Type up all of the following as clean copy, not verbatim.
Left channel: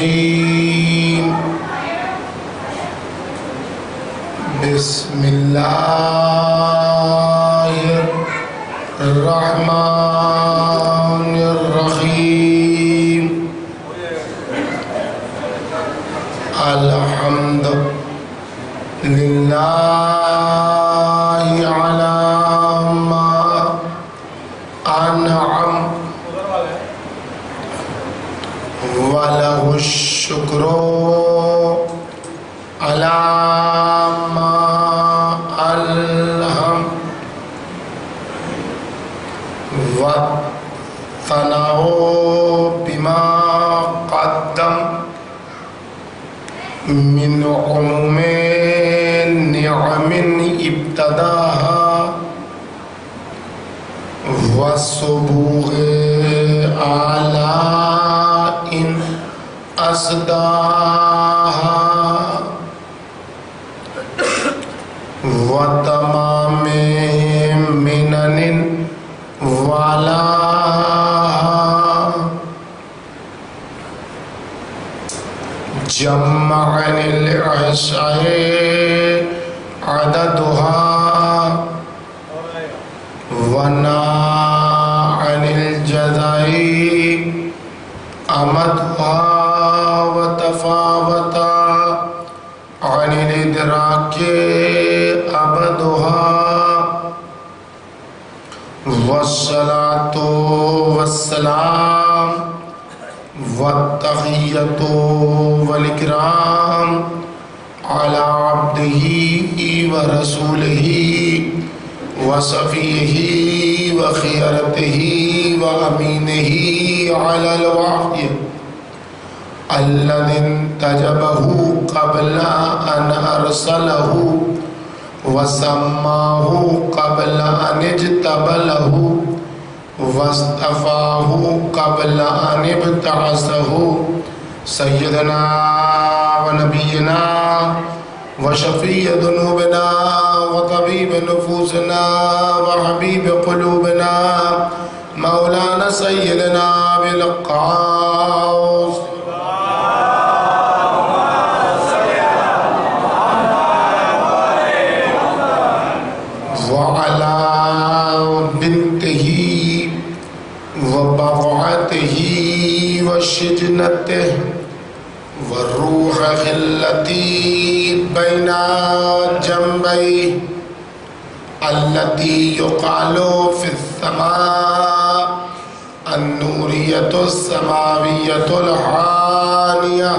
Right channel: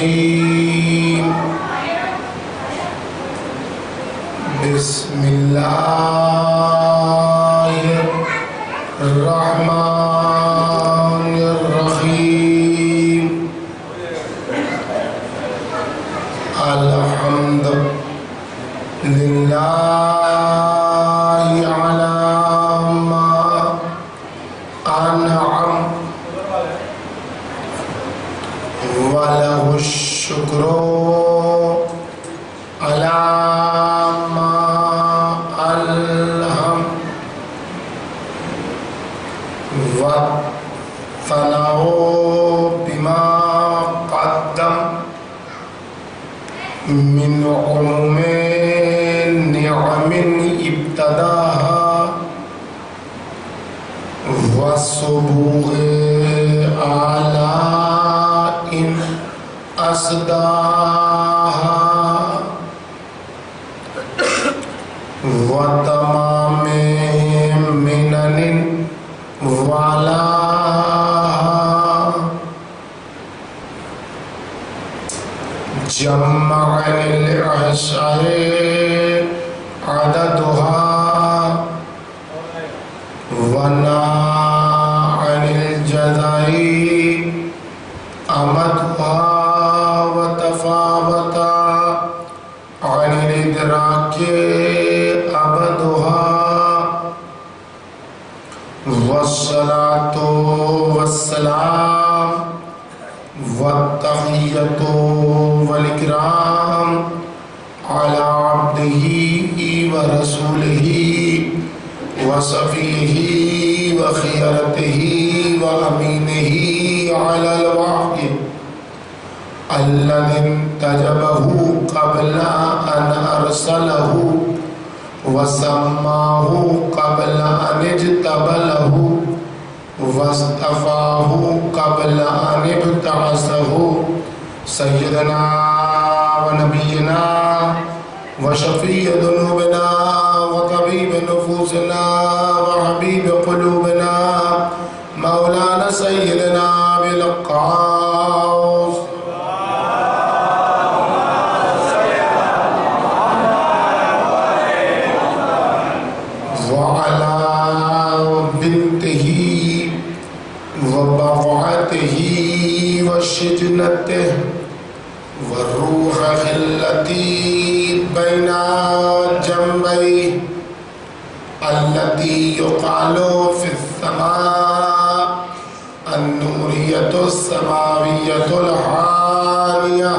الرجيم بسم الله الرحمن الرحيم الحمد لله على ما أنعم وله الشكر على ما ألهم والثناء بما قدم من عموم نعم ابتداها والسبوغ آلاء أسداها وتمام منن وعلاها جمع العشاء عددها ونا عن الجزاء أمدها وتفاوتا عن الإدراك أبدها والصلاة والسلام والتحية والإكرام على عبده ورسوله وصفيه وخيرته وأمينه على الوحي الذي انتجبه قبل أن أرسله وسماه قبل أن اجتبله واصطفاه قبل أن ابتعثه سيدنا ونبينا وشفيع ذنوبنا وطبيب نفوسنا وحبيب قلوبنا مولانا سيدنا بالقاس وعلى بنته وبضعته وشجنته والروح التي بين جنبيه التي يقال في السماء النورية السماوية الحانية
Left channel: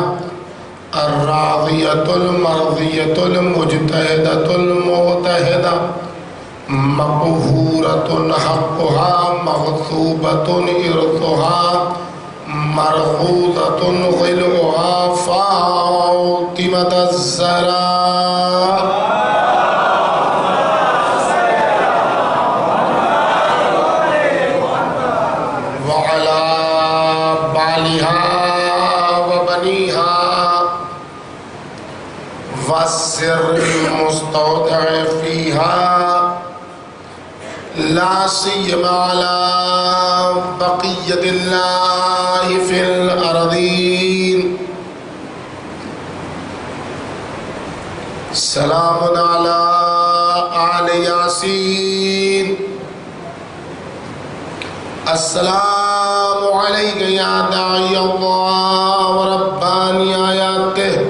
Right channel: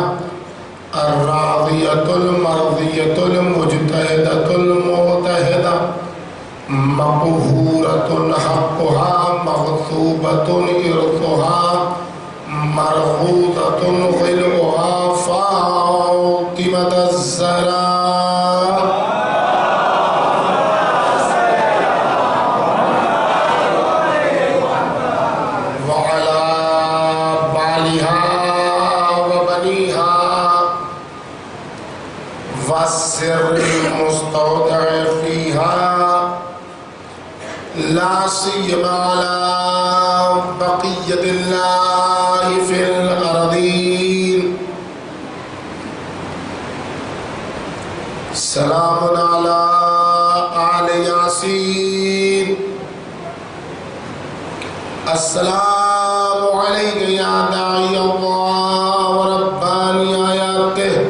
الراضية المرضية المجتهدة المعتهدة مقهورة حقها مغصوبة إرثها مرغوطة ظلها فاطمة الزهراء وعلى بالها وبنيها والسر المستودع فيها لا سيما على بقية الله في الأرضين سلام على آل ياسين السلام عليك يا داعي الله ورباني آياته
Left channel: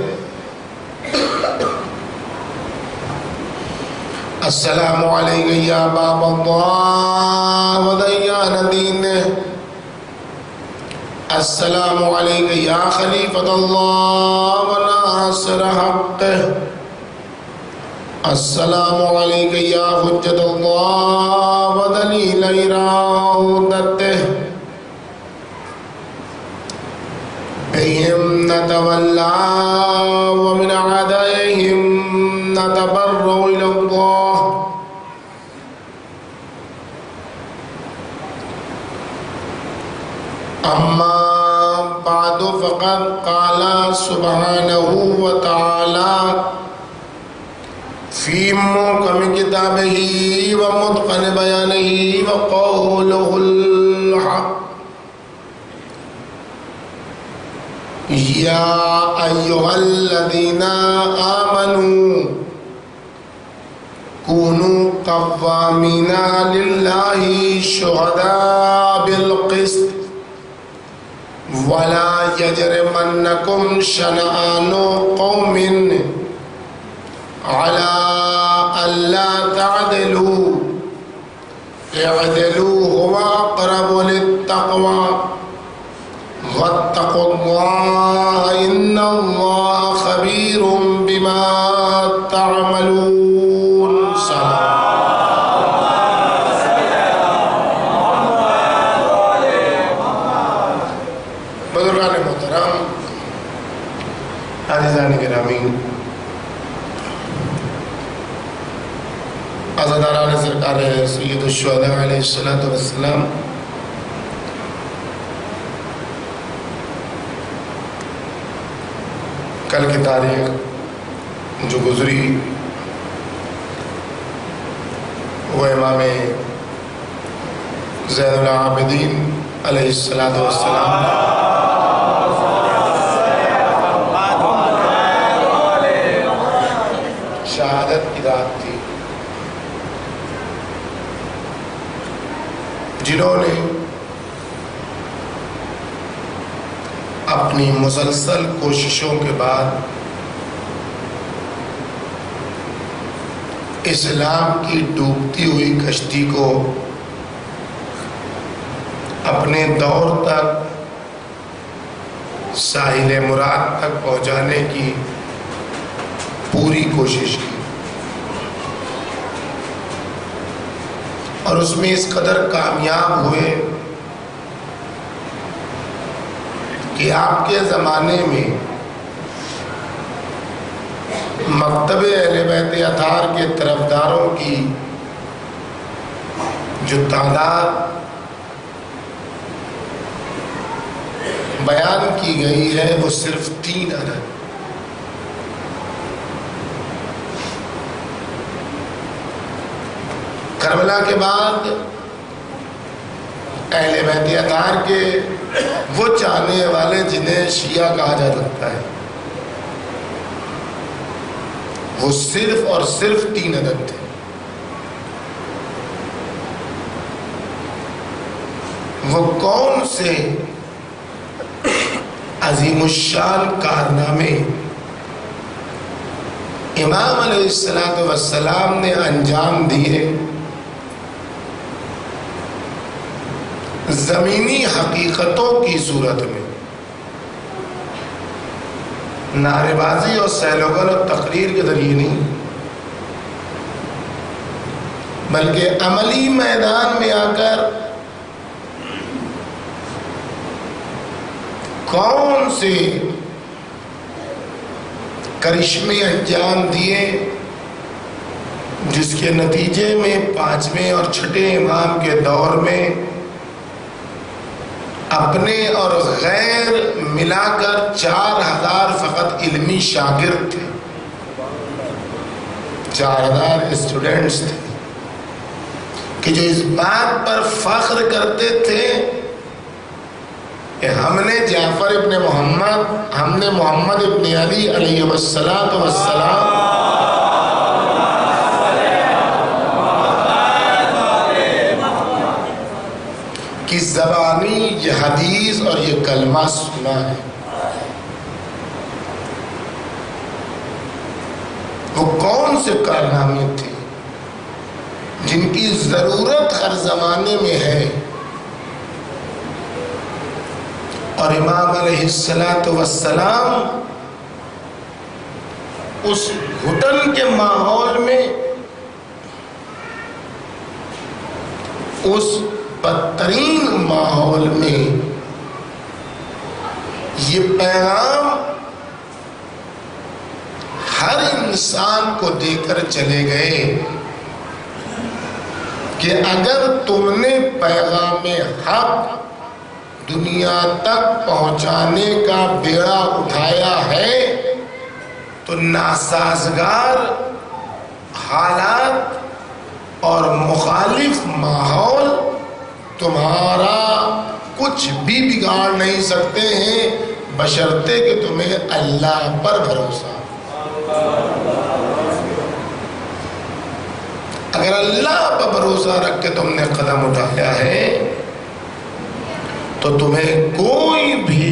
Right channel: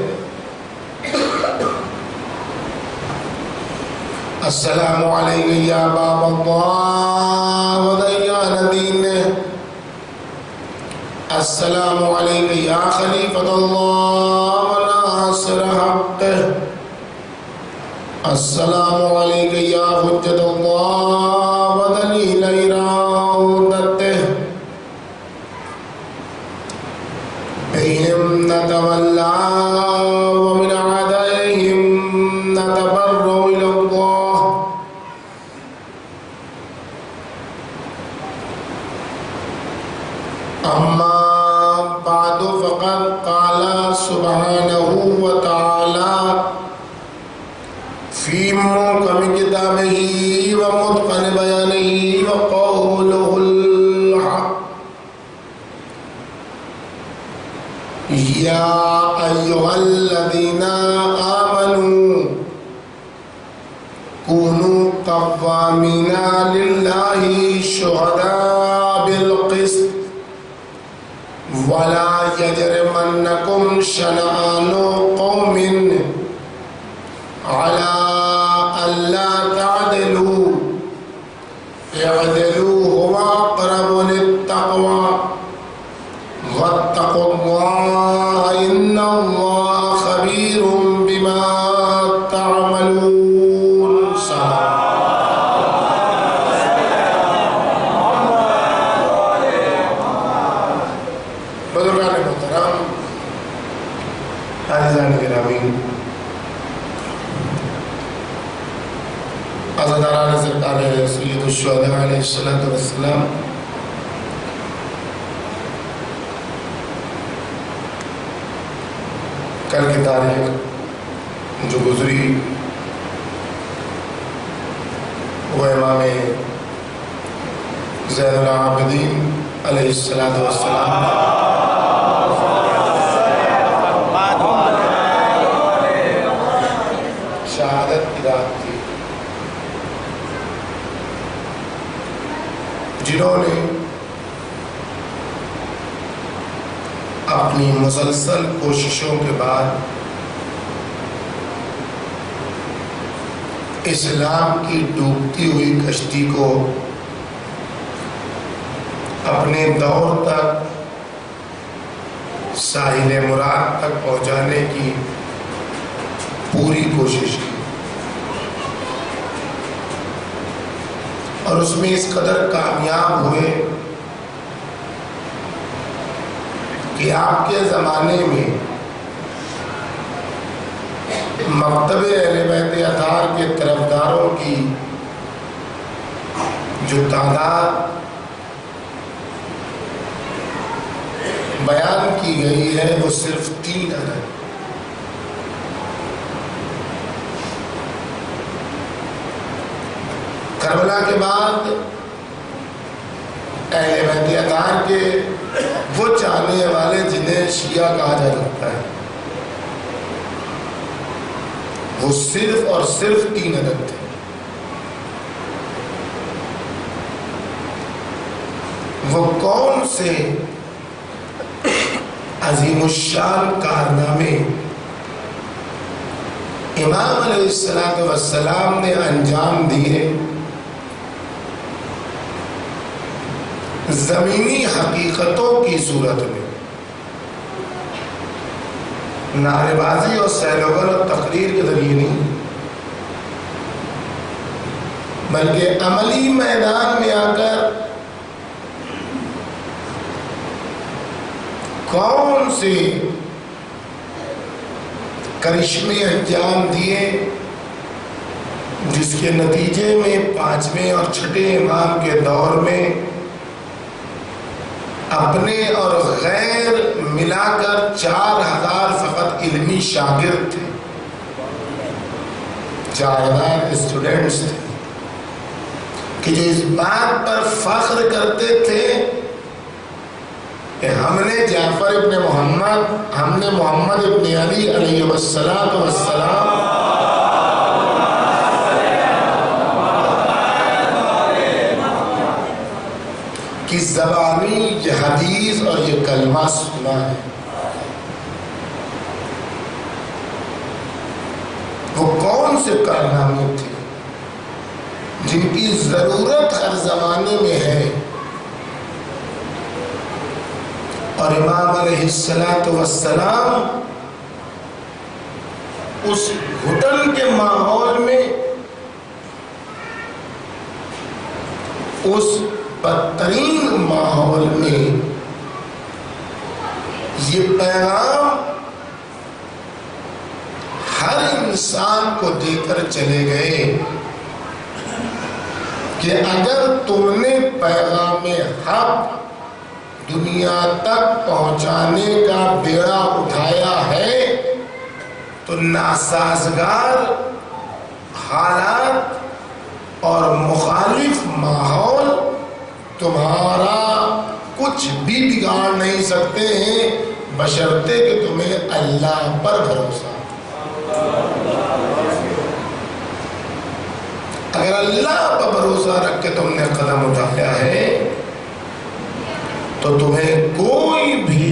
السلام عليك يا باب الله وديان دينه السلام عليك يا خليفة الله وناصر حقه السلام عليك يا حجة الله ودليل إرادته بهم نتولى ومن عدائهم نتبرأ إلى الله أما بعد فقد قال سبحانه وتعالى في محكم كتابه ومتقن بيانه وقوله الحق یا ایھا الذین آمنوا کونوا قوامین للہ شہداء بالقسط ولا یجرمنکم شنآن قوم علی الا تعدلوا اعدلوا هو اقرب للتقوى واتقوا اللہ ان اللہ خبیر بما تعملون. بزرگان محترم، عزیزان گرامی، عزاداران سرکار سید الشہداء علیہ السلام، کل کی تاریخ جو گزری وہ امام زین العابدین علیہ السلام شہادت کی رات تھی، جنہوں نے اپنی مسلسل کوششوں کے بعد اسلام کی ڈوبتی ہوئی کشتی کو اپنے دور تک ساحل مراد تک پہنچانے کی پوری کوشش کی، اور اس میں اس قدر کامیاب ہوئے کہ آپ کے زمانے میں مکتب اہل بیت اطہار کے طرفداروں کی جو تعداد بیان کی گئی ہے وہ صرف 3 عدد. کربلا کے بعد اہل بیت اطہار کے وہ چاہنے والے جنہیں شیعہ کہا جا سکتا ہے وہ صرف اور صرف 3 عدد تھے. وہ کون سے عظیم الشان کارنامے امام علیہ السلام نے انجام دیے زمینی حقیقتوں کی صورت میں، نعرے بازی اور سیلوگن اور تقریر کے ذریعے نہیں، بلکہ عملی میدان میں آ کر کون سے کرشمے انجام دیے جس کے نتیجے میں 5ویں اور 6ٹھے امام کے دور میں اپنے اور غیر ملا کر 4000 فقط علمی شاگرد تھے، 4000 اسٹوڈنٹس تھے کہ جو اس بات پر فخر کرتے تھے کہ ہم نے جعفر ابن محمد، ہم نے محمد ابن علی علیہ السلام کی زبانی یہ حدیث اور یہ کلمہ سنا ہے. وہ کون سے کارنامے تھے جن کی ضرورت ہر زمانے میں ہے، اور امام علیہ السلام اس گھٹن کے ماحول میں، اس بدترین ماحول میں یہ پیغام ہر انسان کو دے کر چلے گئے کہ اگر تم نے پیغام حق دنیا تک پہنچانے کا بیڑا اٹھایا ہے تو ناسازگار حالات اور مخالف ماحول تمہارا کچھ بھی بگاڑ نہیں سکتے ہیں، بشرطے کہ تمہیں اللہ پر بھروسہ. اگر اللہ پر بھروسہ رکھ کے تم نے قدم اٹھایا ہے تو تمہیں کوئی بھی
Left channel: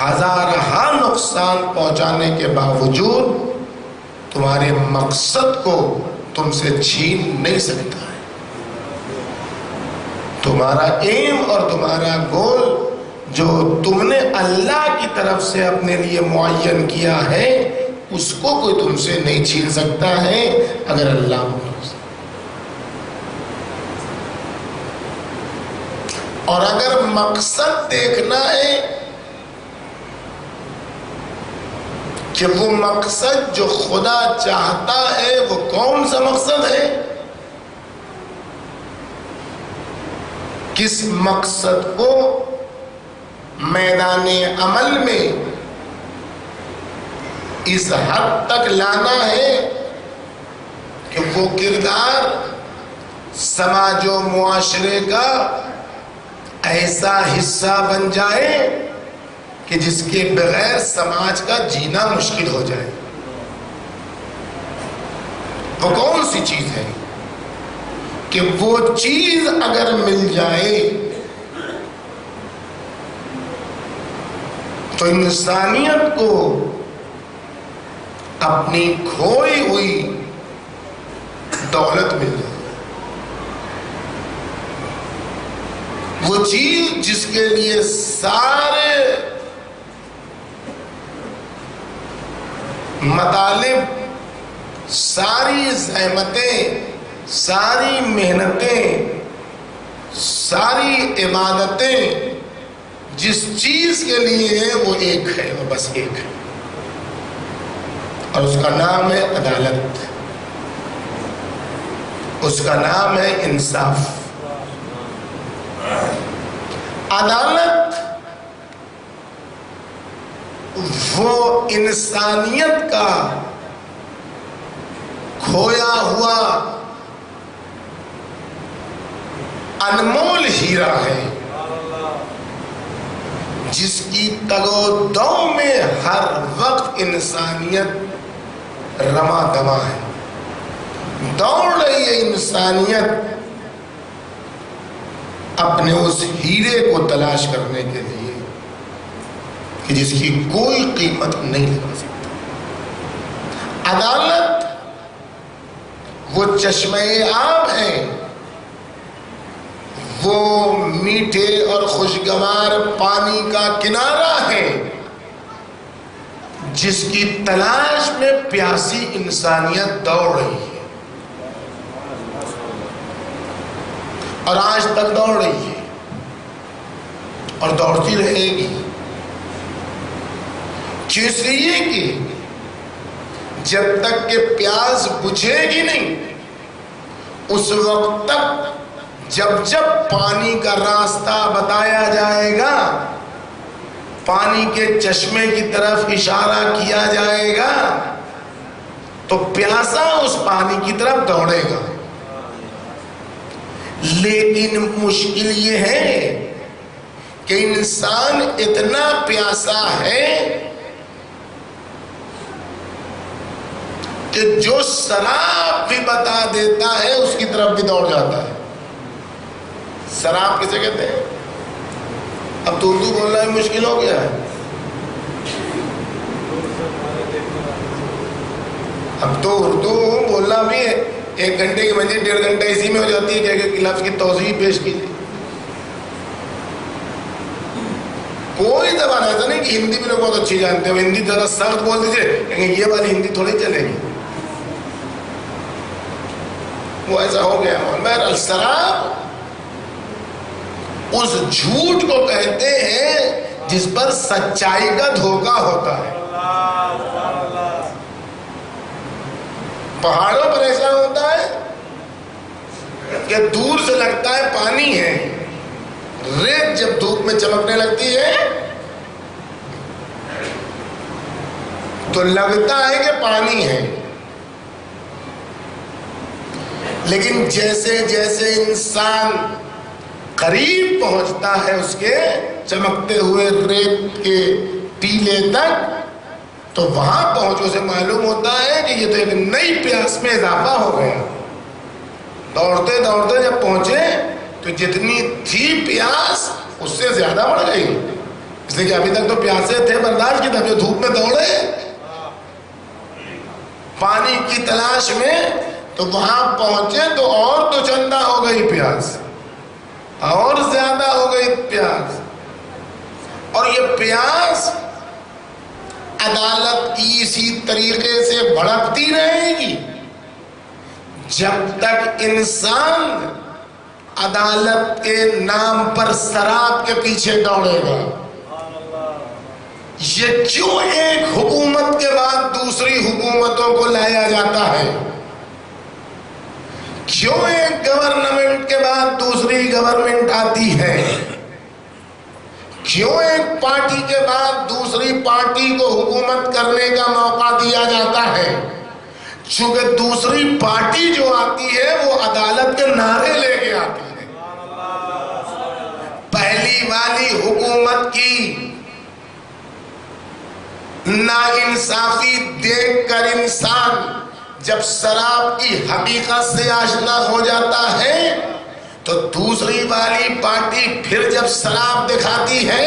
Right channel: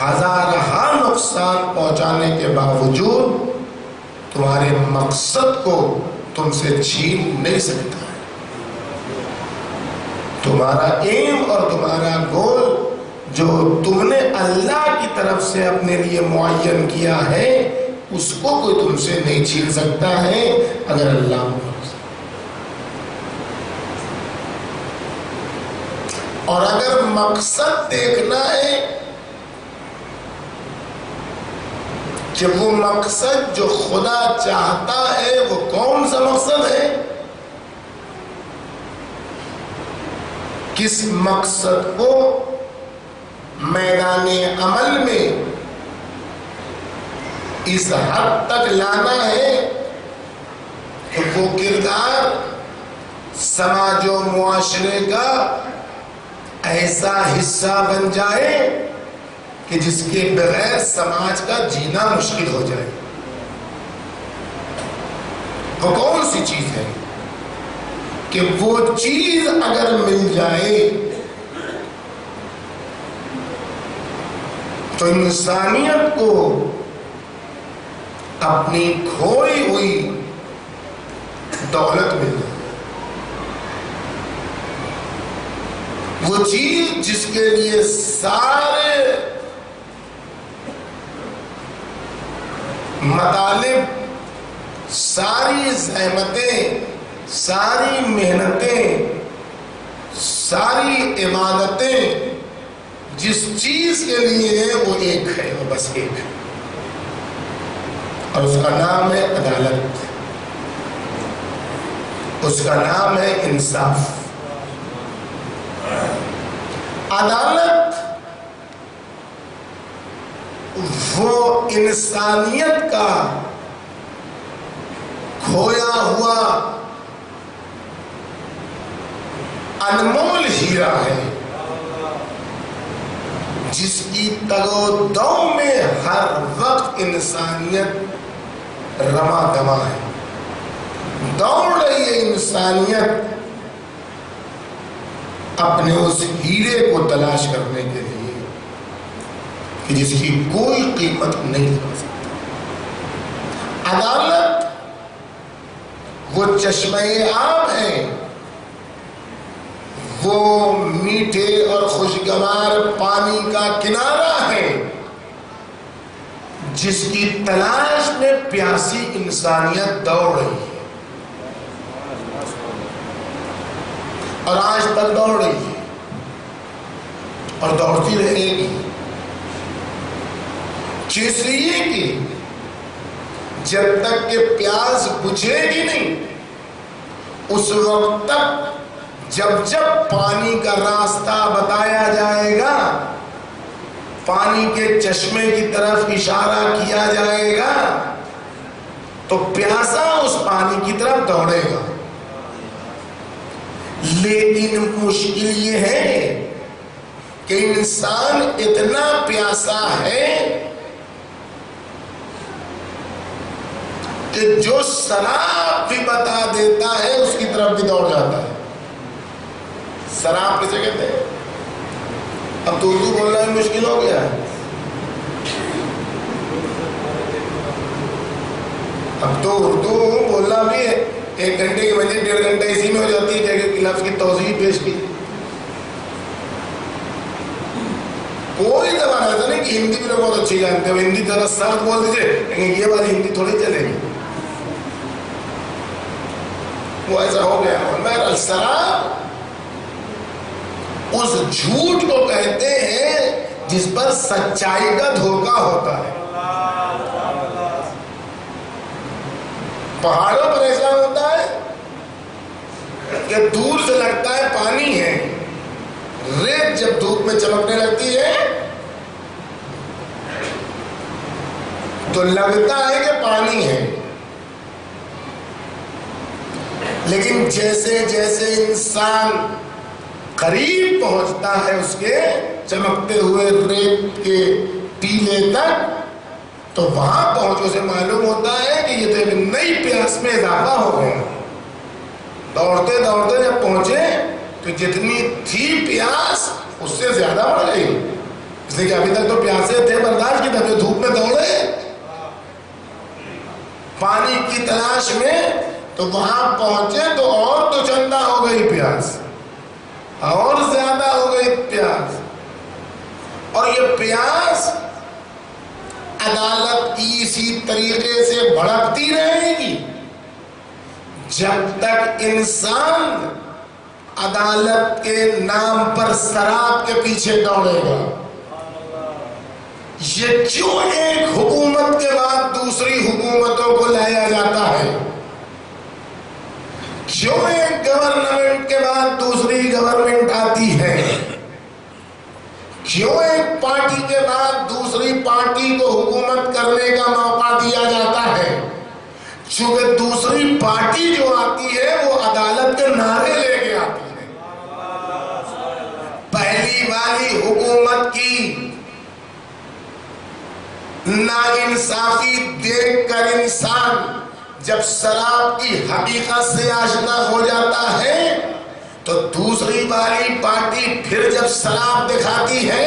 ہزارہا نقصان پہنچانے کے باوجود تمہارے مقصد کو تم سے چھین نہیں سکتا ہے. تمہارا ایم اور تمہارا گول جو تم نے اللہ کی طرف سے اپنے لیے معین کیا ہے اس کو کوئی تم سے نہیں چھین سکتا ہے اگر اللہ بھروسہ. اور اگر مقصد دیکھنا ہے کہ وہ مقصد جو خدا چاہتا ہے وہ کون سا مقصد ہے، کس مقصد کو میدان عمل میں اس حد تک لانا ہے کہ وہ کردار سماج و معاشرے کا ایسا حصہ بن جائے کہ جس کے بغیر سماج کا جینا مشکل ہو جائے. وہ کون سی چیز ہے کہ وہ چیز اگر مل جائے تو انسانیت کو اپنی کھوئی ہوئی دولت مل جائے. وہ چیز جس کے لیے سارے مطالب، ساری زحمتیں، ساری محنتیں، ساری عبادتیں جس چیز کے لیے ہے وہ ایک ہے، وہ بس ایک ہے، اور اس کا نام ہے عدالت، اس کا نام ہے انصاف. عدالت وہ انسانیت کا کھویا ہوا انمول ہیرا ہے جس کی تگ و دو میں ہر وقت انسانیت رواں دواں ہے. دوڑ رہی ہے انسانیت اپنے اس ہیرے کو تلاش کرنے کے لیے کہ جس کی کوئی قیمت نہیں لگا سکتا. عدالت وہ چشمہ آب ہے، وہ میٹھے اور خوشگوار پانی کا کنارہ ہے جس کی تلاش میں پیاسی انسانیت دوڑ رہی ہے اور آج تک دوڑ رہی ہے اور دوڑتی رہے گی. اس لیے کہ جب تک کہ پیاس بجھے گی نہیں اس وقت تک جب پانی کا راستہ بتایا جائے گا، پانی کے چشمے کی طرف اشارہ کیا جائے گا تو پیاسا اس پانی کی طرف دوڑے گا. لیکن مشکل یہ ہے کہ انسان اتنا پیاسا ہے کہ جو سراب بھی بتا دیتا ہے اس کی طرف بھی دوڑ جاتا ہے. سراب کسے کہتے ہیں؟ اب تو اردو بولنا بھی مشکل ہو گیا ہے. اب تو اردو بولنا بھی ہے 1 گھنٹے کی بجائے 1.5 گھنٹہ اسی میں ہو جاتی ہے کہ لفظ کی توضیح پیش کی. کوئی زبان ایسا نہیں کہ ہندی بھی لوگ بہت اچھی جانتے ہیں، ہندی ذرا سخت بول دیجیے لیکن یہ والی ہندی تھوڑی چلے گی. وہ ایسا ہو گیا. بہرحال سراب اس جھوٹ کو کہتے ہیں جس پر سچائی کا دھوکہ ہوتا ہے. پہاڑوں پر ایسا ہوتا ہے کہ دور سے لگتا ہے پانی ہے، ریت جب دھوپ میں چمکنے لگتی ہے تو لگتا ہے کہ پانی ہے، لیکن جیسے جیسے انسان قریب پہنچتا ہے اس کے چمکتے ہوئے ریت کے ٹیلے تک تو وہاں پہنچو سے معلوم ہوتا ہے کہ یہ تو ایک نئی پیاس میں اضافہ ہو گیا. دوڑتے دوڑتے جب پہنچے تو جتنی تھی پیاس اس سے زیادہ بڑھ گئی، اس لیے کہ ابھی تک تو پیاسے تھے، برداشت کی طرف دھوپ میں دوڑے پانی کی تلاش میں، تو وہاں پہنچے تو اور تو چندہ ہو گئی پیاس، اور زیادہ ہو گئی پیاس. اور یہ پیاس عدالت کی اسی طریقے سے بھڑکتی رہے گی جب تک انسان عدالت کے نام پر شراب کے پیچھے دوڑے گا. یہ کیوں ایک حکومت کے بعد دوسری حکومتوں کو لایا جاتا ہے؟ کیوں ایک گورنمنٹ کے بعد دوسری گورنمنٹ آتی ہے؟ کیوں ایک پارٹی کے بعد دوسری پارٹی کو حکومت کرنے کا موقع دیا جاتا ہے؟ چونکہ دوسری پارٹی جو آتی ہے وہ عدالت کے نعرے لے کے آتی ہے. پہلی والی حکومت کی ناانصافی دیکھ کر انسان جب شراب کی حقیقت سے آشنا ہو جاتا ہے تو دوسری والی پارٹی پھر جب شراب دکھاتی ہے،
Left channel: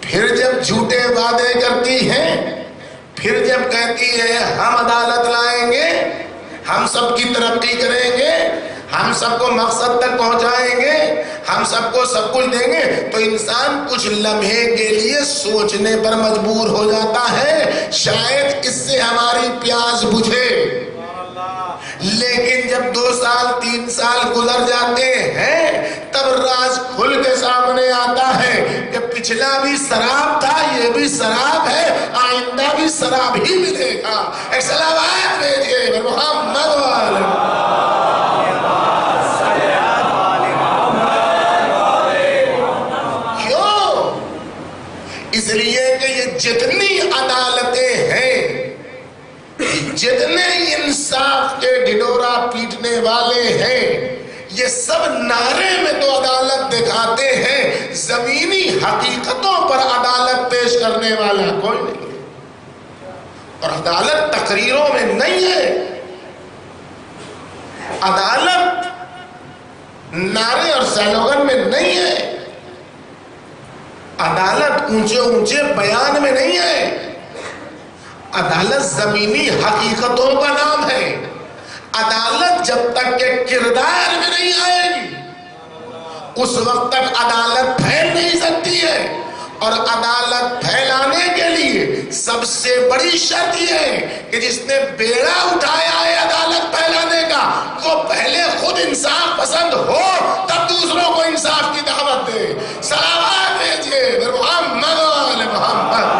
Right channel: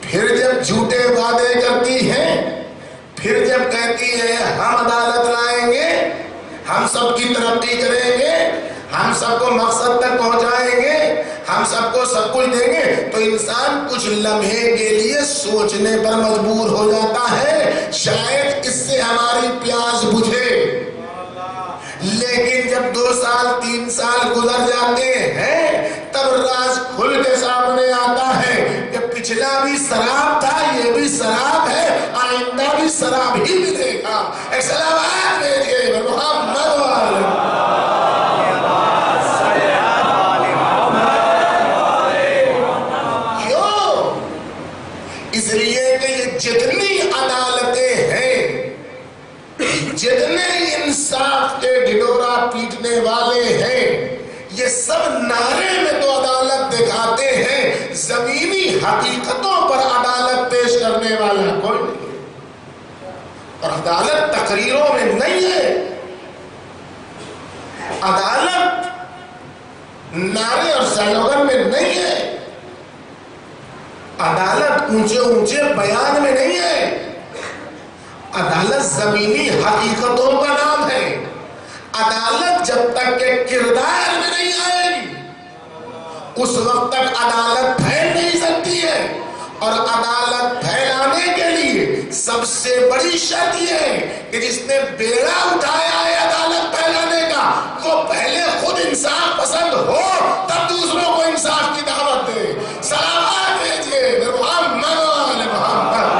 پھر جب جھوٹے وعدے کرتی ہے، پھر جب کہتی ہے ہم عدالت لائیں گے، ہم سب کی ترقی کریں گے، ہم سب کو مقصد تک پہنچائیں گے، ہم سب کو سب کچھ دیں گے، تو انسان کچھ لمحے کے لیے سوچنے پر مجبور ہو جاتا ہے شاید اس سے ہماری پیاس بجھے. لیکن جب 2 سال 3 سال گزر جاتے ہیں تب راز کھل کے سامنے آتا ہے کہ پچھلا بھی شراب تھا، یہ بھی شراب ہے، آئندہ بھی شراب ہی ملے گا. ایک صلوات بھیجیے محمد والے. کیوں؟ اس لیے کہ یہ جتنی عدالتیں ہیں، جتنے انصاف کے ڈھنڈورا پیٹنے والے ہیں، یہ سب نعرے میں تو عدالت دکھاتے ہیں، زمینی حقیقتوں پر عدالت پیش کرنے والا کوئی نہیں. اور عدالت تقریروں میں نہیں ہے، عدالت نعرے اور سلوگن میں نہیں ہے، عدالت اونچے اونچے بیان میں نہیں ہے، عدالت زمینی حقیقتوں کا نام ہے. عدالت جب تک کہ کردار میں نہیں آئے گی اس وقت تک عدالت پھیل نہیں سکتی ہے. اور عدالت پھیلانے کے لیے سب سے بڑی شرط یہ ہے کہ جس نے بیڑا اٹھایا ہے عدالت پھیلانے کا وہ پہلے خود انصاف پسند ہو، تب دوسروں کو انصاف کی دعوت دے. صلوات بھیجیے محمد والے محمد.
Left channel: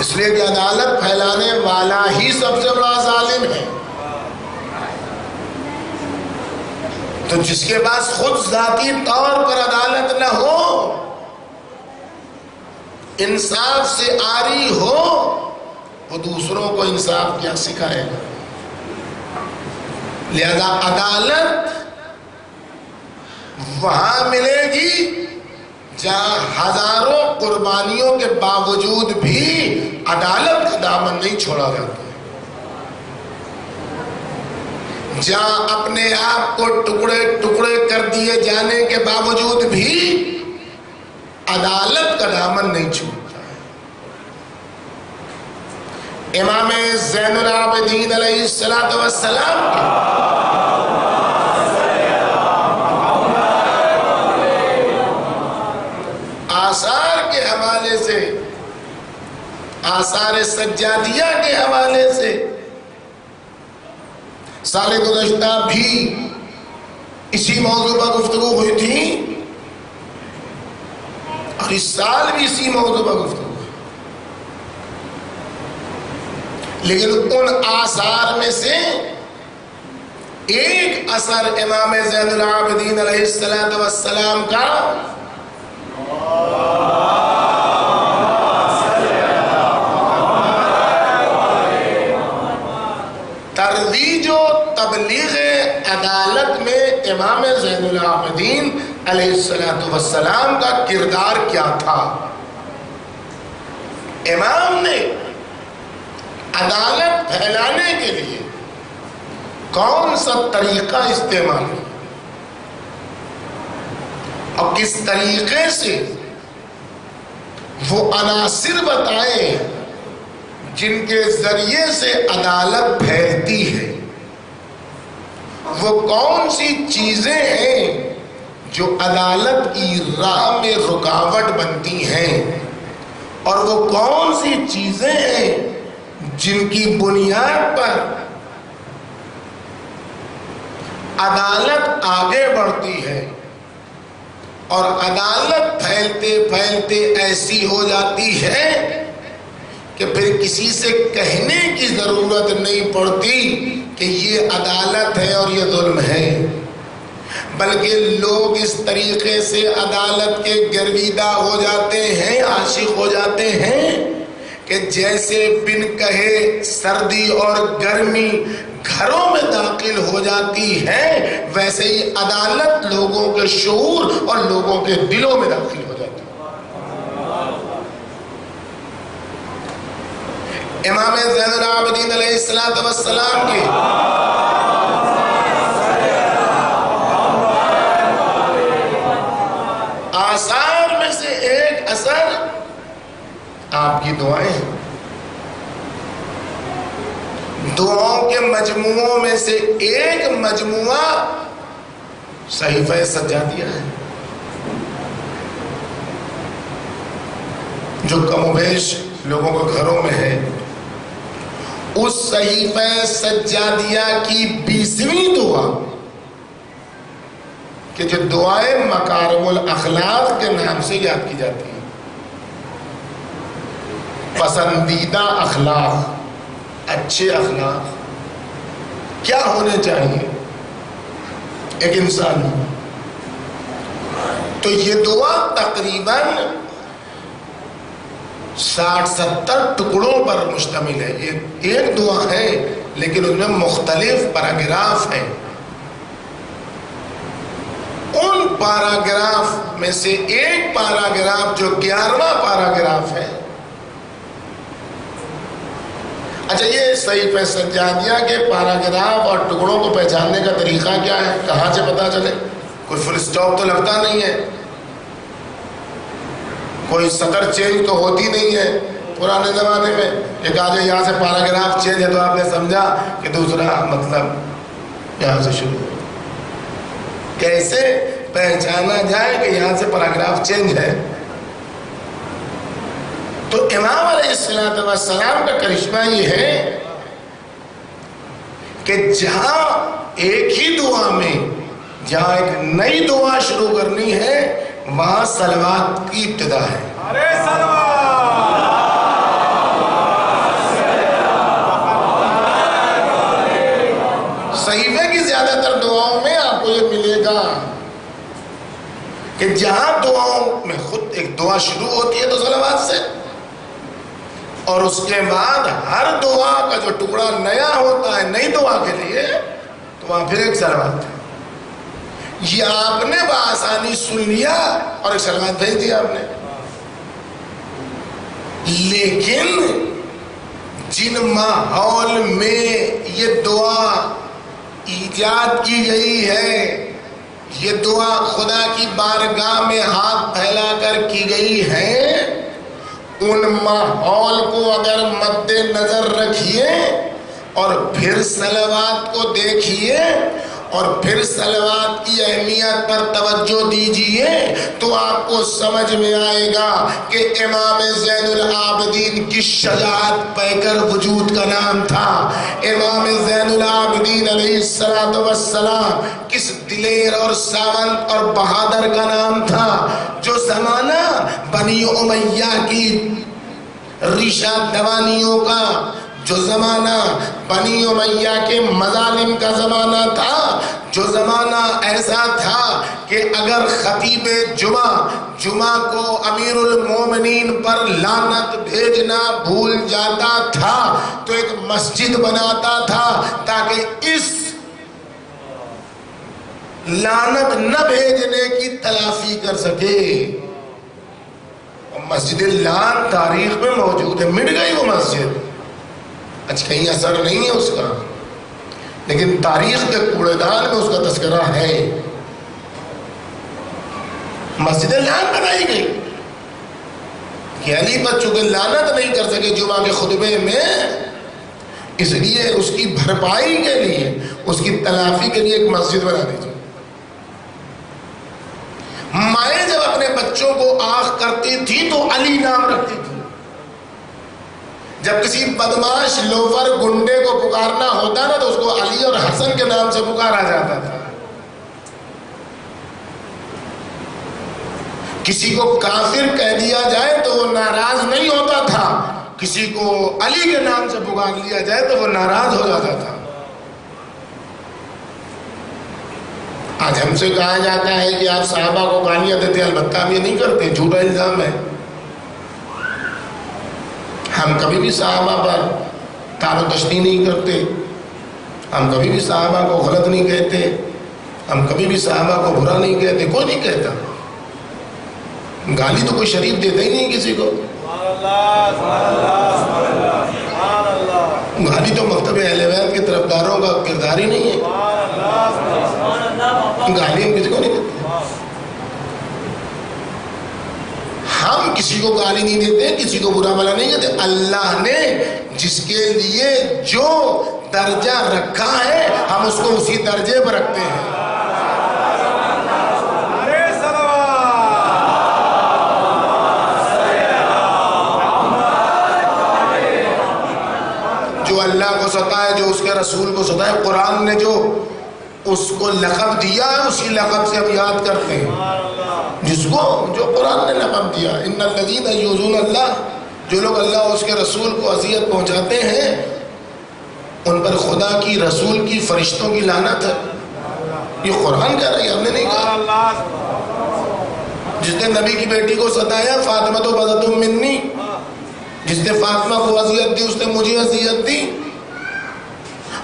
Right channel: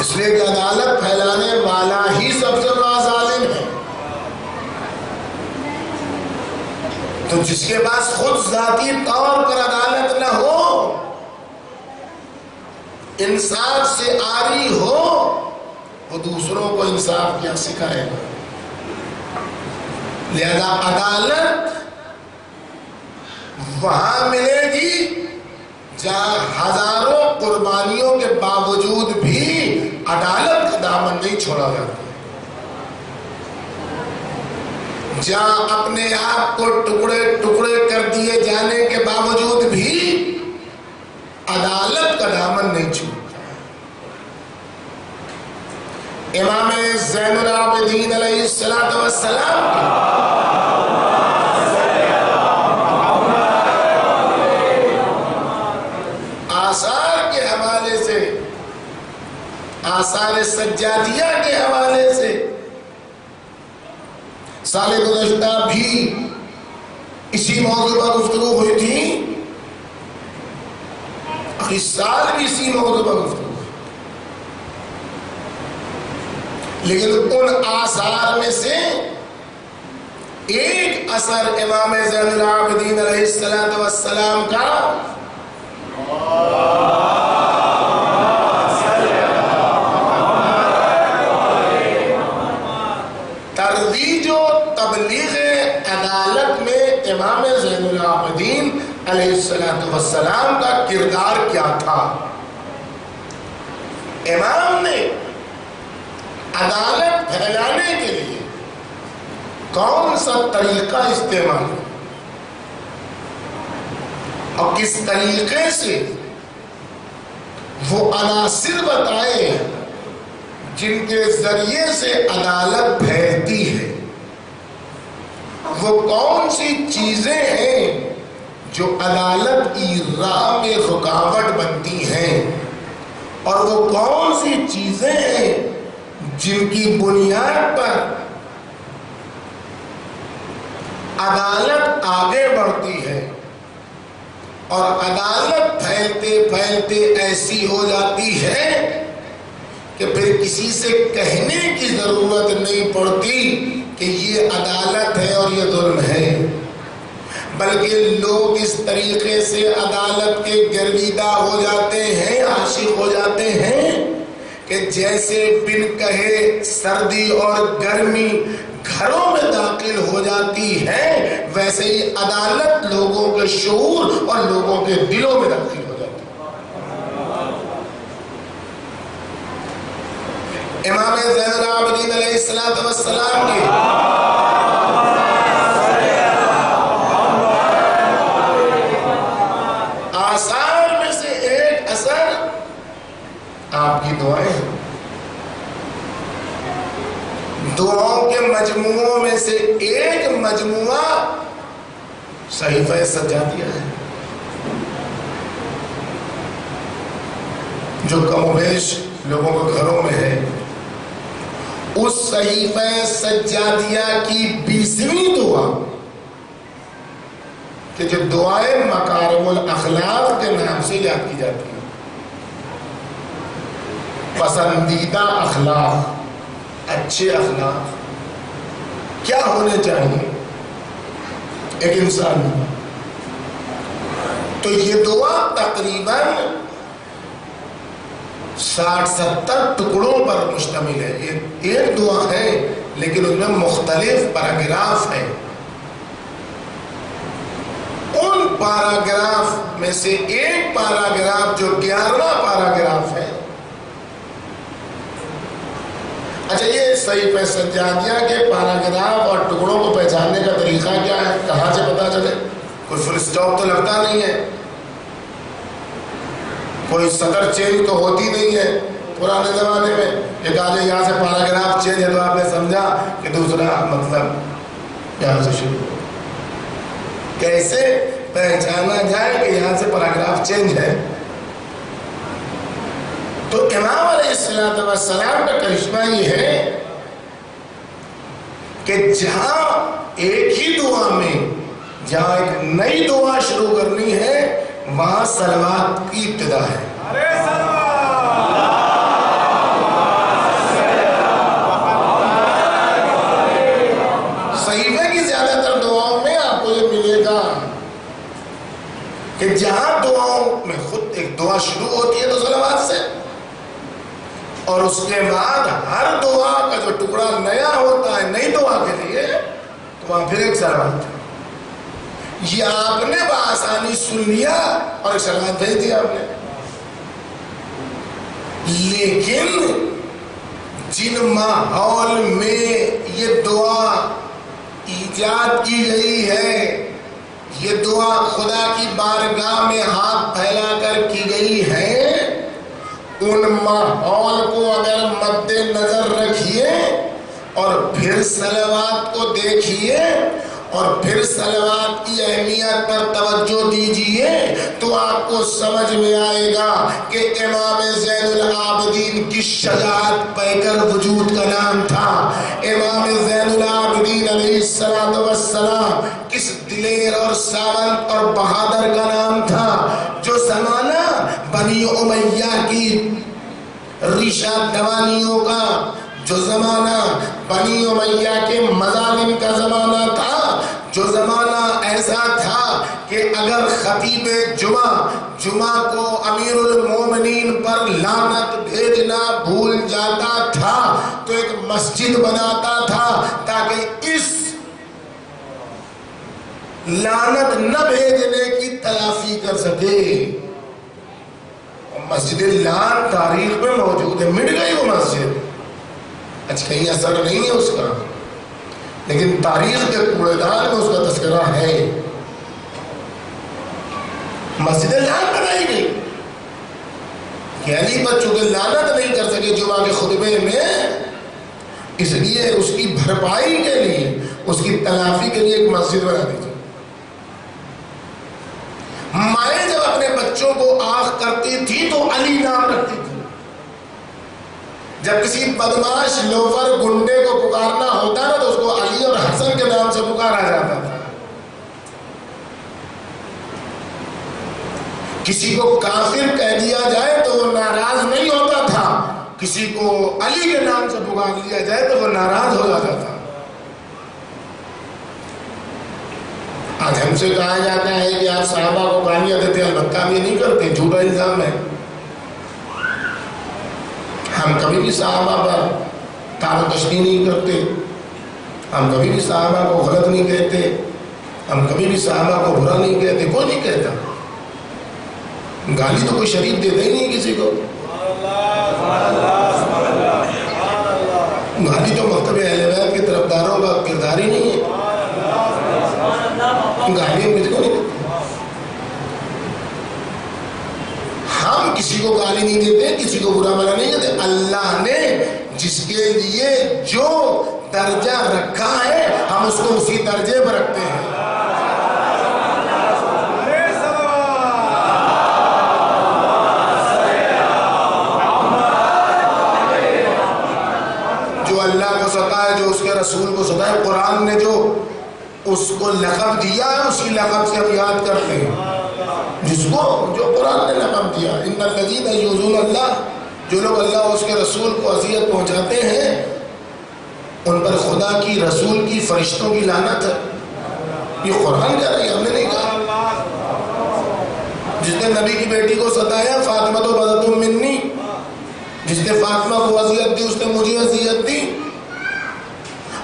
اس لیے کہ عدالت پھیلانے والا ہی سب سے بڑا ظالم ہے. تو جس کے پاس خود ذاتی طور پر عدالت نہ ہو، انصاف سے عاری ہو، وہ دوسروں کو انصاف کیا سکھائے گا؟ لہذا عدالت وہاں ملے گی جہاں ہزاروں قربانیوں کے باوجود بھی عدالت کا دامن نہیں چھوڑا جاتا، جہاں اپنے آپ کو ٹکڑے ٹکڑے کر دیے جانے کے باوجود بھی عدالت کا دامن نہیں چھوڑتا. امام زین العابدین علیہ السلام آثار کے حوالے سے، آثار سجادیہ کے حوالے سے سال گزشتہ بھی اسی موضوع پر گفتگو ہوئی تھی آخری سال بھی اسی موضوع پر گفتگو، لیکن ان آثار میں سے ایک اثر امام زین العابدین علیہ السلام کا ترویج و تبلیغ عدالت میں امام زین العابدین علیہ السلام کا کردار کیا تھا۔ امام نے عدالت پھیلانے کے لیے کون سا طریقہ استعمال کیا اور کس طریقے سے وہ عناصر بتائے جن کے ذریعے سے عدالت پھیلتی ہے، وہ کون سی چیزیں ہیں جو عدالت کی راہ میں رکاوٹ بنتی ہیں، اور وہ کون سی چیزیں ہیں جن کی بنیاد پر عدالت آگے بڑھتی ہے اور عدالت پھیلتے پھیلتے ایسی ہو جاتی ہے کہ پھر کسی سے کہنے کی ضرورت نہیں پڑتی کہ یہ عدالت ہے اور یہ ظلم ہے، بلکہ لوگ اس طریقے سے عدالت کے گرویدہ ہو جاتے ہیں، عاشق ہو جاتے ہیں کہ جیسے بن کہے سردی اور گرمی گھروں میں داخل ہو جاتی ہے، ویسے ہی عدالت لوگوں کے شعور اور لوگوں کے دلوں میں داخل ہو جاتی ہے۔ امام زین العابدین علیہ السلام کے آثار میں سے ایک اثر آپ کی دعائیں ہیں۔ دعاؤں کے مجموعوں میں سے ایک مجموعہ صحیفہ سجادیہ ہے، جو کم و بیش لوگوں کے گھروں میں ہے۔ اس صحیفہ سجادیہ کی 20ویں دعا کہ جو دعائیں مکارم الاخلاق کے نام سے یاد کی جاتی ہیں، پسندیدہ اخلاق، اچھے اخلاق کیا ہونے چاہیے ایک انسان میں، تو یہ دعا تقریباً 60-70 ٹکڑوں پر مشتمل ہے۔ ایک دعا ہے لیکن ان میں مختلف پیراگراف ہیں۔ ان پیراگراف میں سے ایک پیراگراف جو 11واں پیراگراف ہے، اچھا یہ صحیفہ سجادیہ کے پیراگراف اور ٹکڑوں کو پہچاننے کا طریقہ کیا ہے، کہاں سے پتا چلے؟ کوئی فل اسٹاپ تو لگتا نہیں ہے، کوئی سطر چینج تو ہوتی نہیں ہے۔ پرانے زمانے میں ایک آجے یہاں سے پیراگراف چینج ہے تو آپ نے سمجھا کہ دوسرا مطلب یہاں سے شروع ہو۔ کیسے پہچانا جائے کہ یہاں سے پیراگراف چینج ہے؟ تو امام علیہ السلام کا کرشمہ یہ ہے کہ جہاں ایک ہی دعا میں جہاں ایک نئی دعا شروع کرنی ہے وہاں صلوات کی ابتدا ہے۔ صحیفے کی زیادہ تر دعاؤں میں آپ کو یہ ملے گا کہ جہاں دعاؤں میں خود ایک دعا شروع ہوتی ہے تو صلوات سے، اور اس کے بعد ہر دعا کا جو ٹکڑا نیا ہوتا ہے نئی دعا کے لیے تو وہاں پھر ایک صلوات ہے۔ یہ آپ نے بآسانی سن لیا اور ایک صلوات بھیج دیا آپ نے، لیکن جن ماحول میں یہ دعا ایجاد کی گئی ہے، یہ دعا خدا کی بارگاہ میں ہاتھ پھیلا کر کی گئی ہے، ان ماحول کو اگر مد نظر رکھیے اور پھر صلوات کو دیکھیے اور پھر صلوات کی اہمیت پر توجہ دیجئے تو آپ کو سمجھ میں آئے گا کہ امام زین العابدین کی شجاعت پیکر وجود کا نام تھا۔ امام زین العابدین علیہ السلام کس دلیر اور ساونت اور بہادر کا نام تھا، جو زمانہ بنی امیہ کی ریشہ دوانیوں کا جو زمانہ، بنی امیہ کے مظالم کا زمانہ تھا، جو زمانہ ایسا تھا کہ اگر خطیب جمعہ کو امیر المومنین پر لعنت بھیجنا بھول جاتا تھا تو ایک مسجد بناتا تھا تاکہ اس لعنت نہ بھیجنے کی تلافی کر سکے۔ مسجد لعن تاریخ میں موجود ہے، مٹ گئی وہ مسجد، اچھا کہیں اثر نہیں ہے اس کا، لیکن تاریخ کے کوڑے دان میں اس کا تذکرہ ہے۔ مسجد لعن بنائی گئی کہ علی پر چونکہ لعنت نہیں کر سکے جمعہ کے خطبے میں، اس لیے اس کی بھرپائی کے لیے، اس کی تلافی کے لیے ایک مسجد بنا دیجیے۔ مائیں جب اپنے بچوں کو آنکھ کرتی تھی تو علی نام رکھتی تھی، جب کسی بدماش لوفر گنڈے کو پکارنا ہوتا نا تو اس کو علی اور حسن کے نام سے پکارا جاتا تھا۔ کسی کو کافر کہہ دیا جائے تو وہ ناراض نہیں ہوتا تھا، کسی کو علی کے نام سے پکار لیا جائے تو وہ ناراض ہو جاتا تھا۔ آج ہم سے کہا جاتا ہے کہ آپ صحابہ کو گالیاں دیتے ہیں، البتہ ہم یہ نہیں کرتے، جھوٹا الزام ہے۔ ہم کبھی بھی صحابہ پر تاب و تشنیع نہیں کرتے، ہم کبھی بھی صحابہ کو غلط نہیں کہتے، ہم کبھی بھی صحابہ کو برا نہیں کہتے، کوئی نہیں کہتا۔ گالی تو کوئی شریف دیتا ہی نہیں کسی کو، گالی تو مکتب اہل بیت کے طرفداروں کا کردار ہی نہیں ہے، گالی ہم کسی کو نہیں دیتے۔ ہم کسی کو گالی نہیں دیتے، کسی کو برا بھلا نہیں کہتے۔ اللہ نے جس کے لیے جو درجہ رکھا ہے ہم اس کو اسی درجے پر رکھتے ہیں۔ جو اللہ کو ستائے، جو اس کے رسول کو ستائے، قرآن نے جو اس کو لقب دیا ہے اسی لقب سے ہم یاد کرتے ہیں، جس کو جو قرآن نے لقب دیا، ان الذین یؤذون اللہ، جو لوگ اللہ اور اس کے رسول کو اذیت پہنچاتے ہیں ان پر خدا کی، رسول کی، فرشتوں کی لعنت ہے۔ یہ قرآن کہہ رہا ہے، ہم نے نہیں کہا۔ جس نے نبی کی بیٹی کو ستایا، فاطمہ تو بضعۃ منی، جس نے فاطمہ کو اذیت دی اس نے مجھے اذیت دی۔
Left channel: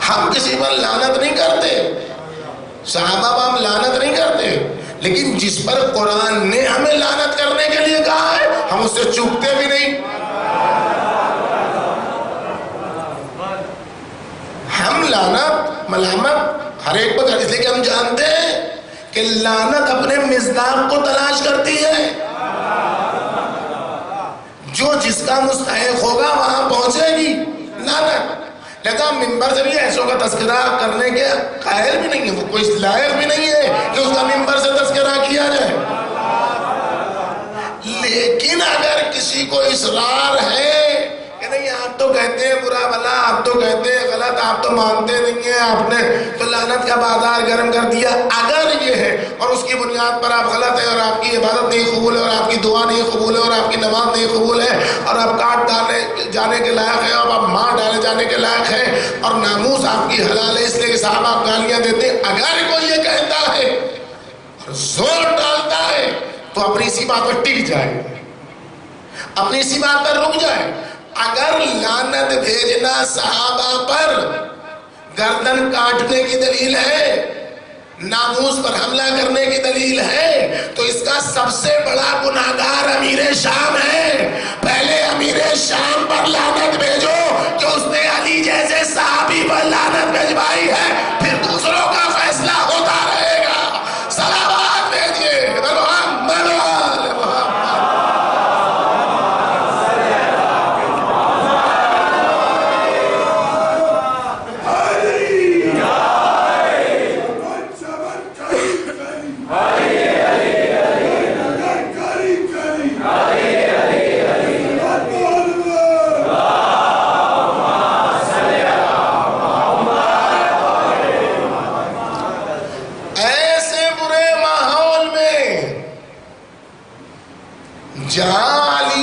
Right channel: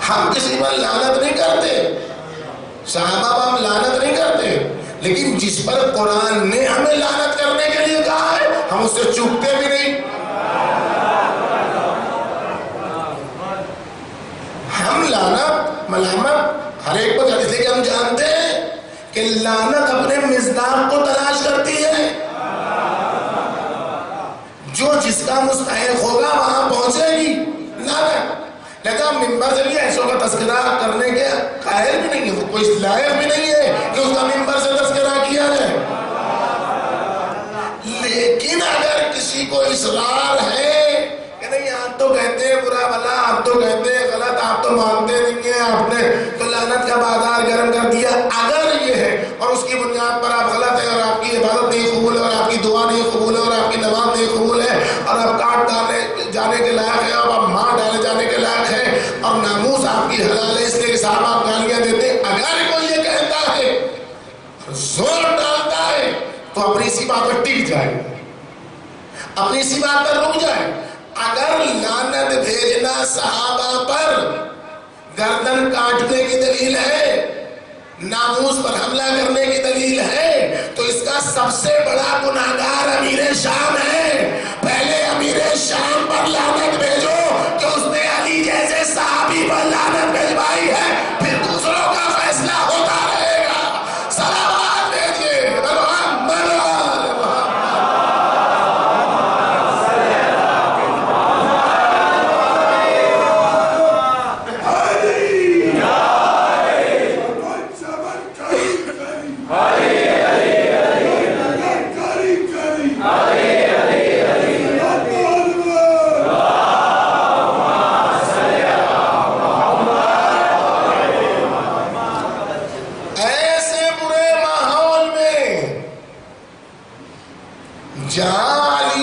ہم کسی پر لعنت نہیں کرتے، صحابہ پر ہم لعنت نہیں کرتے، لیکن جس پر قرآن نے ہمیں لعنت کرنے کے لیے کہا ہے ہم اس سے چوکتے بھی نہیں۔ ہم لعنت، ملامت ہر ایک پر کرتے، اس لیے کہ ہم جانتے ہیں کہ لعنت اپنے مصداق کو تلاش کرتی ہے، جو جس کا مستحق ہوگا وہاں پہنچے گی لعنت۔ لہذا ممبر سے بھی ایسوں کا تذکرہ کرنے کے قائل بھی نہیں ہے، وہ کوئی لائق بھی نہیں ہے کہ اس کا ممبر سے تذکرہ کیا جائے۔ لیکن اگر کسی کو اصرار ہے کہ نہیں آپ تو کہتے ہیں برا بھلا، آپ تو کہتے ہیں غلط، آپ تو مانتے نہیں ہیں، آپ نے تو لعنت کا بازار گرم کر دیا، اگر یہ ہے اور اس کی بنیاد پر آپ غلط ہے اور آپ کی عبادت نہیں قبول ہے اور آپ کی دعا نہیں قبول ہے اور آپ کی نماز نہیں قبول ہے اور آپ کاٹ ڈالے جانے کے لائق ہے اور آپ مار ڈالے جانے کے لائق ہے اور ناموس آپ کی حلال ہے اس لیے کہ صحابہ آپ گالیاں دیتے، اگر کوئی یہ کہتا ہے زور ڈالتا ہے تو اپنی اسی بات پر ٹک جائے، اپنی اسی بات پر رک جائے۔ اگر لعنت بھیجنا صحابہ پر گردن کاٹنے کی دلیل ہے، ناموس پر حملہ کرنے کی دلیل ہے، تو اس کا سب سے بڑا گناہگار امیر شام ہے۔ پہلے امیر شام پر لعنت بھیجو کہ اس نے علی جیسے صحابی پر لعنت بھیجوائی ہے، پھر دوسروں کا فیصلہ ہوتا رہے گا۔ صلوات بھیجیے محمد جہاں علی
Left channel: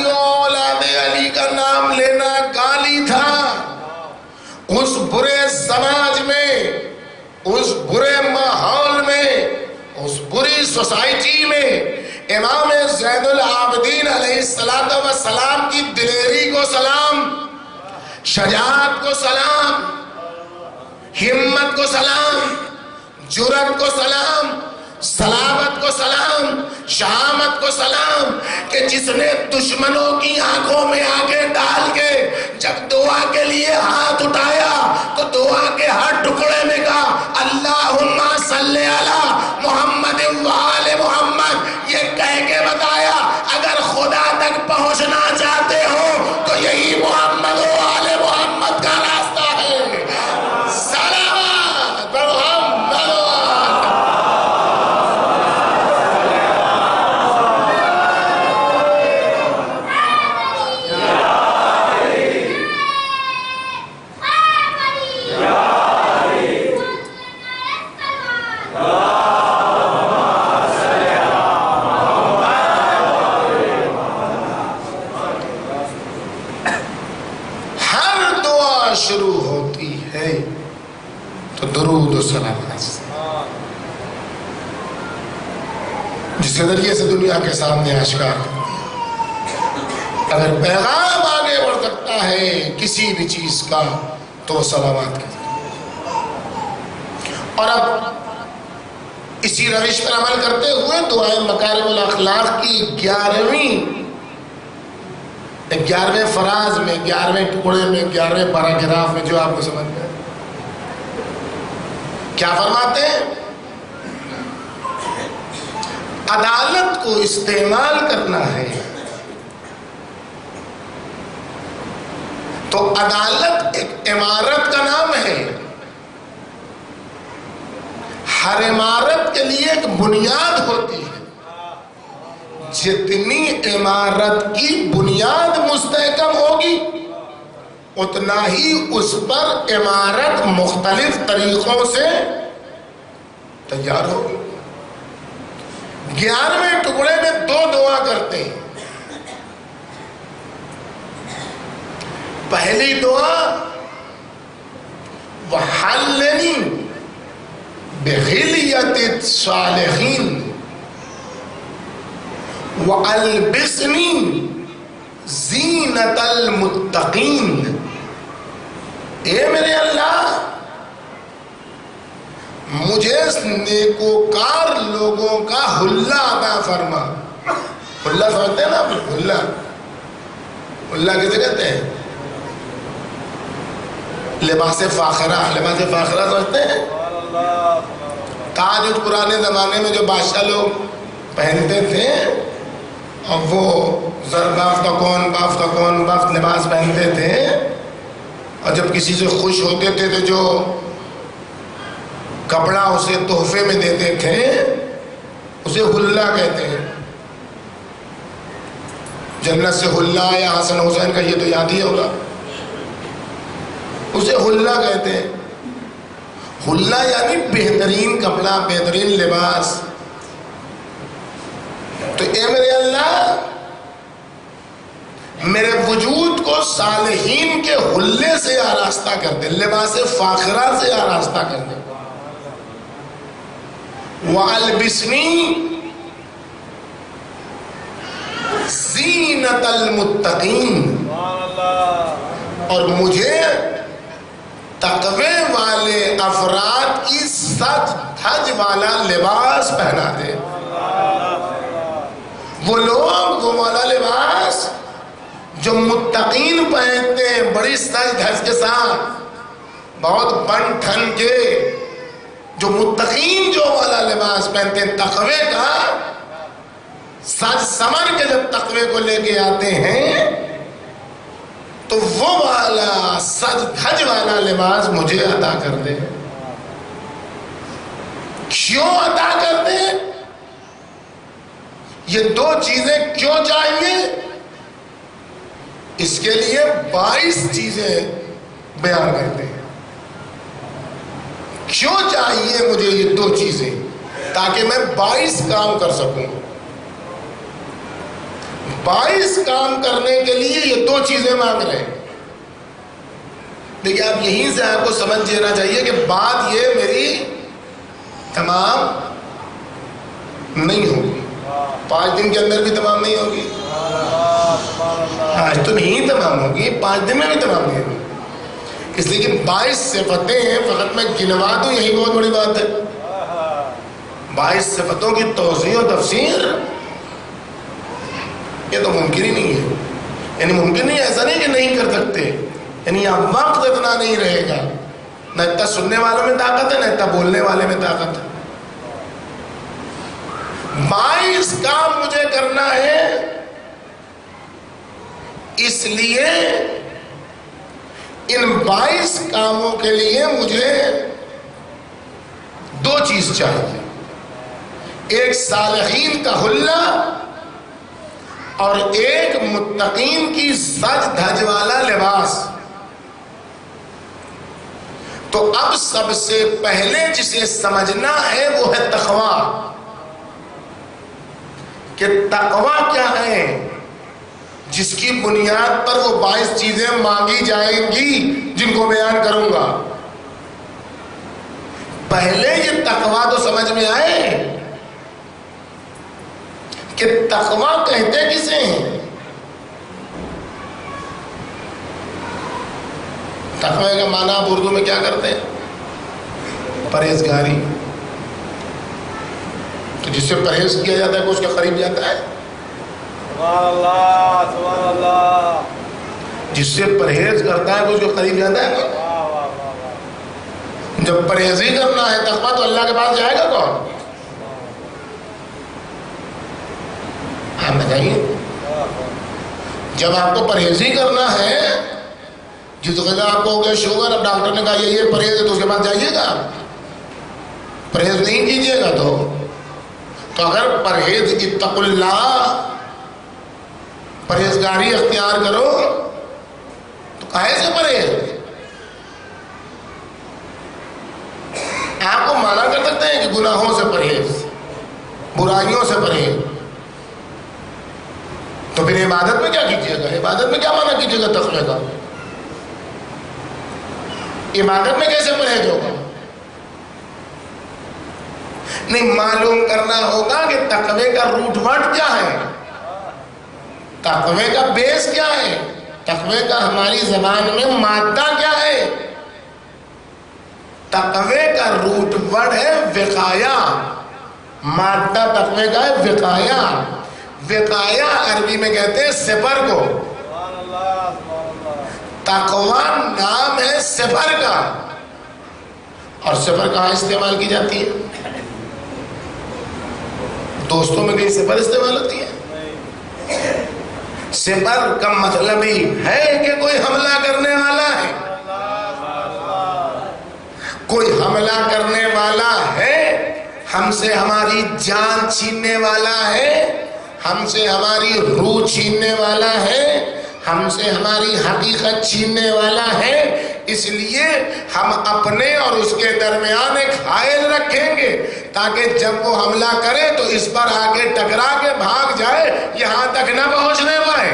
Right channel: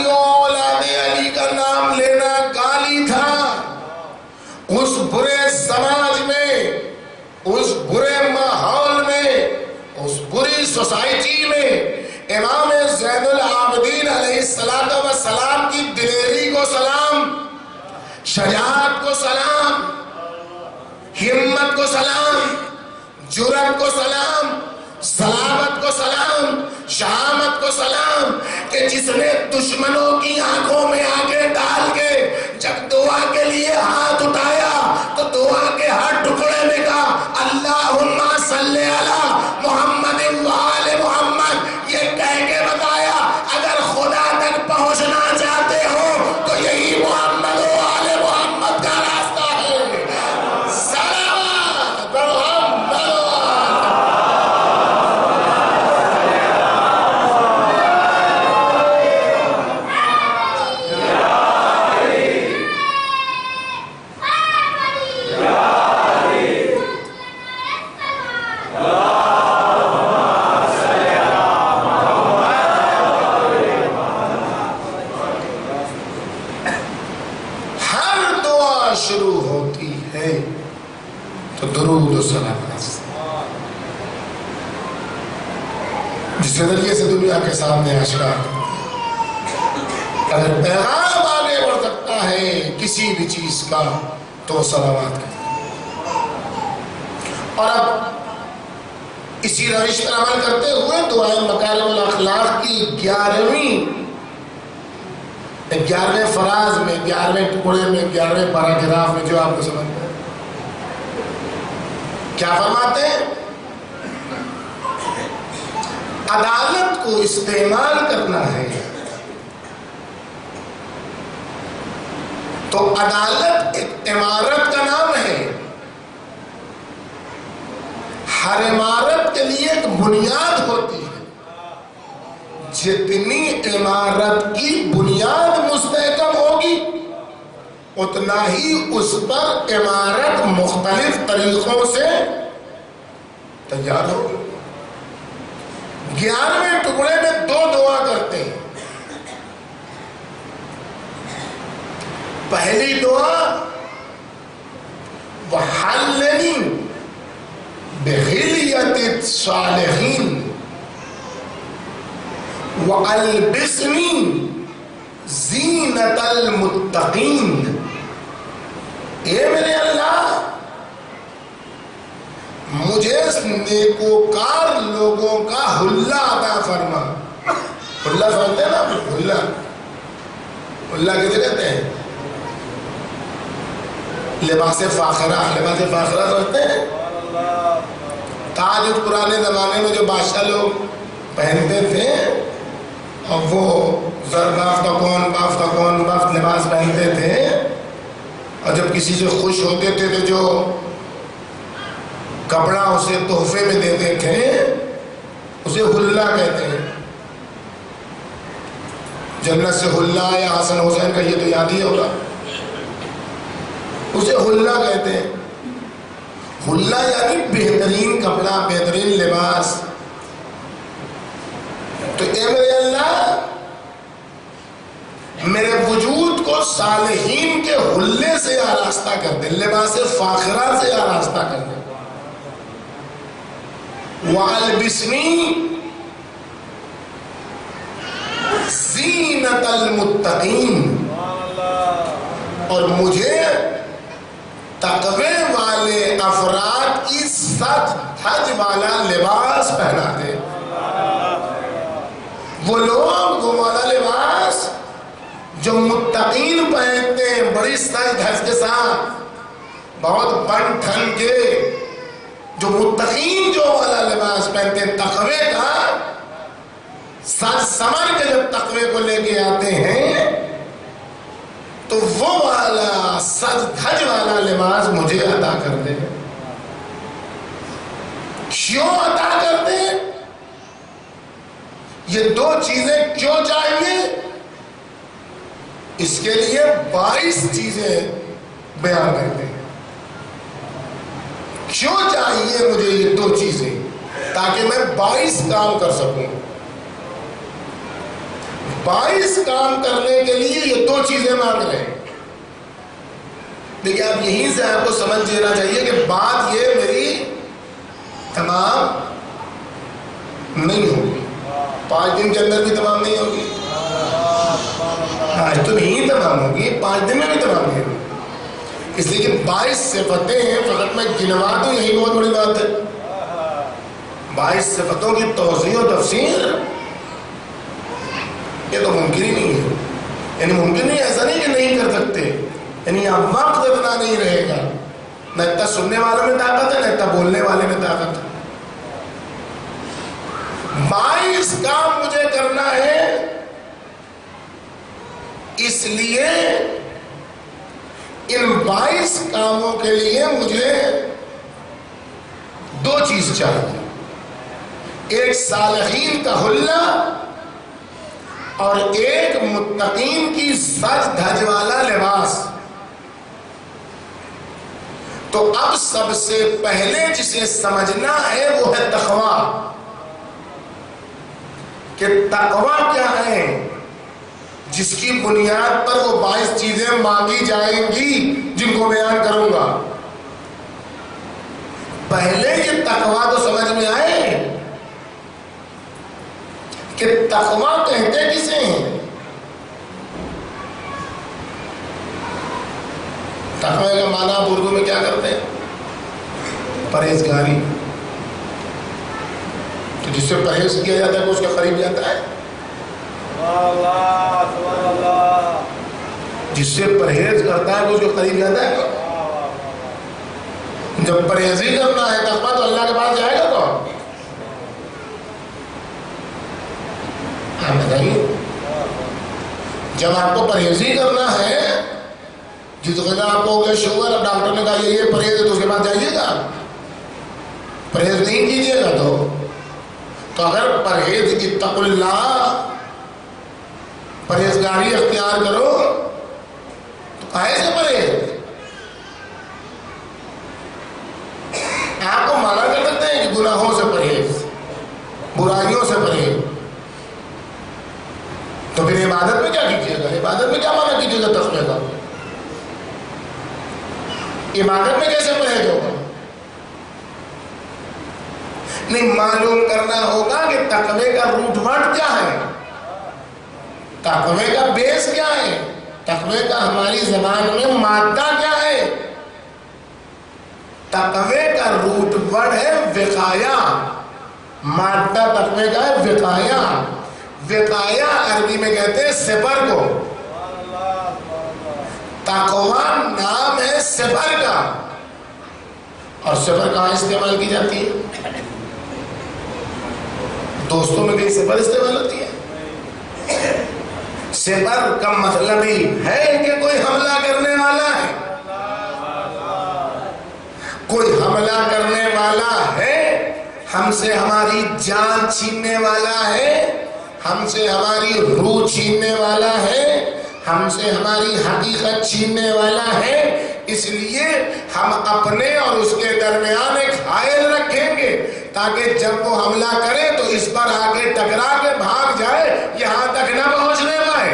سوسائٹی میں امام زین العابدین علیہ السلام کی دلیری کو سلام، شجاعت کو سلام، ہمت کو سلام، جرأت کو سلام، سلامت کو سلام، شہامت کو سلام، کہ جس نے دشمنوں کی آنکھوں میں آنکھیں ڈال کے جب دعا کے لیے ہاتھ اٹھایا تو دعا کے ہر ٹکڑے میں کہا اللہم صلی علی محمد و آل محمد، یہ کہہ کے بتایا اگر خدا تک پہنچنا چاہتے ہو تو یہی محمد و آل محمد کا راستہ ہے۔ سلامت محمد و شروع ہوتی ہے تو درود و سلام جس ذریعے سے دنیا کے سامنے آشکار اگر پیغام آگے بڑھ سکتا ہے کسی بھی چیز کا تو سلامات کا۔ اور اب اسی روش پر عمل کرتے ہوئے دعائے مکارم الاخلاق کی 11ویں فراز میں 11ویں ٹکڑے میں 11ویں پیراگراف میں جو آپ کو سمجھ میں کیا فرماتے ہیں؟ عدالت کو استعمال کرنا ہے تو عدالت ایک عمارت کا نام ہے، ہر عمارت کے لیے ایک بنیاد ہوتی ہے، جتنی عمارت کی بنیاد مستحکم ہوگی اتنا ہی اس پر عمارت مختلف طریقوں سے تیار ہوگی۔ 11ویں ٹکڑے میں 2 دعا کرتے ہیں۔ پہلی دعا وَحَلِّنِي بِحِلْيَةِ الصَّالِحِينَ وَأَلْبِسْنِي زِينَةَ الْمُتَّقِينَ، اے میرے اللہ مجھے نیکوکار لوگوں کا حلہ عطا فرما۔ حلہ سمجھتے ہیں نا؟ حلہ کسے کہتے ہیں؟ لباس فاخرہ سمجھتے ہیں؟ تاج پرانے زمانے میں جو بادشاہ لوگ پہنتے تھے اور وہ بافتہ کون لباس پہنتے تھے، اور جب کسی سے خوش ہوتے تھے تو جو کپڑا اسے تحفے میں دیتے تھے اسے حلہ کہتے ہیں۔ جنت سے حلہ یا حسن حسین کا یہ تو یاد ہی ہوگا، اسے حلہ کہتے ہیں۔ حلہ یعنی بہترین کپڑا، بہترین لباس۔ تو اے میرے اللہ میرے وجود کو صالحین کے حلے سے آراستہ کر دے، لباس فاخرہ سے آراستہ کر دے۔ وَأَلْبِسْنِي زِينَةَ الْمُتَّقِينَ، اور مجھے تقوی والے افراد کی سج دھج والا لباس پہنا دے۔ وہ لوگ وہ والا لباس جو متقین پہنتے ہیں، بڑی سج دھج کے ساتھ، بہت بن ٹھن کے، جو متقین جو والا لباس پہنتے ہیں تقوی کا، سج سمر کے جب تقوی کو لے کے آتے ہیں تو وہ والا سج دھج والا لباس مجھے عطا کر دے۔ کیوں عطا کر دے؟ یہ 2 چیزیں کیوں چاہیے؟ اس کے لیے 22 چیزیں بیان کرتے ہیں۔ کیوں چاہیے مجھے یہ 2 چیزیں؟ تاکہ میں 22 کام کر سکوں۔ 22 کام کرنے کے لیے یہ 2 چیزیں مانگ رہے ہیں۔ دیکھیں آپ یہیں سے آپ کو سمجھ لینا چاہیے کہ بات یہ میری تمام نہیں ہوگی، 5 دن کے اندر بھی تمام نہیں ہوگی، آج تو نہیں تمام ہوگی، 5 دن میں بھی تمام نہیں ہوگی، اس لیے کہ 22 صفتیں ہیں، فقط میں گنوا دوں یہی بہت بڑی بات ہے۔ 22 صفتوں کی توضیح و تفسیر یہ تو ممکن ہی نہیں ہے، یعنی ممکن نہیں، ایسا نہیں کہ نہیں کر سکتے، یعنی اب وقت اتنا نہیں رہے گا، نہ اتنا سننے والوں میں طاقت ہے نہ اتنا بولنے والے میں طاقت ہے۔ 22 کام مجھے کرنا ہے، اس لیے ان 22 کاموں کے لیے مجھے 2 چیز چاہیے، ایک صالحین کا حلہ اور ایک متقین کی سج دھج والا لباس۔ تو اب سب سے پہلے جسے سمجھنا ہے وہ ہے تقویٰ، کہ تقویٰ کیا ہے، جس کی بنیاد پر وہ 22 چیزیں مانگی جائیں گی جن کو بیان کروں گا۔ پہلے یہ تقویٰ تو سمجھ میں آئے کہ تقویٰ کہتے کسے ہیں؟ تقوی کا معنی آپ اردو میں کیا کرتے ہیں؟ پرہیزگاری۔ تو جس سے پرہیز کیا جاتا ہے وہ اس کے قریب جاتا ہے۔ سبحان اللہ۔ جس سے پرہیز کرتا ہے وہ اس کے قریب جاتا ہے۔ جب پرہیزی کرنا ہے تقویٰ تو اللہ کے پاس جائے گا کون؟ آپ بتائیے، جب آپ کو پرہیزی کرنا ہے، جس وجہ آپ کو ہو گیا شوگر، اب ڈاکٹر نے کہا یہ پرہیز ہے تو اس کے بعد جائیے گا، پرہیز نہیں کیجیے گا تو اگر پرہیز اتقوا اللہ، پرہیزگاری اختیار کرو تو کہے سے پرہیز؟ آپ کو مانا کر سکتے ہیں کہ گناہوں سے پرہیز، برائیوں سے پرہیز، تو پھر عبادت میں کیا کیجیے گا؟ عبادت میں کیا مانا کیجیے گا تقوی کا؟ عبادت میں کیسے پرہیز ہوگا؟ نہیں، معلوم کرنا ہوگا کہ تقوی کا روٹ ورڈ کیا ہے، تقوی کا بیس کیا ہے، تقوی کا ہماری زبان میں مادہ کیا ہے۔ تقوی کا روٹ ورڈ ہے وقایا، مادہ تقوی کا ہے وقایا۔ وقایا عربی میں کہتے ہیں سپر کو، تقوی نام ہے سپر کا، اور سپر کہاں استعمال کی جاتی ہے؟ دوستوں میں کہیں سپر استعمال ہوتی ہے؟ سپر کا مطلب ہی ہے کہ کوئی حملہ کرنے والا ہے، کوئی حملہ کرنے والا ہے، ہم سے ہماری جان چھیننے والا ہے، ہم سے ہماری روح چھیننے والا ہے، ہم سے ہماری حقیقت چھیننے والا ہے۔ اس لیے ہم اپنے اور اس کے درمیان ایک حائل رکھیں گے تاکہ جب وہ حملہ کرے تو اس پر آگے ٹکرا کے بھاگ جائے، یہاں تک نہ پہنچنے پائے۔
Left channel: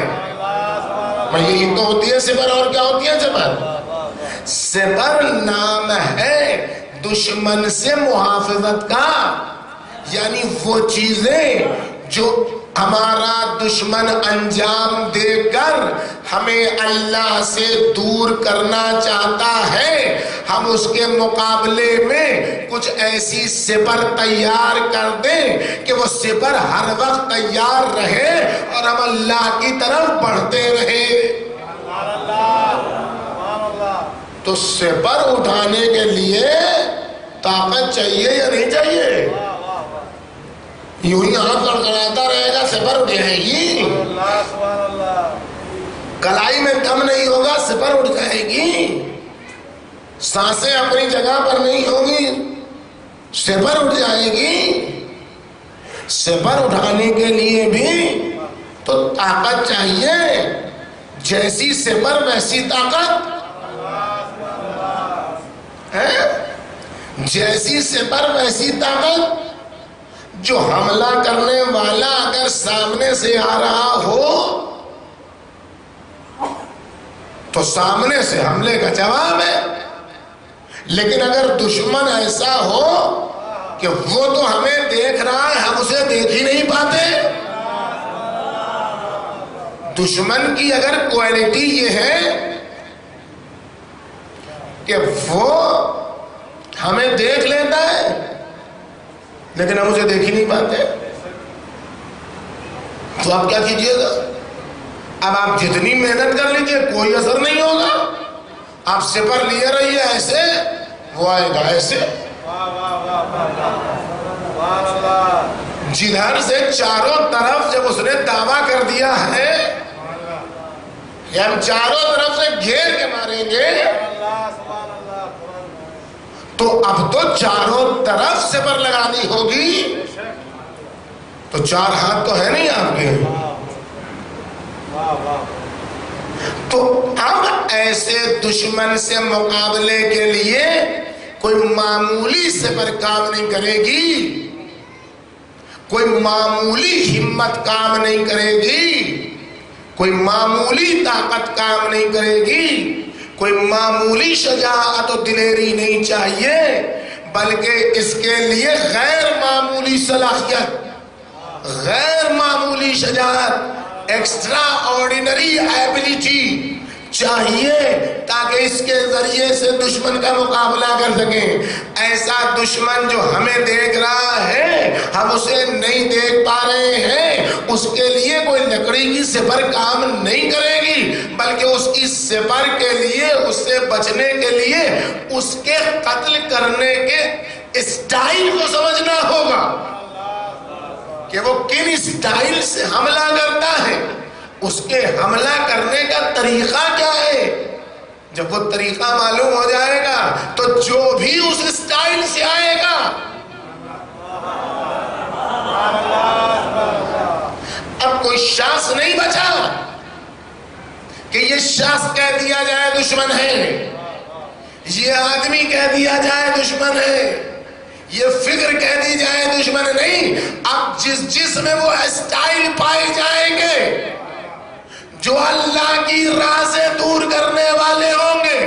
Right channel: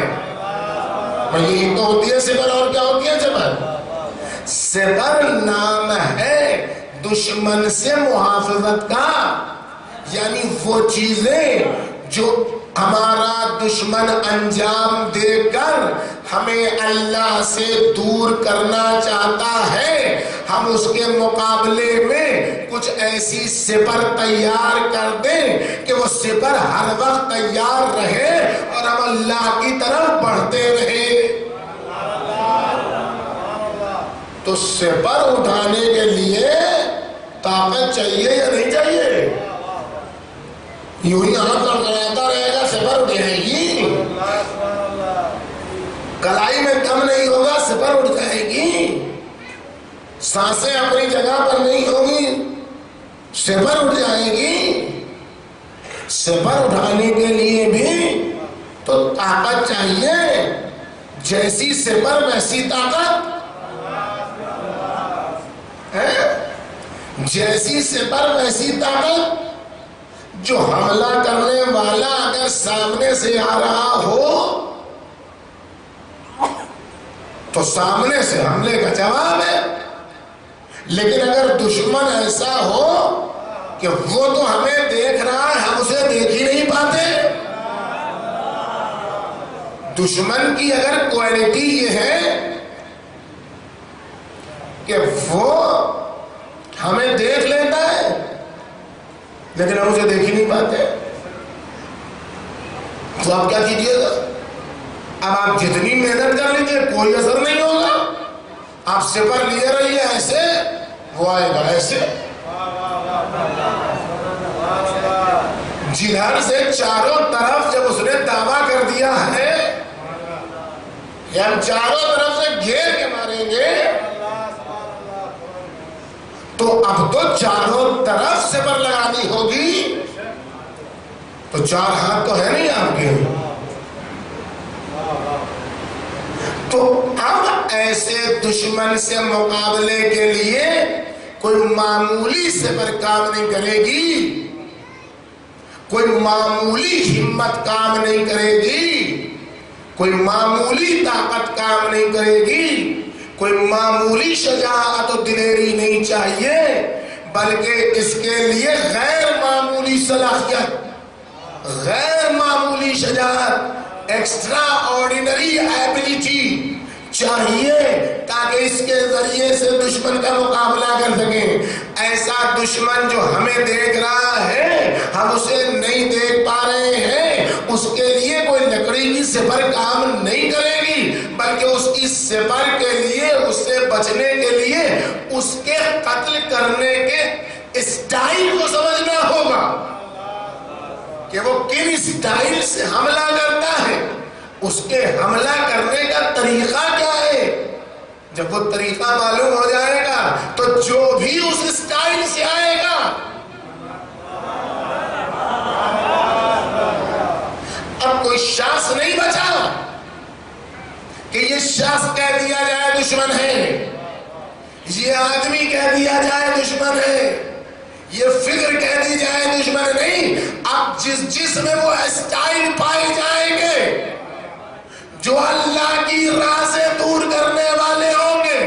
یہی تو ہوتی ہے سپر، اور کیا ہوتی ہے سپر؟ سپر نام ہے دشمن سے محافظت کا، یعنی وہ چیزیں جو ہمارا دشمن انجام دے کر ہمیں اللہ سے دور کرنا چاہتا ہے، ہم اس کے مقابلے میں کچھ ایسی سپر تیار کر دیں کہ وہ سپر ہر وقت تیار رہے اور ہم اللہ کی طرف بڑھتے رہے۔ تو سپر اٹھانے کے لیے طاقت چاہیے یا نہیں چاہیے؟ یوں ہی ہاتھ کڑکڑاتا رہے گا سپر اٹھ جائے گی، کلائی میں دم نہیں ہوگا سپر اٹھ جائے گی، سانسیں اپنی جگہ پر نہیں ہوگی سپر اٹھ جائے گی۔ سپر اٹھانے کے لیے بھی تو طاقت چاہیے، جیسی سپر ویسی طاقت ہے، جیسی سپر ویسی طاقت۔ جو حملہ کرنے والا اگر سامنے سے آ رہا ہو تو سامنے سے حملے کا جواب ہے، لیکن اگر دشمن ایسا ہو کہ وہ تو ہمیں دیکھ رہا ہے، ہم اسے دیکھ ہی نہیں پاتے۔ دشمن کی اگر کوالٹی یہ ہے کہ وہ ہمیں دیکھ لیتا ہے لیکن ہم اسے دیکھ ہی نہیں پاتے، تو آپ کیا کیجئے گا؟ اب آپ جتنی محنت کر لیجئے کوئی اثر نہیں ہوگا۔ آپ سپر لیے رہیے ایسے، وہ آئے گا ایسے۔ جدھر سے چاروں طرف جب اس نے دعویٰ کر دیا ہے کہ ہم چاروں طرف سے گھیر کے ماریں گے، تو اب تو چاروں طرف سپر لگانی ہوگی۔ تو چار ہاتھ تو ہے نہیں آپ کے، تو اب ایسے دشمن سے مقابلے کے لیے کوئی معمولی سپر کام نہیں کرے گی، کوئی معمولی ہمت کام نہیں کرے گی، کوئی معمولی طاقت کام نہیں کرے گی، کوئی معمولی شجاعت و دلیری نہیں چاہیے، بلکہ اس کے لیے غیر معمولی صلاحیت، غیر معمولی شجاعت، ایکسٹرا آرڈینری ایبلٹی چاہیے، تاکہ اس کے ذریعے سے دشمن کا مقابلہ کر سکیں۔ ایسا دشمن جو ہمیں دیکھ رہا ہے ہم اسے نہیں دیکھ پا رہے ہیں، اس کے لیے کوئی لکڑی کی سپر کام نہیں کرے گی، بلکہ اس کی سپر کے لیے، اس سے بچنے کے لیے اس کے قتل کرنے کے اسٹائل کو سمجھنا ہوگا کہ وہ کن اسٹائل سے حملہ کرتا ہے، اس کے حملہ کرنے کا طریقہ کیا ہے۔ جب وہ طریقہ معلوم ہو جائے گا تو جو بھی اس اسٹائل سے آئے گا اب کوئی شخص نہیں بچا کہ یہ شخص کہہ دیا جائے دشمن ہے، یہ آدمی کہہ دیا جائے دشمن ہے، یہ فکر کہہ دی جائے دشمن نہیں۔ اب جس میں وہ اسٹائل پائے جائیں گے جو اللہ کی راہ سے دور کرنے والے ہوں گے،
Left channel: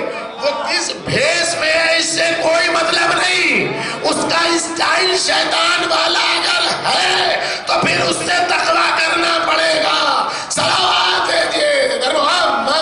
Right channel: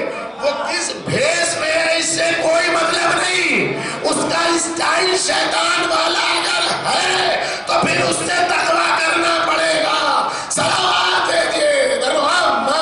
وہ کس بھیس میں ہے اس سے کوئی مطلب نہیں، اس کا اسٹائل شیطان والا اگر ہے تو پھر اس سے تقویٰ کرنا پڑے گا۔ صلوات دیجئے در محمد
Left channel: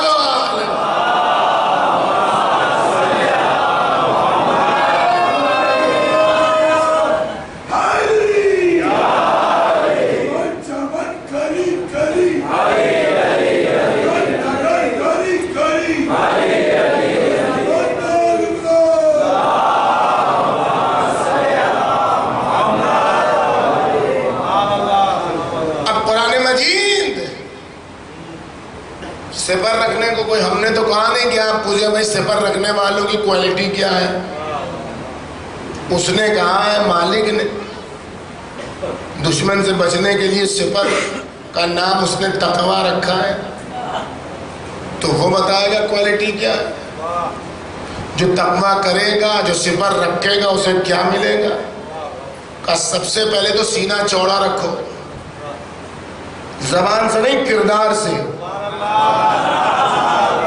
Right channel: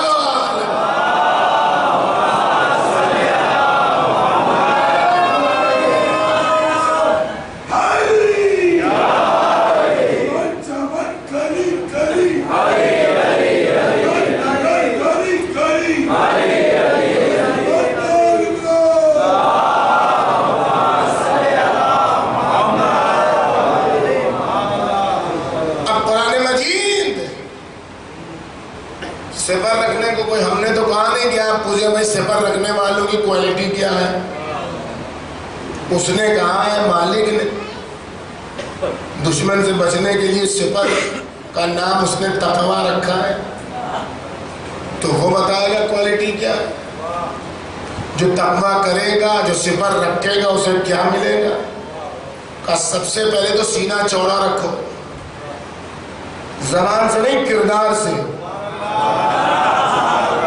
سپر رکھنے کو کوئی ہم نے تو کہا نہیں کہ آپ پوچھے بھائی سپر رکھنے والوں کی کوالٹی کیا ہے، اس نے کہا ہے مالک نے دشمن سے بچنے کے لیے سپر کا نام اس نے تقویٰ رکھا ہے، تو وہ بتائے گا کوالٹی کیا ہے۔ جو تقویٰ کرے گا، جو سپر رکھے گا اسے کیا ملے گا؟ کہ سب سے پہلے تو سینہ چوڑا رکھو، زبان سے نہیں کردار سے،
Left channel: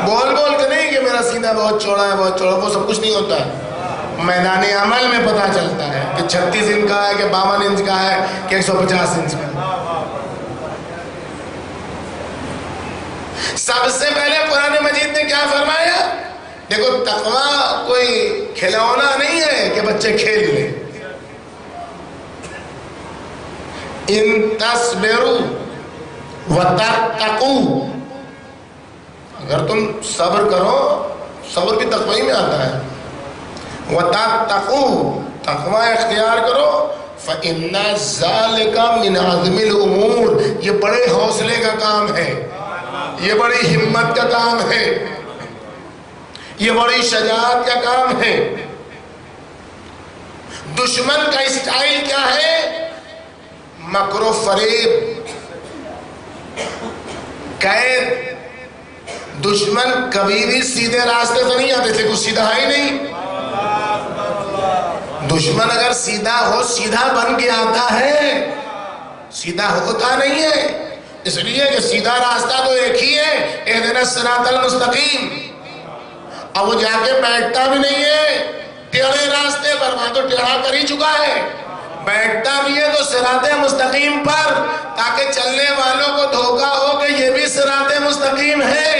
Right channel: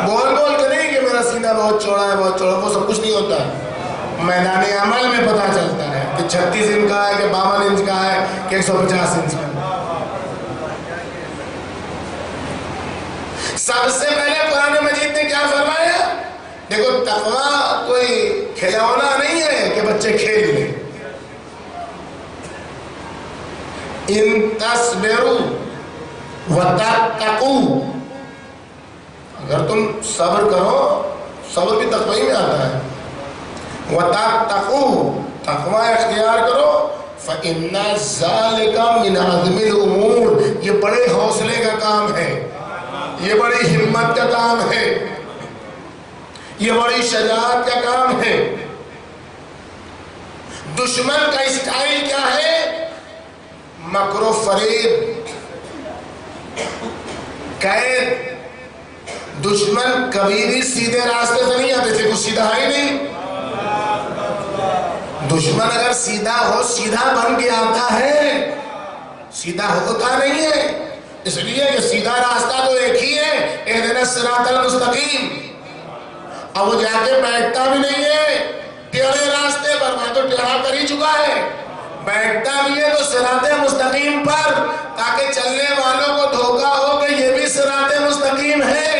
بول کے نہیں کہ میرا سینہ بہت چوڑا ہے بہت چوڑا، وہ سب کچھ نہیں ہوتا ہے، میدان عمل میں پتہ چلتا ہے کہ 36 انچ کا ہے کہ 52 انچ کا ہے کہ 150 انچ کا ہے۔ سب سے پہلے قرآن مجید نے کیا فرمایا؟ دیکھو تقویٰ کوئی کھلونا نہیں ہے کہ بچے کھیل لیں، ان تصبروا وتتقوا، اگر تم صبر کرو، صبر بھی تقوی میں آتا ہے، وتتقوا، تقوی اختیار کرو، فإن ذلك من عزم الامور، یہ بڑے حوصلے کا کام ہے، یہ بڑی ہمت کا کام ہے، یہ بڑی شجاعت کا کام ہے۔ دشمن کا اسٹائل کیا ہے؟ مکر و فریب، قید۔ دشمن کبھی بھی سیدھے راستے سے نہیں آتے تھے، کچھ سیدھا ہی نہیں۔ دشمن اگر سیدھا ہو سیدھا بن کے آتا ہے، سیدھا ہوتا نہیں ہے، اس لیے کہ سیدھا راستہ تو ایک ہی ہے، اہدنا الصراط المستقیم۔ اب وہ جا کے بیٹھتا بھی نہیں ہے ٹیڑھے راستے پر، وہاں تو ٹیڑھا کر ہی چکا ہے، بیٹھتا بھی ہے تو صراط مستقیم پر، تاکہ چلنے والوں کو دھوکہ ہو کہ یہ بھی صراط مستقیم ہے۔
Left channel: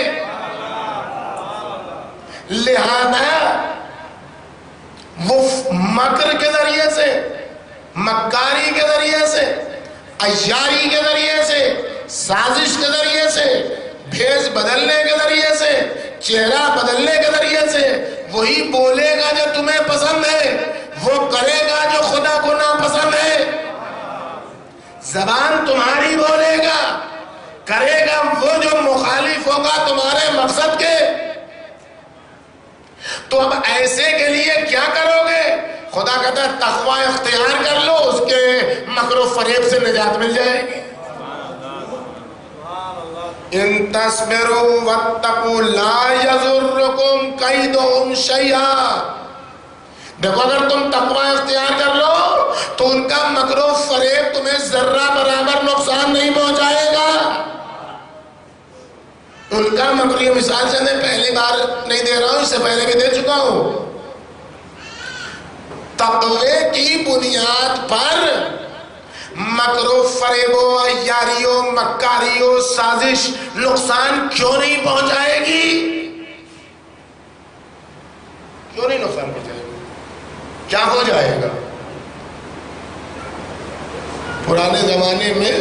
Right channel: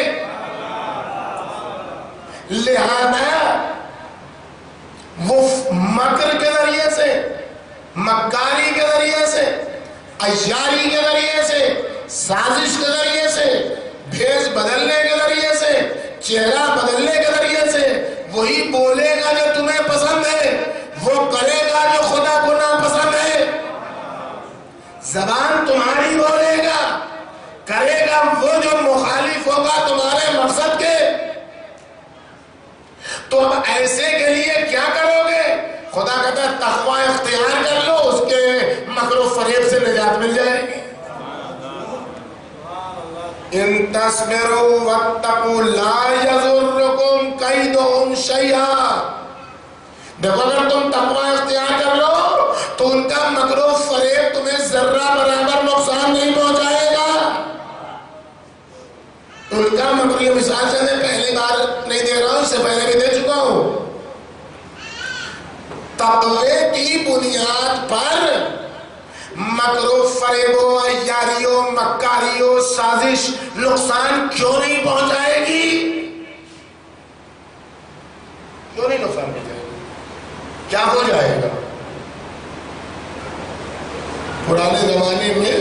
لہذا وہ مکر کے ذریعے سے، مکاری کے ذریعے سے، عیاری کے ذریعے سے، سازش کے ذریعے سے، بھیس بدلنے کے ذریعے سے، چہرہ بدلنے کے ذریعے سے وہی بولے گا جو تمہیں پسند ہے، وہ کرے گا جو خدا کو ناپسند ہے۔ زبان تمہاری بولے گا، کرے گا وہ جو مخالف ہوگا تمہارے مقصد کے۔ تو اب ایسے کے لیے کیا کرو گے؟ خدا کہتا ہے تقوی اختیار کر لو، اس کے مکر و فریب سے نجات مل جائے گی۔ ان تصبروا واتقوا لا یضرکم کیدہم شیئا۔ دیکھو اگر تم تقوی اختیار کر لو تو ان کا مکر و فریب تمہیں ذرہ برابر نقصان نہیں پہنچائے گا۔ ان کا مکر، یہ مثال سے میں پہلی بار نہیں دے رہا ہوں، اس سے پہلے بھی دے چکا ہوں۔ تقوی کی بنیاد پر مکر و فریب و عیاری و مکاری و سازش نقصان کیوں نہیں پہنچائے گی؟ کیوں نہیں نقصان پہنچائے گی؟ کیا ہو جائے گا؟ پرانے زمانے میں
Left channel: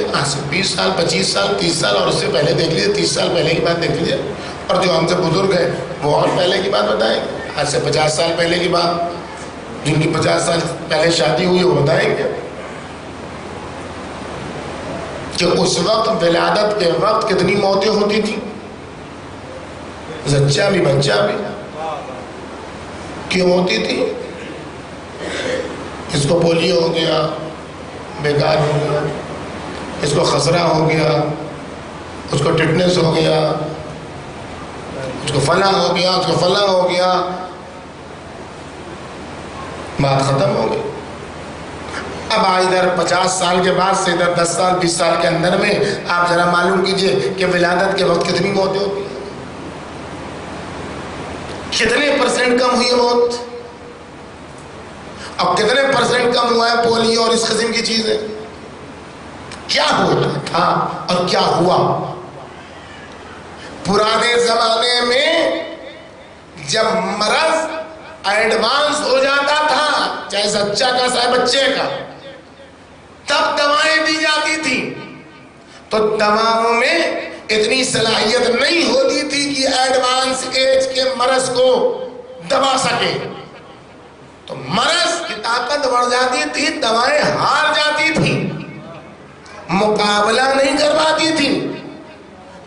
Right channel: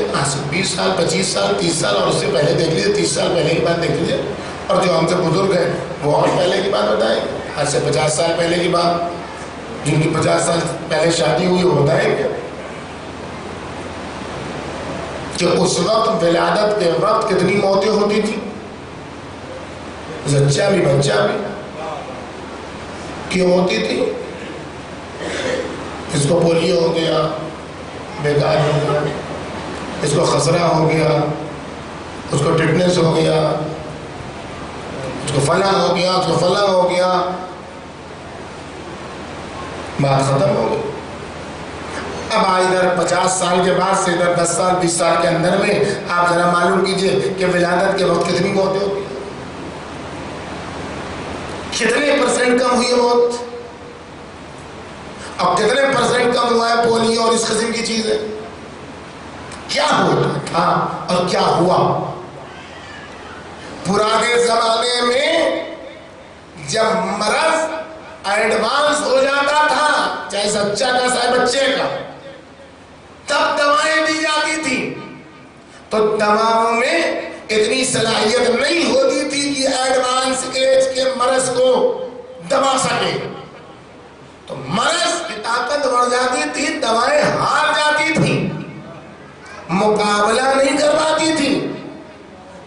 20 سال 25 سال 30 سال اور اس سے پہلے دیکھ لیجیے، 30 سال پہلے کی بات دیکھ لیجیے، اور جو ہم سے بزرگ ہیں وہ اور پہلے کی بات بتائیں گے، آج سے 50 سال پہلے کی بات، جن کی 50 سال پہلے شادی ہوئی وہ بتائیں گے کہ اس وقت ولادت کے وقت کتنی موتیں ہوتی تھی، زچہ بھی بچہ بھی۔ کیوں ہوتی تھی؟ اس کو پولیو ہو گیا، بیکار ہو گیا، اس کو خسرہ ہو گیا، اس کو ٹٹنس ہو گیا، اس کو فلاں ہو گیا، اس کو فلاں ہو گیا، بات ختم ہو گئی۔ اب ادھر 50 سال کے بعد سے ادھر 10 سال 20 سال کے اندر میں آپ ذرا معلوم کیجئے کہ ولادت کے وقت کتنی موتیں ہوتی ہیں، کتنے % کم ہوئی موت، اب کتنے % کم ہوا ہے پولیو اور اس قسم کی چیزیں۔ کیا ہوا تھا اور کیا ہوا؟ پرانے زمانے میں جب مرض ایڈوانس ہو جاتا تھا، چاہے زچہ کا چاہے بچے کا، تب دوائیں دی جاتی تھی، تو دواؤں میں اتنی صلاحیت نہیں ہوتی تھی کہ ایڈوانس ایج کے مرض کو دبا سکے، تو مرض کی طاقت بڑھ جاتی تھی، دوائیں ہار جاتی تھی، مقابلہ نہیں کر پاتی تھی۔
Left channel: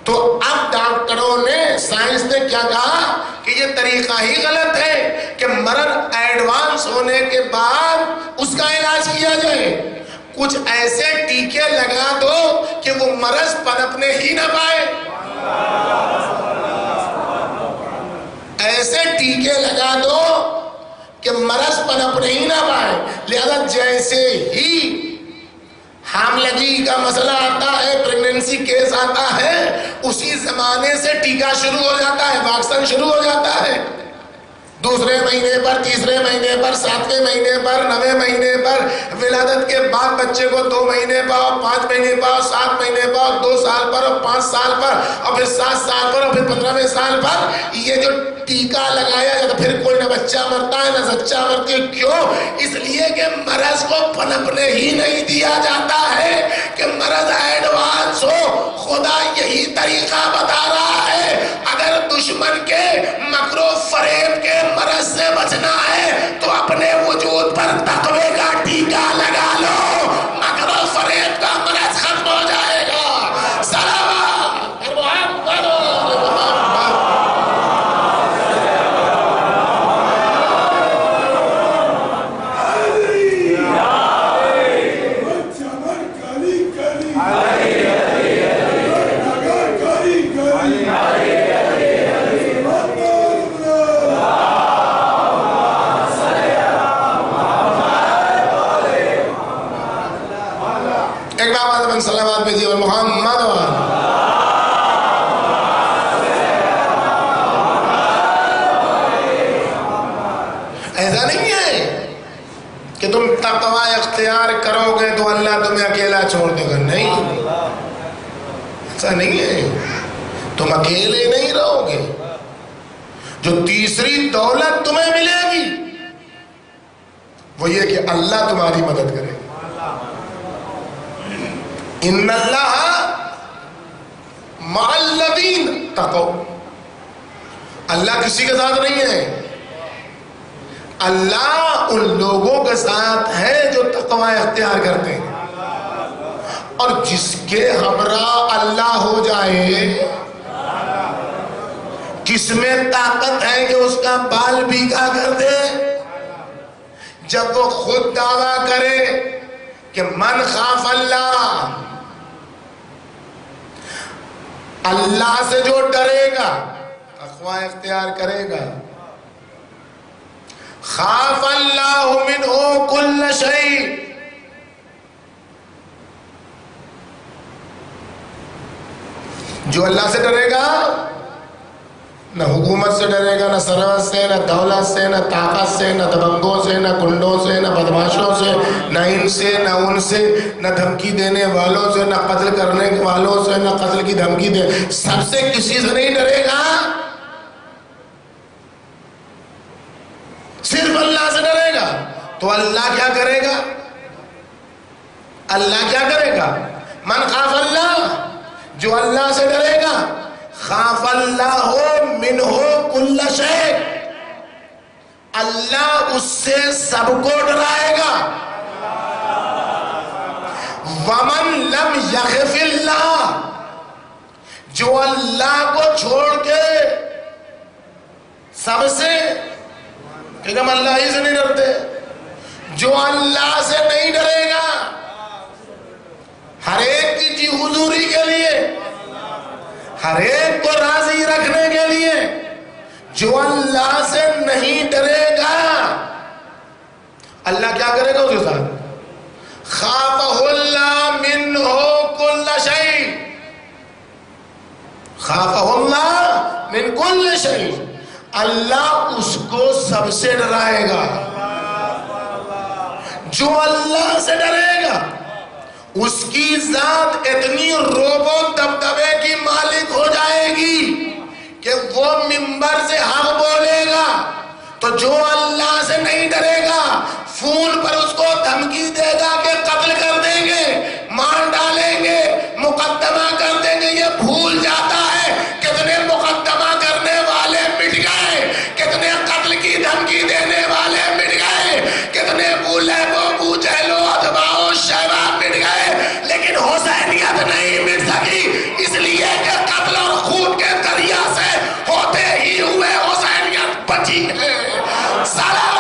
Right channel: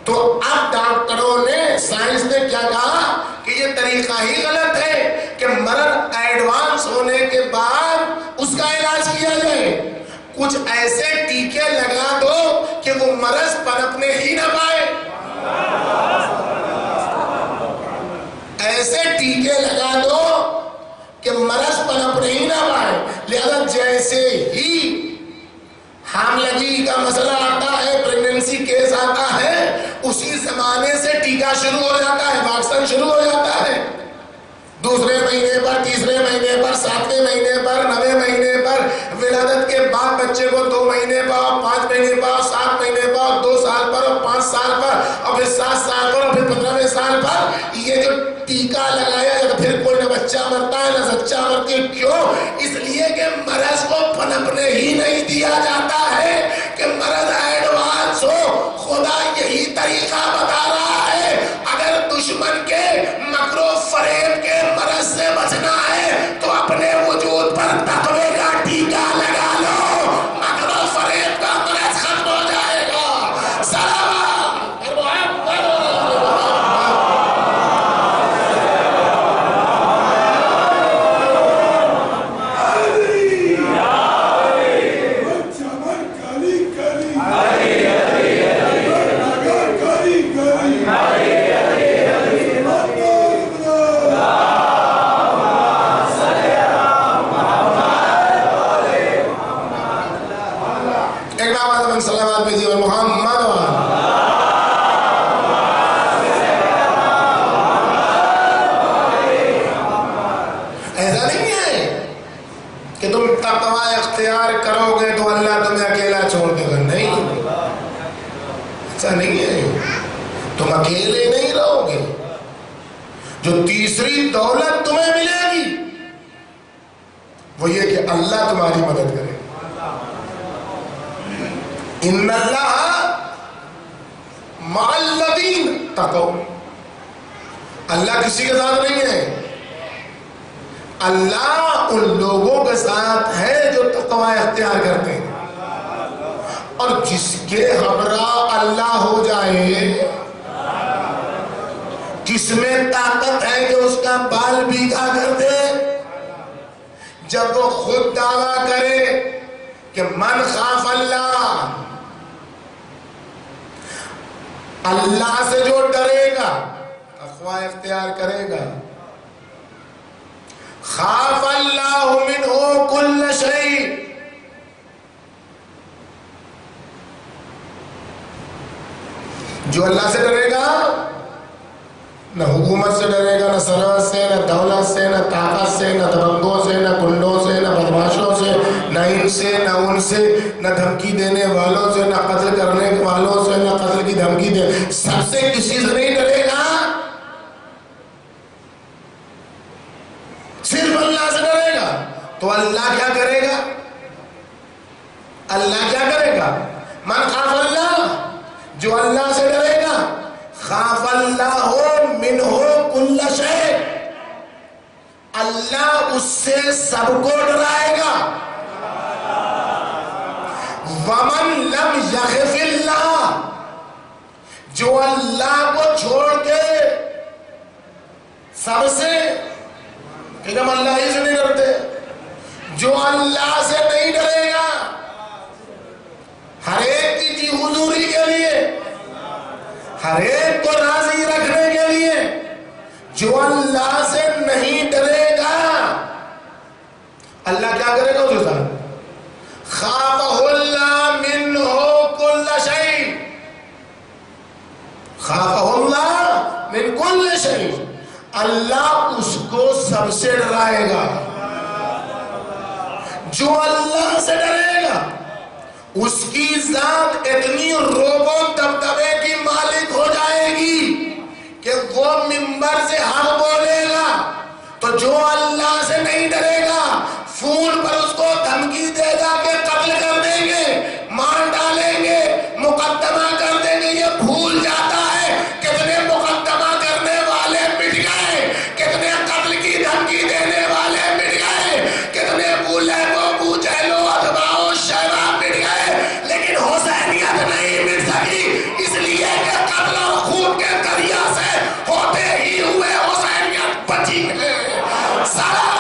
تو اب ڈاکٹروں نے، سائنس نے کیا کہا کہ یہ طریقہ ہی غلط ہے کہ مرض ایڈوانس ہونے کے بعد اس کا علاج کیا جائے، کچھ ایسے ٹیکے لگا دو کہ وہ مرض پنپنے ہی نہ پائے، ایسے ٹیکے لگا دو کہ مرض پنپنے ہی نہ پائے۔ لہذا جیسے ہی حاملگی کا مسئلہ آتا ہے، پریگننسی کیس آتا ہے، اسی زمانے سے ٹیکہ شروع ہو جاتا ہے، ویکسین شروع ہو جاتا ہے، دوسرے مہینے پر، تیسرے مہینے پر، 7ویں مہینے پر، 9ویں مہینے پر، ولادت کے بعد بچے کو 2 مہینے پر، 5 مہینے پر، 7 مہینے پر، 2 سال پر، اور 5 سال پر، اور پھر 7 سال پر، اور پھر 15ویں سال پر یہ جو ٹیکہ لگایا جاتا، پھر کوئی نہ بچہ مرتا ہے نہ زچہ مرتی ہے۔ کیوں؟ اس لیے کہ مرض کو پنپنے ہی نہیں دیا جاتا ہے کہ مرض ایڈوانس ہو۔ خدا یہی طریقہ بتا رہا ہے، اگر دشمن کے مکر و فریب کے مرض سے بچنا ہے تو اپنے وجود پر تقوی کا ٹیکہ لگا لو، مکر و فریب کا مرض ختم ہو جائے گا۔ سلام ایسا نہیں ہے، تم اکیلے نہیں رہو گے، جو تیسری دولت تمہیں ملے گی وہ یہ کہ اللہ تمہاری مدد کرے گا۔ ان اللہ مع الذین تقوا، اللہ کسی کے ساتھ نہیں ہے، اللہ ان لوگوں کے ساتھ ہے جو تقوی اختیار کرتے ہیں، اور جس کے ہمراہ اللہ ہو جائے، جس میں طاقت ہے کہ اس کا بال بھیگا کر دے، جب وہ خود دعویٰ کرے کہ من خاف اللہ، اللہ سے جو ڈرے گا تقوی اختیار کرے گا، خاف اللہ منہ کل شیء، جو اللہ سے ڈرے گا نہ حکومت سے ڈرے گا، نہ سرحد سے، نہ دولت سے، نہ طاقت سے، نہ دبنگوں سے، نہ کنڈوں سے، نہ بدماشوں سے، نہ ان سے، نہ ان سے، نہ دھمکی دینے والوں سے، نہ قتل کرنے والوں سے، نہ قتل کی دھمکی دے، سب سے کسی سے نہیں ڈرے گا، صرف اللہ سے ڈرے گا۔ تو اللہ کیا کرے گا؟ اللہ کیا کرے گا؟ من خاف اللہ، جو اللہ سے ڈرے گا، خاف اللہ منہ کل شیء، اللہ اس سے سب کو ڈرائے گا۔ ومن لم یخف اللہ، جو اللہ کو چھوڑ کے سب سے، کہ ہم اللہ ہی سے نہیں ڈرتے، جو اللہ سے نہیں ڈرے گا، ہر ایک کی جی حضوری کے لیے، ہر ایک کو راضی رکھنے کے لیے، جو اللہ سے نہیں ڈرے گا، اللہ کیا کرے گا اس کے ساتھ؟ خافہ اللہ منہ کل شیء، خافہ اللہ من کل شیء، اللہ اس کو سب سے ڈرائے گا۔ جو اللہ سے ڈرے گا اس کی ذات اتنی روب و دبدبے کی مالک ہو جائے گی کہ وہ منبر سے حق بولے گا، تو جو اللہ سے نہیں ڈرے گا فون پر اس کو دھمکی دے گا کہ قتل کر دیں گے، مار ڈالیں گے، مقدمہ کر دیں گے، یہ بھول جاتا ہے کتنے مقدمہ کرنے والے مٹ گئے، کتنے قتل کی دھمکی دینے والے مٹ گئے، کتنے بولے وہ بوجھے لو اتباع شیبہ مٹ گئے، لیکن حسینیت نہیں مٹ سکی، اس لیے کہ قتل اور خون کے دریا سے ہوتے ہی ہوئے حسینیت بچی ہے۔ سلام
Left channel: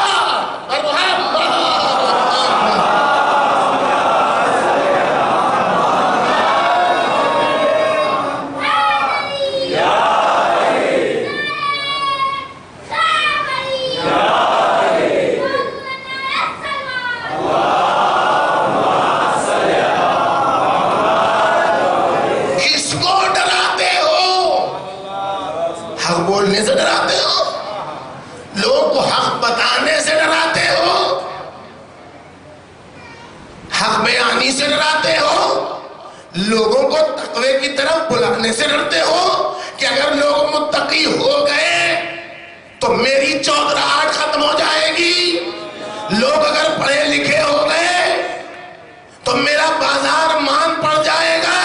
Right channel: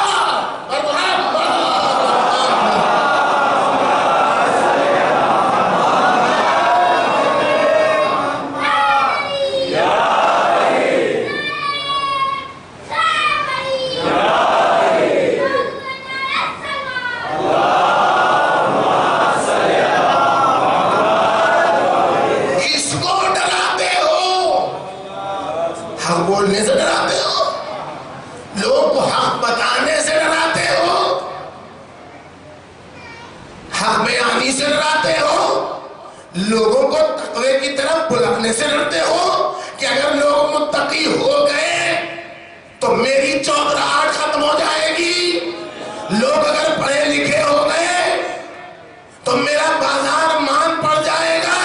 بولنے سے ڈراتے ہو، لوگوں کو حق بتانے سے ڈراتے ہو، حق بیانی سے ڈراتے ہو، لوگوں کو تقوی کی طرف بلانے سے ڈرتے ہو کہ اگر لوگ متقی ہو گئے تو میری چودراہٹ ختم ہو جائے گی، لوگ اگر پڑھے لکھے ہو گئے تو میرا بازار مان پڑ جائے گا۔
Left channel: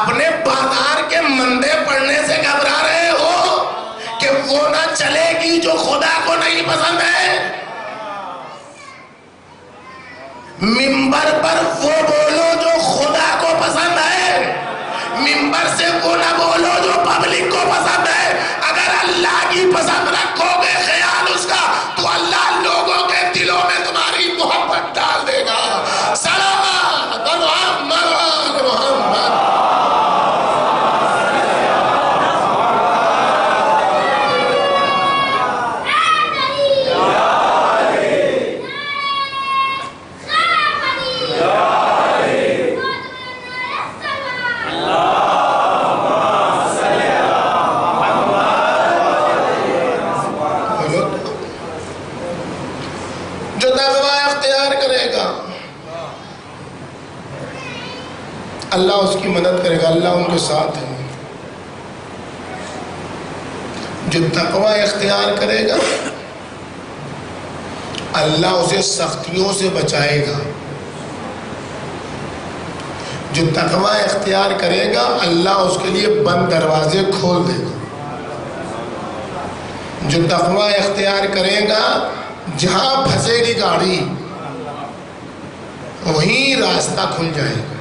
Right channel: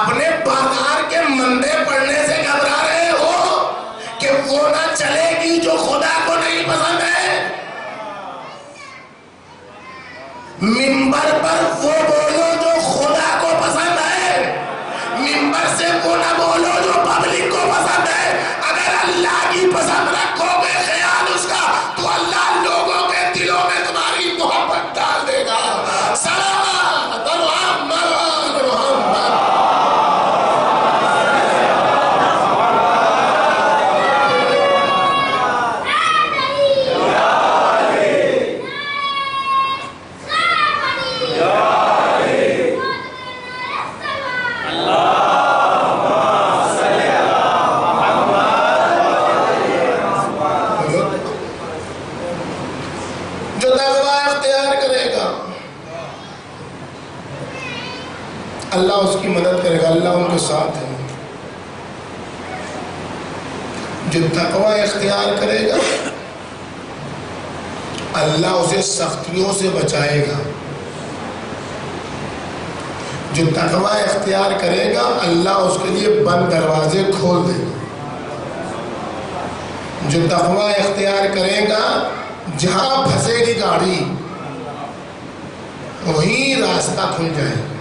اپنے بازار کے مندے پڑنے سے گھبرا رہے ہو کہ وہ نہ چلے گی جو خدا کو نہیں پسند ہے۔ منبر پر وہ بولو جو خدا کو پسند ہے، منبر سے وہ نہ بولو جو پبلک کو پسند ہے۔ اگر اللہ کی پسند رکھو گے خیال اس کا تو اللہ لوگوں کے دلوں میں تمہاری محبت ڈال دے گا۔ صلوات محمد محمد۔ اللہ اس کی مدد کرے گا، اللہ ان کے ساتھ ہے۔ جو تقوی اختیار کرے گا اللہ اسے سختیوں سے بچائے گا، جو تقوی اختیار کرے گا اللہ اس کے لیے بند دروازے کھول دے گا، جو تقوی اختیار کرے گا جہاں پھنسے گی گاڑی وہیں راستہ کھل جائے گا،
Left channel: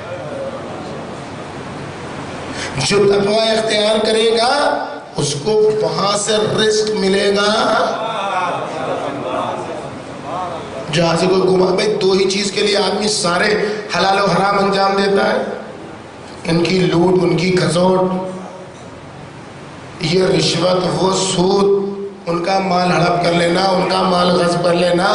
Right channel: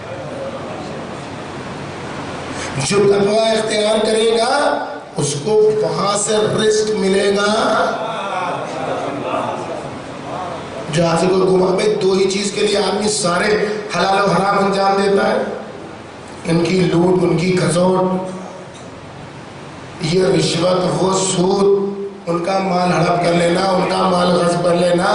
جو تقوی اختیار کرے گا اس کو وہاں سے رزق ملے گا جہاں سے کوئی گما۔ بھائی دو ہی چیز کے لیے آدمی سارے حلال و حرام انجام دیتا ہے، ان کی لوٹ، ان کی گھسوٹ، یہ رشوت، وہ سود، ان کا مال ہڑپ کر لینا، ان کا مال غصب کر لینا،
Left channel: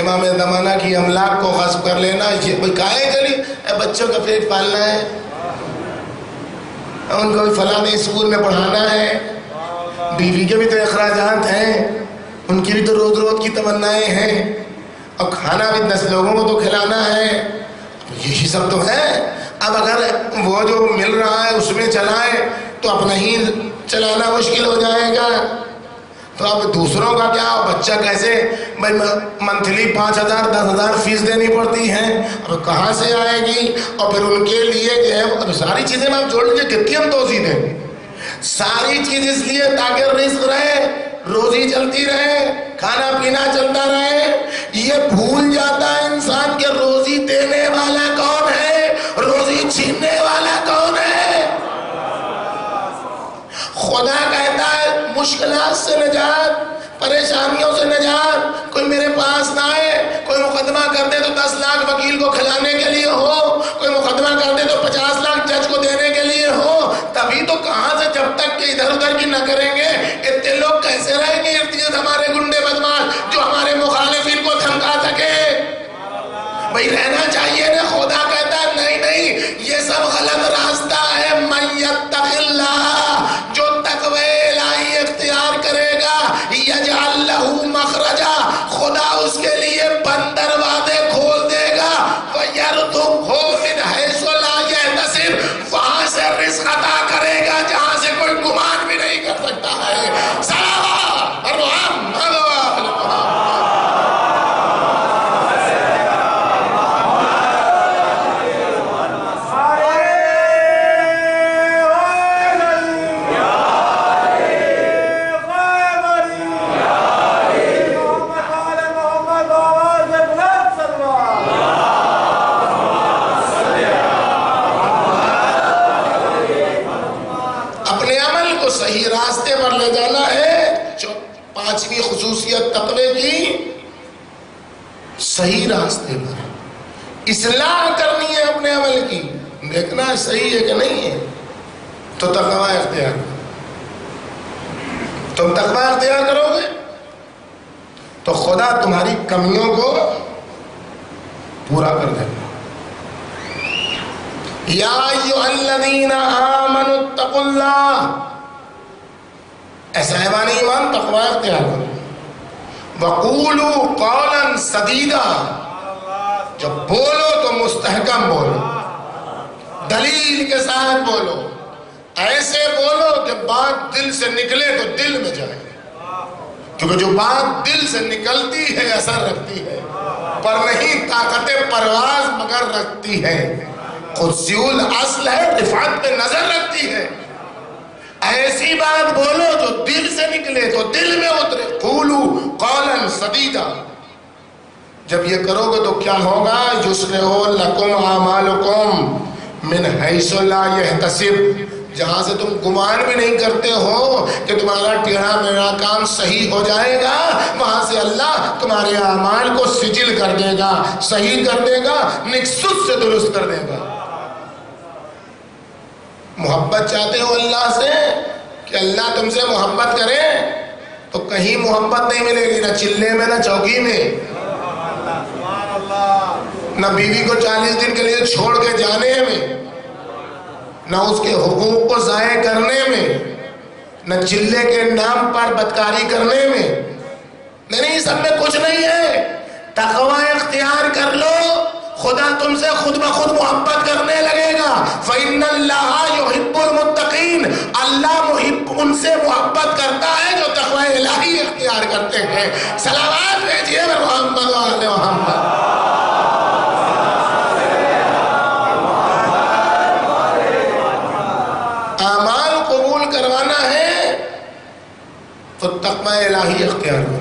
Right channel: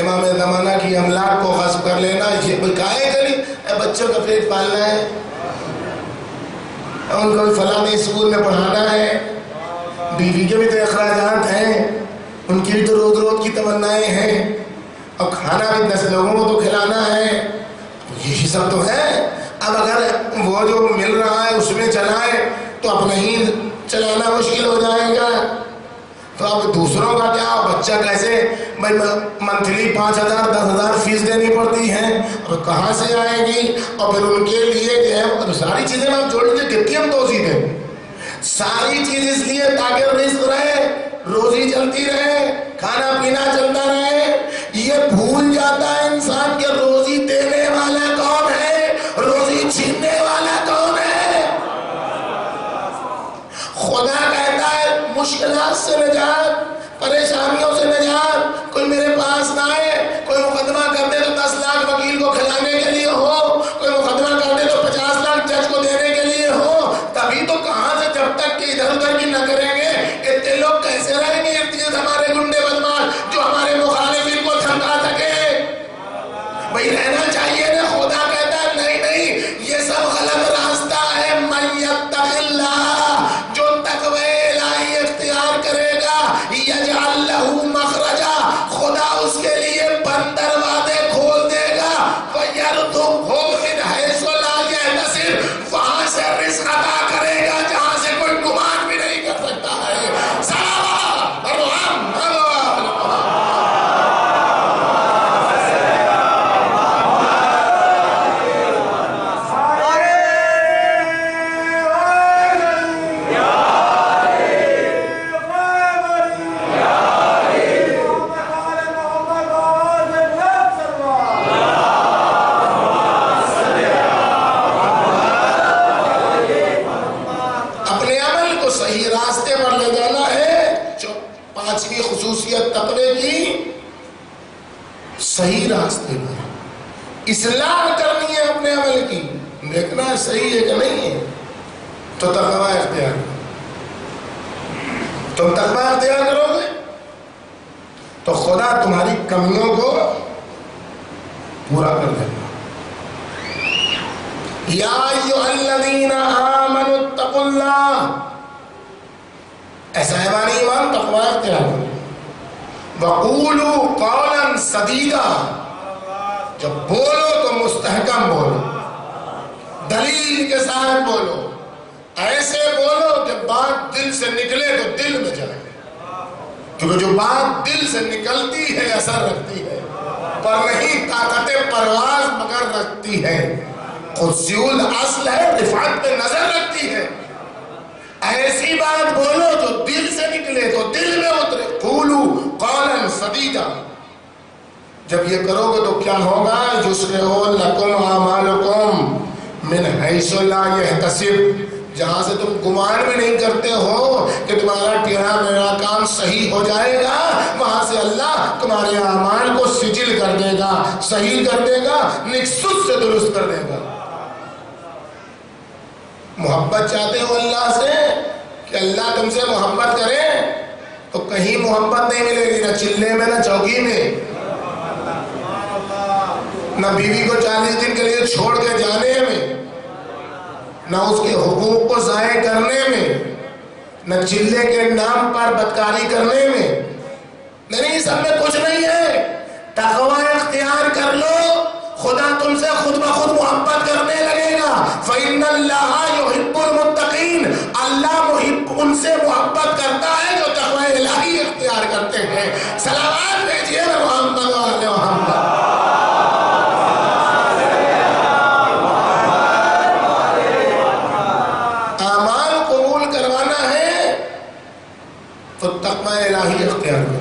امام زمانہ کی املاک کو غصب کر لینا، یہ کائے کری بچوں کا پیٹ پالنا ہے، ان کو بھی فلاں اسکول میں پڑھانا ہے، بیوی کے بھی تو اخراجات ہیں، ان کی بھی تو روز روز کی تمنائیں ہیں، اور کھانا بھی 10 لوگوں کو تو کھلانا ہے، یہی سب تو ہے۔ اب اگر وہ جو مل رہا ہے اس میں چلائے تو اپنا ہی چلانا مشکل ہو جائے گا، تو اب دوسروں کا کیا، بچہ کیسے، بھائی منتھلی 5,000 10,000 فیس دینی پڑتی ہے، اب کہاں سے آئے گی، اور پھر ان کے لیے جو ہے ساری چیزیں آپ جوڑ لیجیے کتنی ہم توسیع دیں، ساری چیز اس لیے تاکہ رزق رہے، روزی چلتی رہے، کھانا پینا چلتا رہے۔ یہ بھول جاتا ہے انسان کہ روزی دینے والا کون ہے، روزی چھیننے والا کون ہے۔ خدا کہتا ہے مشکلات سے نجات، پریشانیوں سے نجات، کوئی میرے پاس نہ آئے، کوئی مقدمہ کر دے تو 10 لاکھ وکیل کو کھلانے کے لیے ہو، کوئی مقدمہ کر دے تو 50 لاکھ جج کو دینے کے لیے ہو، تبھی تو کہاں سے جب تک کہ ادھر ادھر کی نہ کریں گے اتنے لوگ کیسے رہیں گے ارد گرد ہمارے گنڈے بدماش جو ہمارے مخالفین کو دھمکا سکے۔ بھائی رہنا چاہیے نا، خدا کہتا ہے نہیں نہیں یہ سب غلط راستہ ہے، من یتق اللہ، جو تقوی الہی اختیار کرے گا یجعل لہ مخرجا، خدا اس کے لیے بند دروازے کھول دے گا، ویرزقہ من حیث لا یحتسب، وہاں سے رزق عطا کرے گا جہاں سے کوئی گمان بھی نہیں کر سکتا ہے۔ صحیح راستے پر اصلاح کرنی ہے اپنے عمل کی، دیکھنا ہے صحیح ہے کہ نہیں ہے، تو تقوی اختیار کرو۔ تم تقوی اختیار کرو گے تو خدا تمہاری کمیوں کو پورا کر دے گا۔ یا ایھا الذین آمنوا اتقوا اللہ، ایسا ایمان ایمان تقوی اختیار کرو۔ وقولوا قولا سدیدا، جب بولو تو مستحکم بولو، دلیل کے ساتھ بولو، ایسے بولو کہ بات دل سے نکلے تو دل میں جائے، کیونکہ جو بات دل سے نکلتی ہے اثر رکھتی ہے، پر نہیں طاقت پرواز مگر رکھتی ہے، قدسی الاصل ہے، رفعت پہ نظر رکھتی ہے۔ ایسی بات بولو جو دل سے نکلے تو دل میں اترے، قولوا قولا سدیدا۔ جب یہ کرو گے تو کیا ہوگا، یصلح لکم اعمالکم من حیث لا یحتسب، جہاں سے تم گمان بھی نہیں کرتے ہو کہ تمہارا ٹیڑھا میڑھا کام صحیح ہو جائے گا، وہاں سے اللہ تمہارے اعمال کو سجل کر دے گا، صحیح کر دے گا، نکست سے درست کر دے گا۔ محبت چاہتے ہو اللہ سے کہ اللہ تم سے محبت کرے، تو کہیں محبت نہیں ملے گی، نہ چلے میں نہ چوکی میں، نہ بیوی کو 40 دن کے لیے چھوڑ کے جانے میں، نہ اس کے حقوق کو ضائع کرنے میں، نہ چلے کے نام پر بدکاری کرنے میں، نہیں سب میں کچھ نہیں ہے۔ تقوی اختیار کر لو، خدا تم سے خود بخود محبت کرنے لگے گا. فَإِنَّ اللَّهَ يُحِبُّ الْمُتَّقِينَ، اللہ ان سے محبت کرتا ہے جو تقوی الہی اختیار کرتے ہیں. سلامات بھیجیے محمد و آل محمد. اعمال قبول کروانا ہے تو تقوی الہی اختیار کرو.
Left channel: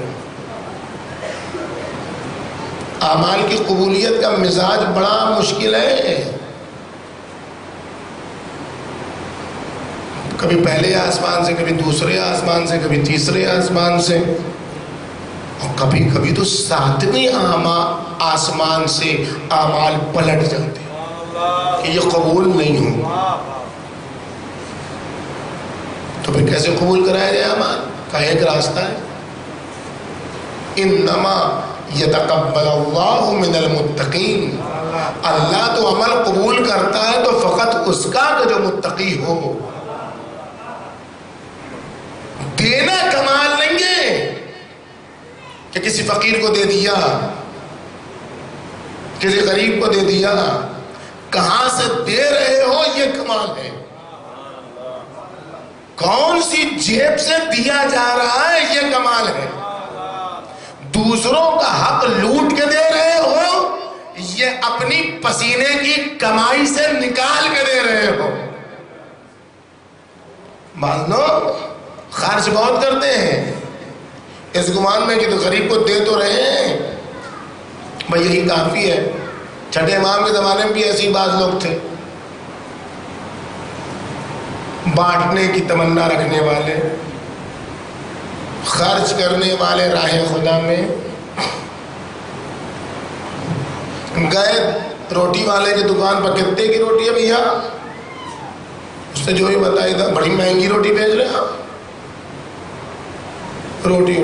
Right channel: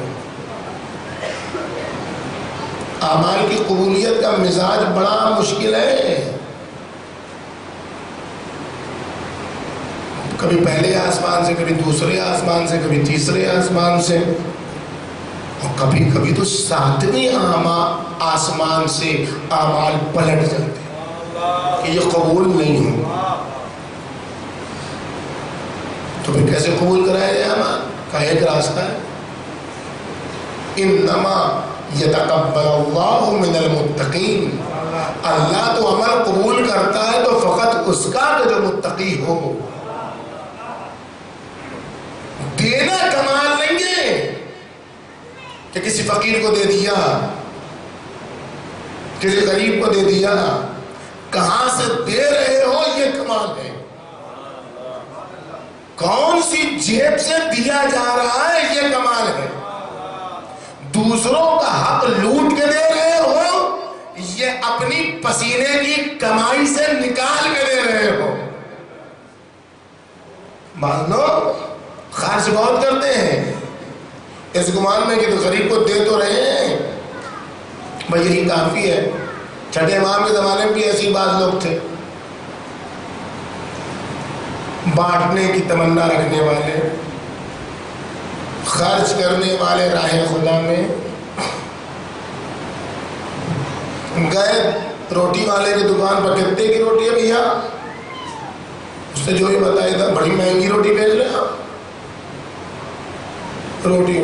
اعمال کی قبولیت کا مزاج بڑا مشکل ہے. کبھی پہلے آسمان سے، کبھی دوسرے آسمان سے، کبھی تیسرے آسمان سے، اور کبھی کبھی تو ساتویں آسمان سے اعمال پلٹ جاتے ہیں کہ یہ قبول نہیں ہو. تو پھر کیسے قبول کرایا جائے اعمال کا؟ ایک راستہ ہے، انما یتقبل اللہ من المتقین. اللہ تو عمل قبول کرتا ہے تو فقط اس کا کہ جو متقی ہو. دینا کمال نہیں ہے کہ کسی فقیر کو دے دیا، کسی غریب کو دے دیا. کہاں سے دے رہے ہو یہ کمال ہے. کون سی جیب سے دیا جا رہا ہے یہ کمال ہے. دوسروں کا حق لوٹ کے دے رہے ہو، یہ اپنی پسینے کی کمائی سے نکال کے دے رہے ہو. مان لو خرچ بہت کرتے ہیں اس گمان میں کہ تو غریب کو دے تو رہے ہیں، بھائی یہی کافی ہے. چھٹے امام کے زمانے میں بھی ایسی بعض لوگ تھے، بانٹنے کی تمنا رکھنے والے، خرچ کرنے والے راہ خدا میں. گئے روٹی والے کی دکان پر، کتنے کی روٹی ہے بھیا؟ اس نے جو ہی بتایا تھا بڑی مہنگی روٹی بیچ رہے ہیں آپ. روٹی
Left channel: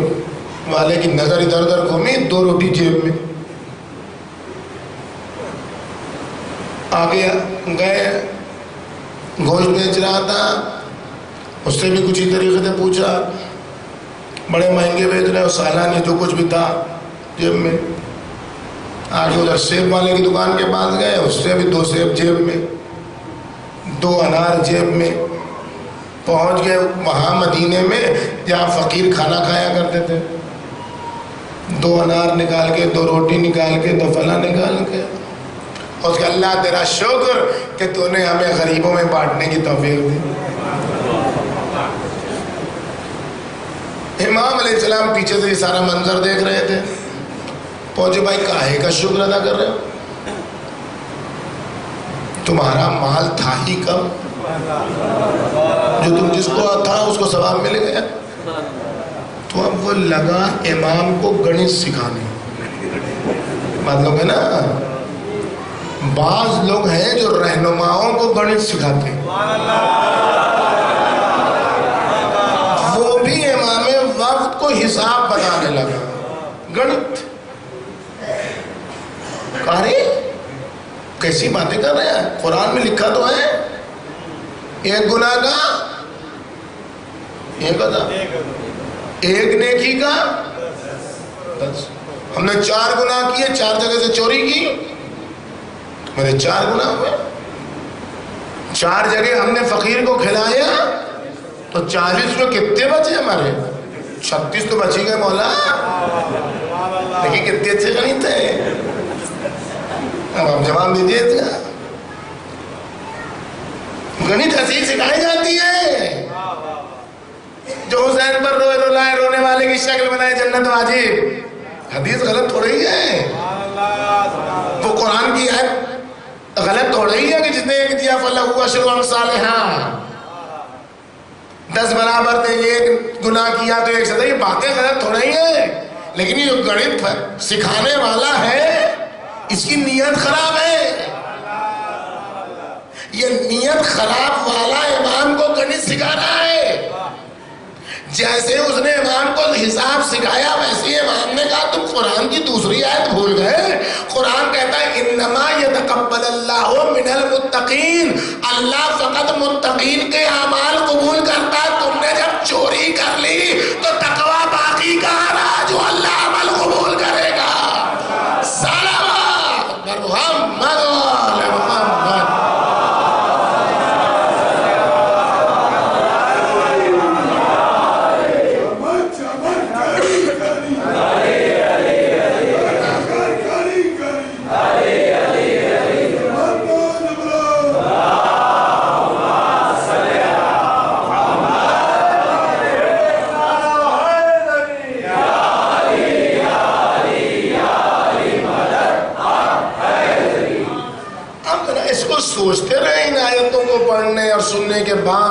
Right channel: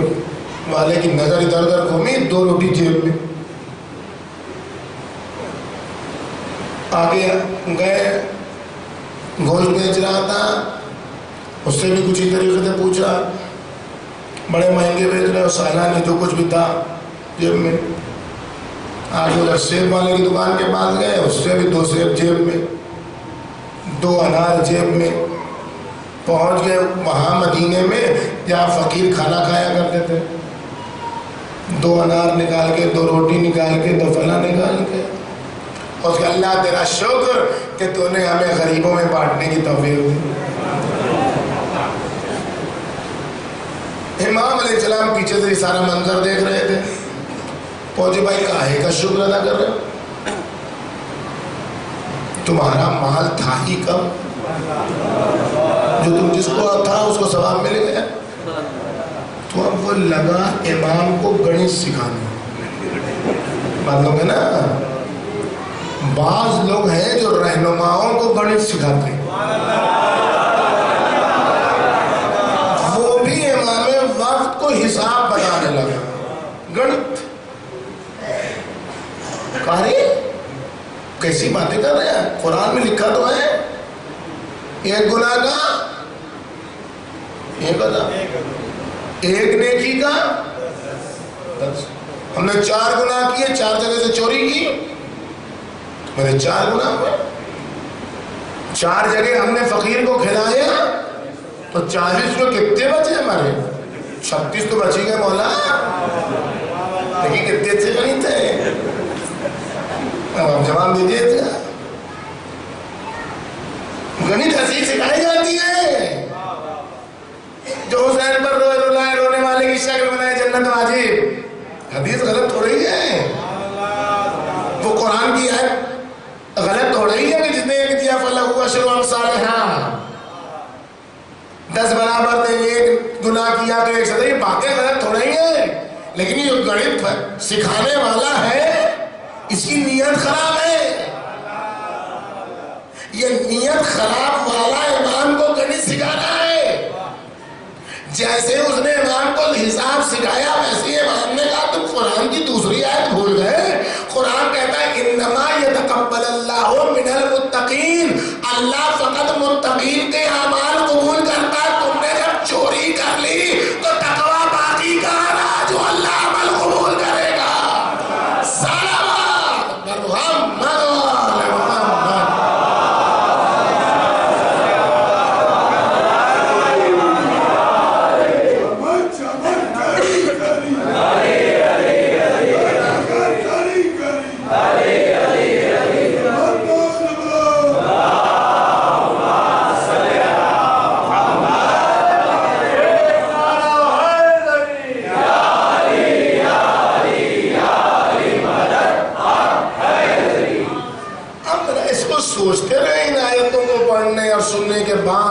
والے کی نظر ادھر ادھر گھومی، 2 روٹی جیب میں. آگے گئے، گوشت بیچ رہا تھا، اس سے بھی کچھ ہی طریقے سے پوچھا، بڑے مہنگے بیچ رہے ہو، سالانہ جو کچھ بھی تھا جیب میں. آگے ادھر سیب والے کی دکان کے پاس گئے، اس سے بھی 2 سیب جیب میں، 2 انار جیب میں. پہنچ گئے وہاں مدینے میں جہاں فقیر کھانا کھایا کرتے تھے. 2 انار نکال کے، 2 روٹی نکال کے، 2 فلاں نکال کے. اور کہ اللہ تیرا شکر کہ تو نے ہمیں غریبوں میں بانٹنے کی توفیق دی. امام علیہ السلام پیچھے سے سارا منظر دیکھ رہے تھے. پہنچے، بھائی کاہے کا شکر ادا کر رہے ہو؟ تمہارا مال تھا ہی کم، جو تم جس کو تھا اس کو ثواب مل گیا. تو اب وہ لگا امام کو گنت سکھانے. بات لوگ ہے نا، بعض لوگ ہیں جو رہنماؤں کو گنت سکھاتے ہیں. وہ بھی امام وقت کو حساب بتانے لگا. گنت کاری کیسی باتیں کر رہے ہیں؟ قرآن میں لکھا تو ہے ایک گناہ کا ایک ادا، ایک نیکی کا 10. ہم نے 4 گناہ کیے، 4 جگہ سے چوری کی، میرے 4 گناہ ہوئے. 4 جگہ ہم نے فقیر کو کھلایا تو 40 میں کتنے بچے ہمارے؟ 36 تو بچی گئے مولا. لیکن کتنے اچھے نہیں تھے. اب آپ جواب دیجیے. گنت حسین سکھائی جاتی ہے. جو حسین پر رونے والے کی شکل بنائے جنت واجب، حدیث غلط ہو رہی ہے. وہ قرآن کی آیت غلط ہو رہی ہے کہ جس نے ایک دیا فلہ اشر امثالہا، 10 برابر نے ایک گناہ کیا تو 1 سزا. یہ باتیں غلط ہو رہی ہیں. لیکن یہ گنت سکھانے والا ہے اس کی نیت خراب ہے. یہ نیت خراب والا امام کو گنت سکھا رہا ہے. جیسے اس نے امام کو حساب سکھایا ویسے امام نے کہا تم قرآن کی دوسری آیت بھول گئے. قرآن کہتا ہے انما یتقبل اللہ من المتقین، اللہ فقط متقین کے اعمال قبول کرتا ہے. تم نے جب چوری کر لی تو تقوی باقی کہاں رہا جو اللہ عمل قبول کرے گا. سلام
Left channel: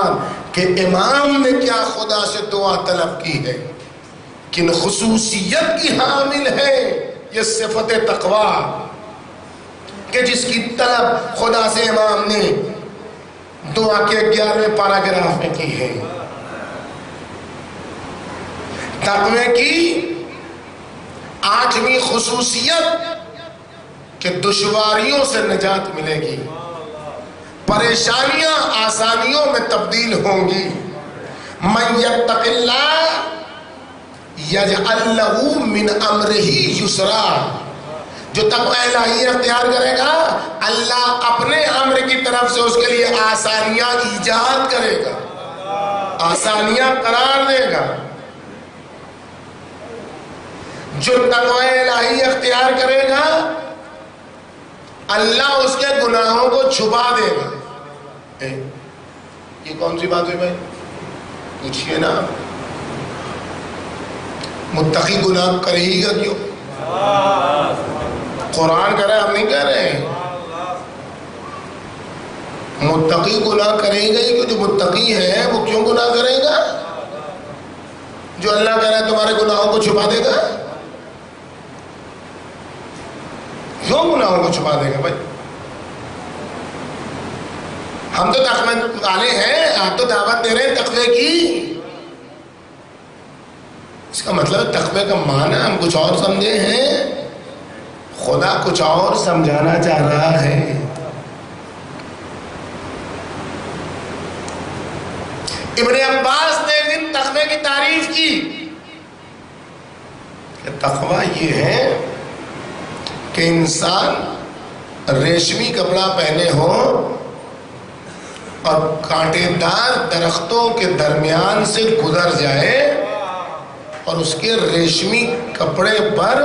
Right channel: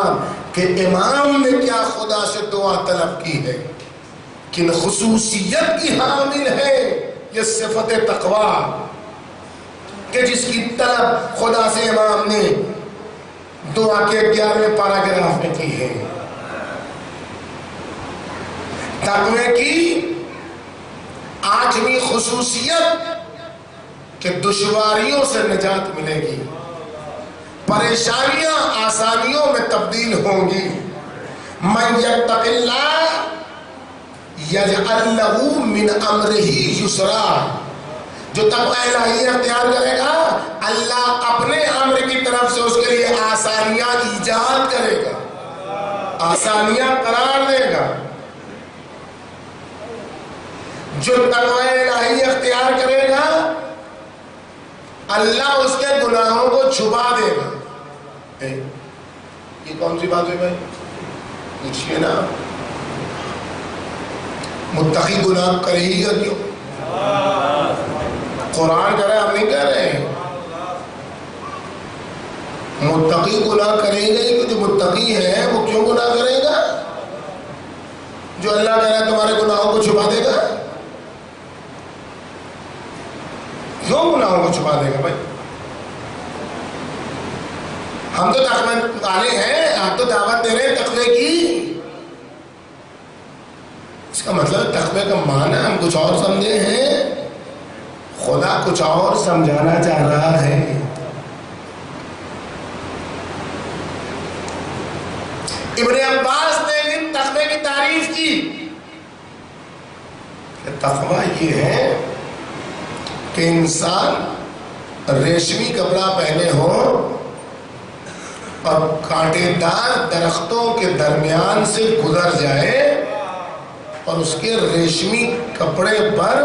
بعد کہ امام نے کیا خدا سے دعا طلب کی ہے، کن خصوصیت کی حامل ہے یہ صفت تقوی کہ جس کی طلب خدا سے امام نے دعا کے 11ویں پیراگراف میں کی ہے۔ تقوی کی 8ویں خصوصیت کہ دشواریوں سے نجات ملے گی، پریشانیاں آسانیوں میں تبدیل ہوں گی۔ من یتق اللہ یجعل لہ من امرہ یسرا، جو تقوی الہی اختیار کرے گا اللہ اپنے امر کی طرف سے اس کے لیے آسانیاں ایجاد کرے گا، آسانیاں قرار دے گا۔ جو تقوی الہی اختیار کرے گا اللہ اس کے گناہوں کو چھپا دے گا۔ یہ کون سی بات ہوئی بھائی؟ پوچھئے نا، متقی گناہ کرے ہی گا کیوں؟ قرآن کہہ رہے ہیں، ہم نہیں کہہ رہے ہیں۔ متقی گناہ کرے گا ہی، جو متقی ہے وہ کیوں گناہ کرے گا؟ جو اللہ کہہ رہا ہے تمہارے گناہوں کو چھپا دے گا، کیوں گناہوں کو چھپا دے گا بھائی؟ ہم تو تقوی والے ہیں، آپ تو دعوت دے رہے ہیں تقوی کی۔ اس کا مطلب تقوی کا معنی ہم کچھ اور سمجھے ہیں، خدا کچھ اور سمجھانا چاہ رہا ہے۔ ابن عباس نے ایک دن تقوی کی تعریف کی کہ تقوی یہ ہے کہ انسان ریشمی کپڑا پہنے ہو اور کانٹے دار درختوں کے درمیان سے گزر جائے اور اس کے ریشمی کپڑے پر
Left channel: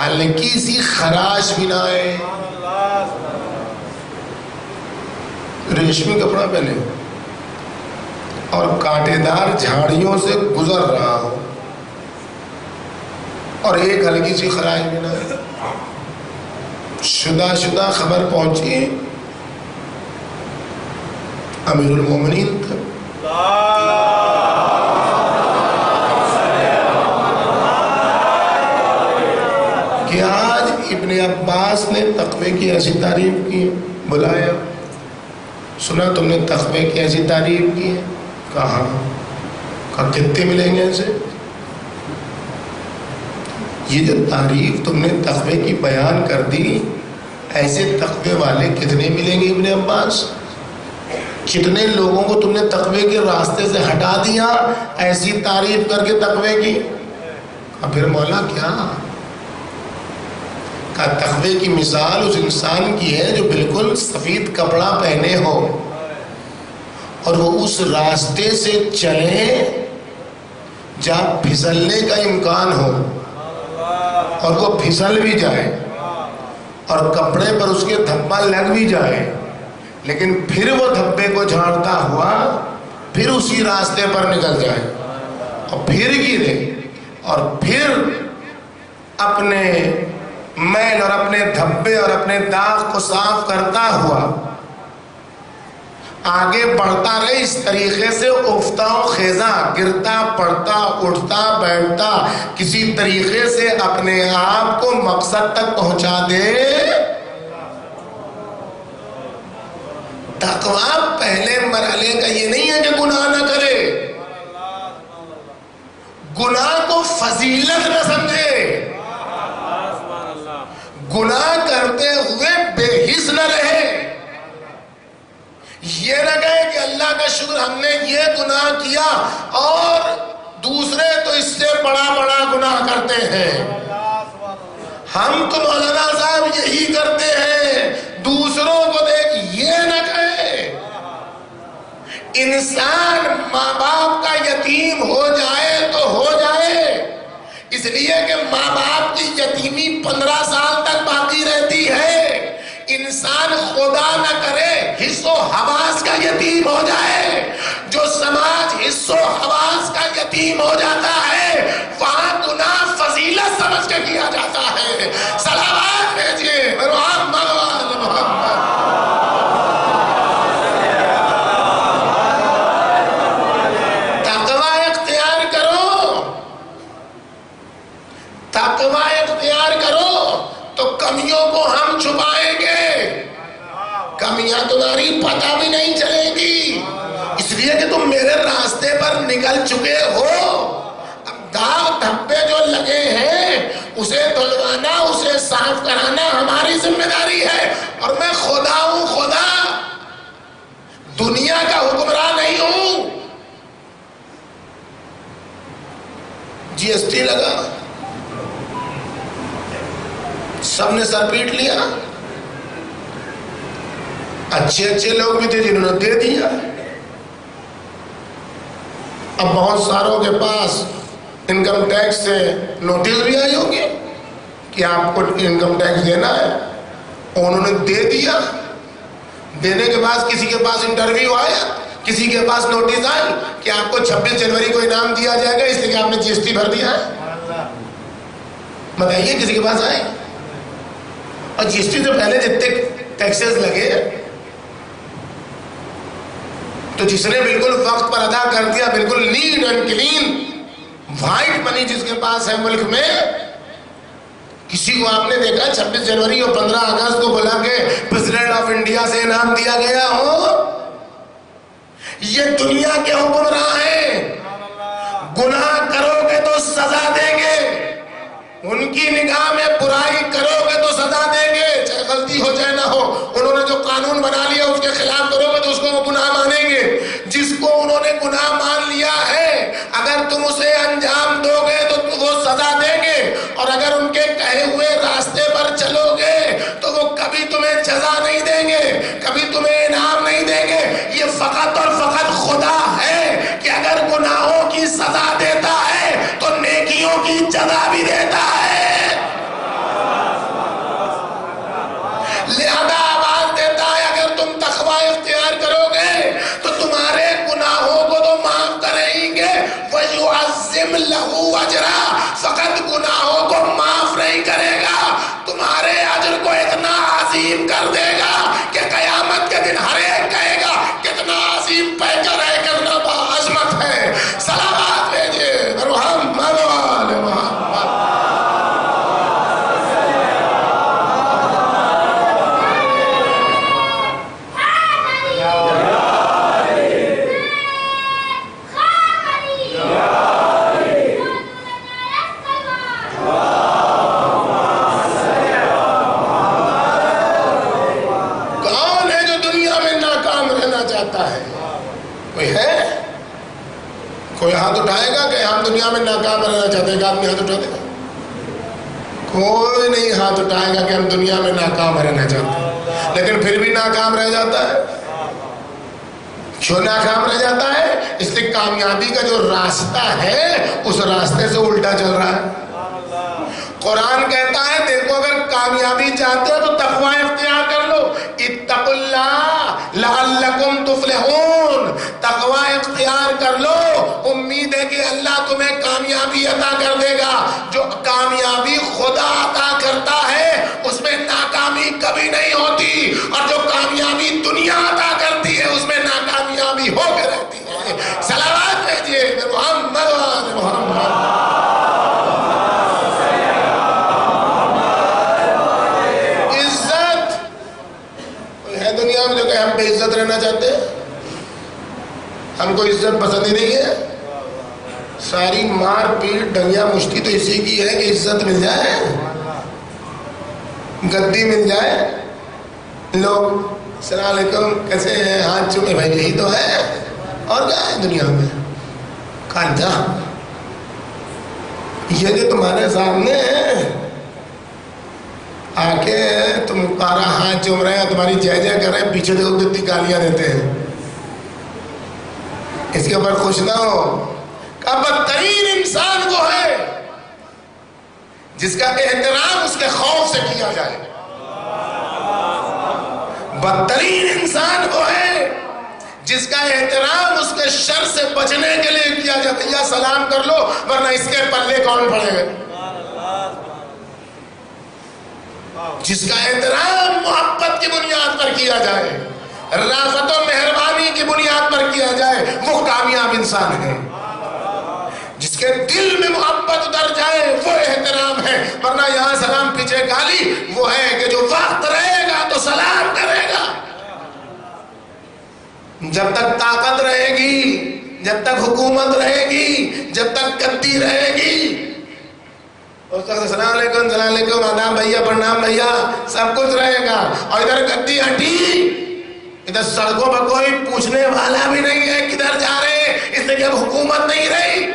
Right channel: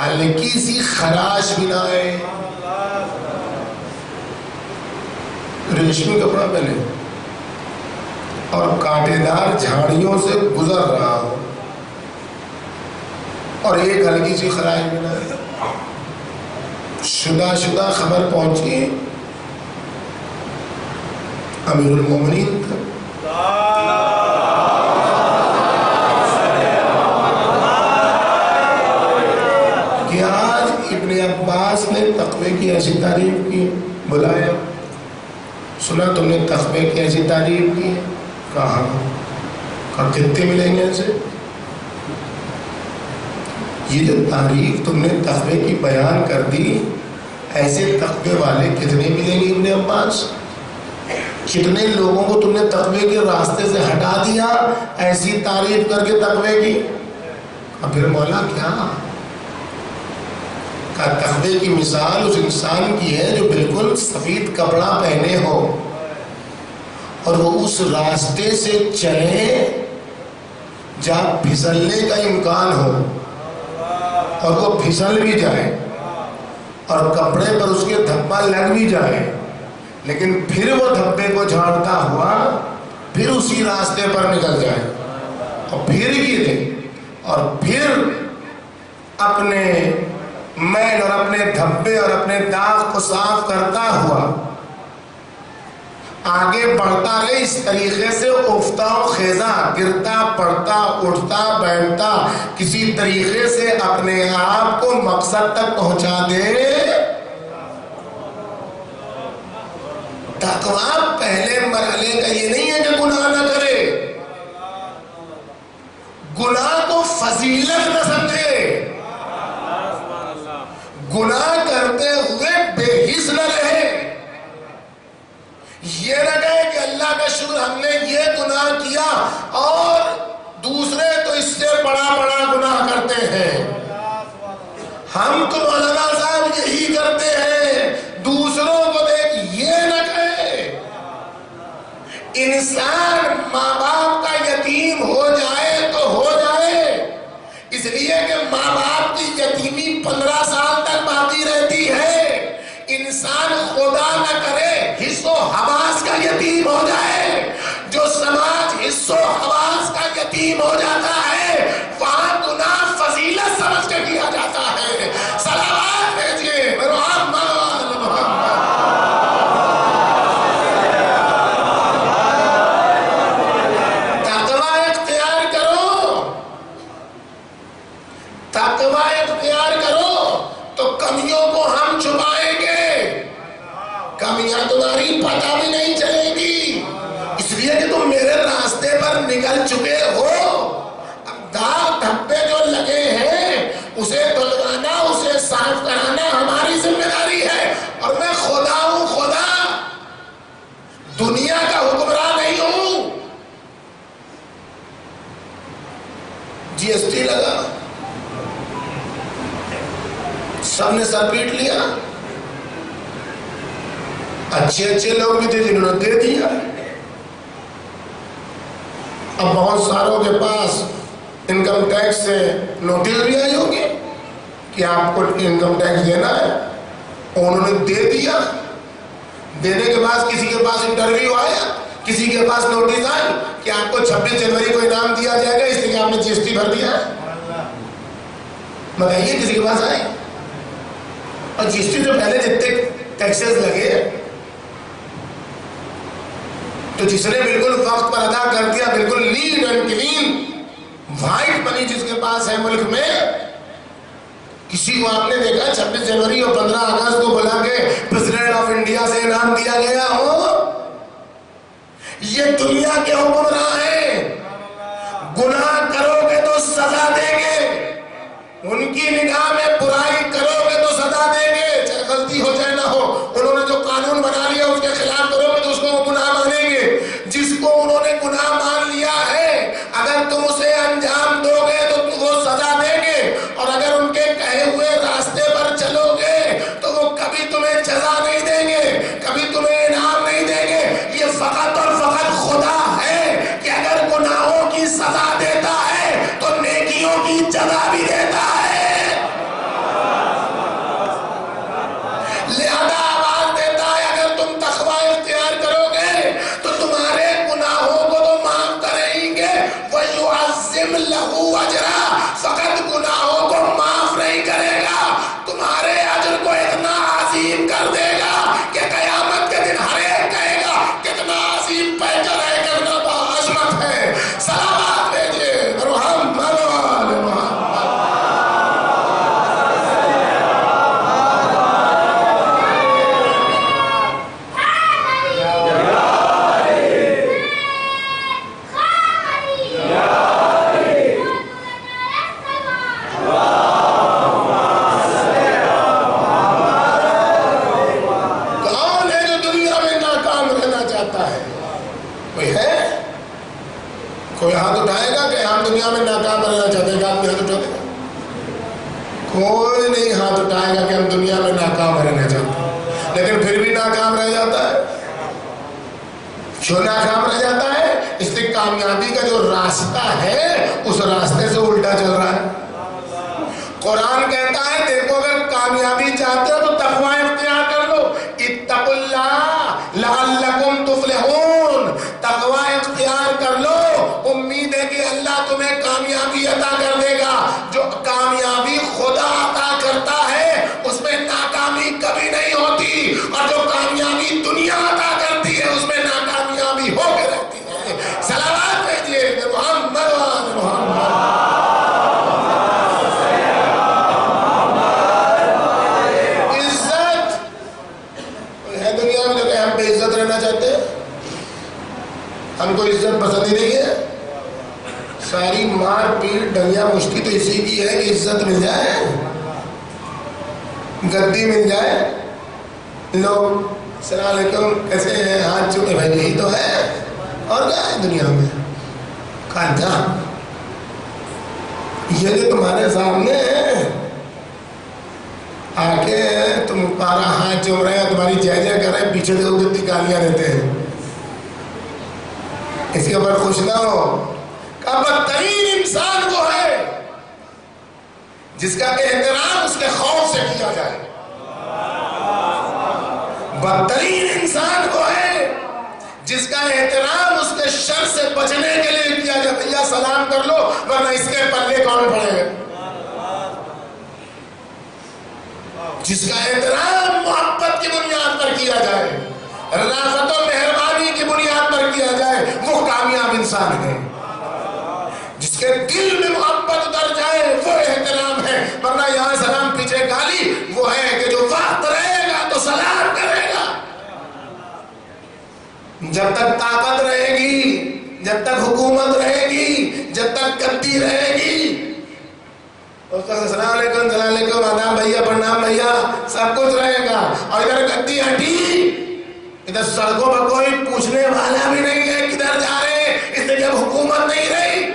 ہلکی سی خراش بھی نہ آئے۔ ریشمی کپڑا پہنے اور کانٹے دار جھاڑیوں سے گزر رہا ہو اور ایک ہلکی سی خراش بھی نہ آئے۔ شدہ خبر پہنچی امیر المومنین کا، کہ آج ابن عباس نے تقوی کی ایسی تعریف کی، بلایا، سنا تم نے تقوی کی ایسی تعریف کی ہے؟ کہا کتنے ملیں گے اسے؟ یہ جو تعریف تم نے تقوی کی بیان کر دی، ایسے تقوی والے کتنے ملیں گے ابن عباس؟ کتنے لوگوں کو تم نے تقوی کے راستے سے ہٹا دیا ایسی تعریف کر کے تقوی کی؟ اب پھر مولا کیا کہا؟ تقوی کی مثال اس انسان کی ہے جو بالکل سفید کپڑا پہنے ہو اور وہ اس راستے سے چلے جہاں پھسلنے کا امکان ہو اور وہ پھسل بھی جائے اور کپڑے پر اس کے دھبا لگ بھی جائے، لیکن پھر وہ دھبے کو جھاڑتا ہوا پھر اسی راستے پر نکل جائے اور پھر گرے اور پھر اپنے میل اور اپنے دھبے اور اپنے داغ کو صاف کرتا ہوا آگے بڑھتا رہے، اس طریقے سے افتہ و خیزاں، گرتا پڑتا اٹھتا بیٹھتا، کسی طریقے سے اپنے آپ کو مقصد تک پہنچا دے۔ تقویٰ پہلے مرحلے کا یہ نہیں ہے کہ گناہ نہ کرے، گناہ کو فضیلت نہ سمجھے، گناہ کرتے ہوئے بے حس نہ رہے، یہ نہ کہے کہ اللہ کا شکر ہم نے یہ گناہ کیا اور دوسرے تو اس سے بڑا بڑا گناہ کرتے ہیں، ہم تو مولانا صاحب یہی کرتے ہیں، دوسروں کو دیکھ، یہ نہ کہے۔ انسان ماں باپ کا یتیم ہو جائے تو ہو جائے، اس لیے کہ ماں باپ کی یتیمی 15 سال تک باقی رہتی ہے۔ انسان خدا نہ کرے حس و حواس کا یتیم ہو جائے، جو سماج حس و حواس کا یتیم ہو جاتا ہے وہاں گناہ فضیلت سمجھ کے کیا جاتا ہے۔ صلوات بھیجیے محمد محمد۔ راستے پر نکل چکے ہو. اب داغ دھبے جو لگے ہیں اسے دھلوانا، اسے صاف کرانا ہماری ذمہ داری ہے. اور میں خدا ہوں، خدا دنیا کا حکمران نہیں ہوں. جی ایس ٹی لگا، سب نے سر پیٹ لیا. اچھے اچھے لوگ بھی تھے جنہوں نے دے دیا. اب بہت ساروں کے پاس انکم ٹیکس سے نوٹس بھی آئی ہوگی کہ آپ کو انکم ٹیکس دینا ہے، انہوں نے دے دیا. دینے کے بعد کسی کے پاس انٹرویو آیا، کسی کے پاس نوٹس آئی کہ آپ کو 26 جنوری کو انعام دیا جائے گا اس لیے کہ آپ نے جی ایس ٹی بھر دیا ہے. بتائیے کسی کے پاس آئے؟ اور جی ایس ٹی سے پہلے جتنے ٹیکسز لگے تو جس نے بالکل وقت پر ادا کر دیا، بالکل نیٹ اینڈ کلین وائٹ منی جس کے پاس ہے ملک میں. کسی کو آپ نے دیکھا 26 جنوری اور 15 اگست کو بلا کے پریزیڈنٹ آف انڈیا سے انعام دیا گیا ہو؟ یہ دنیا کے حکمراں ہیں. گناہ کرو گے تو سزا دیں گے، ان کی نگاہ میں برائی کرو گے تو سزا دیں گے، چاہے غلطی ہو چاہے نہ ہو. انہوں نے جو قانون بنا لیا اس کے خلاف کرو گے تو اس کو وہ گناہ مانیں گے. جس کو انہوں نے گناہ مان لیا ہے اگر تم اسے انجام دو گے تو وہ سزا دیں گے، اور اگر ان کے کہے ہوئے راستے پر چلو گے تو وہ کبھی تمہیں جزا نہیں دیں گے، کبھی تمہیں انعام نہیں دیں گے. یہ فقط اور فقط خدا ہے کہ اگر گناہوں کی سزا دیتا ہے تو نیکیوں کی جزا بھی دیتا ہے. لہذا آواز دیتا ہے اگر تم تقوی اختیار کرو گے تو تمہارے گناہوں کو تو معاف کریں گے. وَيُعَظِّمْ لَهُ أَجْرًا، فقط گناہوں کو معاف نہیں کرے گا، تمہارے اجر کو اتنا عظیم کر دے گا کہ قیامت کے دن ہر ایک کہے گا کتنا عظیم پیکر ہے، کتنا باعظمت ہے. سلامات بھیجیے محمد وآل محمد. کون ہے جو دنیا میں ناکام رہنا چاہتا ہے؟ کوئی ہے؟ کوئی ہاتھ اٹھائے گا کہ ہم دنیا میں ناکام رہنا چاہتے ہیں؟ آدمی ہاتھ اٹھا دے گا؟ کوئی نہیں ہاتھ اٹھائے گا کہ ہم دنیا میں ناکام رہنا چاہتے ہیں، لیکن پھر بھی ناکام رہ جاتا ہے. کیوں ناکام رہ جاتا ہے؟ اس لیے کامیابی کا جو راستہ ہے اس راستے سے الٹا چل رہا ہے. قرآن کہتا ہے دیکھو اگر کامیابی چاہتے ہو تو تقوی اختیار کر لو. اتقوا اللہ لعلکم تفلحون. تقوی اختیار کر لو، امید ہے کہ اللہ تمہیں کامیابی عطا کر دے گا. جو کامیابی خدا عطا کرتا ہے اس میں ناکامی کبھی نہیں ہوتی، اور جو کامیابی دنیا عطا کرتی ہے اس میں ناکامیابی ہو کے رہتی ہے. صلوات بھیجیے محمد وآل محمد. دنیا میں جو کہ ہم بے عزت رہنا چاہتے ہیں، ہم کو عزت پسند ہی نہیں ہے. ساری مار پیٹ ڈنگیا مشتی تو اسی کی ہے کہ عزت مل جائے، گدی مل جائے، لوگ السلام علیکم کیسے ہیں ہاتھ چومے، بھائی یہی تو ہے. اور کیا ہے دنیا میں؟ کانٹا یہ جو تمہارے سامنے ہے آ کے تمہارا ہاتھ چوم رہے ہیں، تمہاری جے جے کر رہے ہیں، پیچھے دیکھو کتنی گالیاں دیتے ہیں. اس کے اوپر خوش نہ ہو. کہ بدترین انسان وہ ہے جس کا احترام اس کے خوف سے کیا جائے. بدترین انسان وہ ہے جس کا احترام اس کے شر سے بچنے کے لیے کیا جائے. بھیا سلام کر لو ورنہ اس کے پلے کون پڑے گا. جس کا احترام محبت کی بنیاد پر کیا جائے، رافت و مہربانی کی بنیاد پر کیا جائے، وہ کامیاب انسان ہے. جس کے دل میں محبت اتر جائے وہ احترام ہے. ورنہ یہاں سلام پیچھے گالی، وہ ہے کہ جو وقت رہے گا تو سلام کرے گا. جب تک طاقت رہے گی جب تک حکومت رہے گی، جب تک گدی رہے گی، اس وقت السلام علیکم آداب بھیا، پرنام بھیا، سب کچھ رہے گا. اور ادھر گدی ہٹی، ادھر سڑکوں پر کوئی پوچھنے والا بھی نہیں ہے کدھر جا رہے، اس لیے کہ اب حکومت نہیں رہی.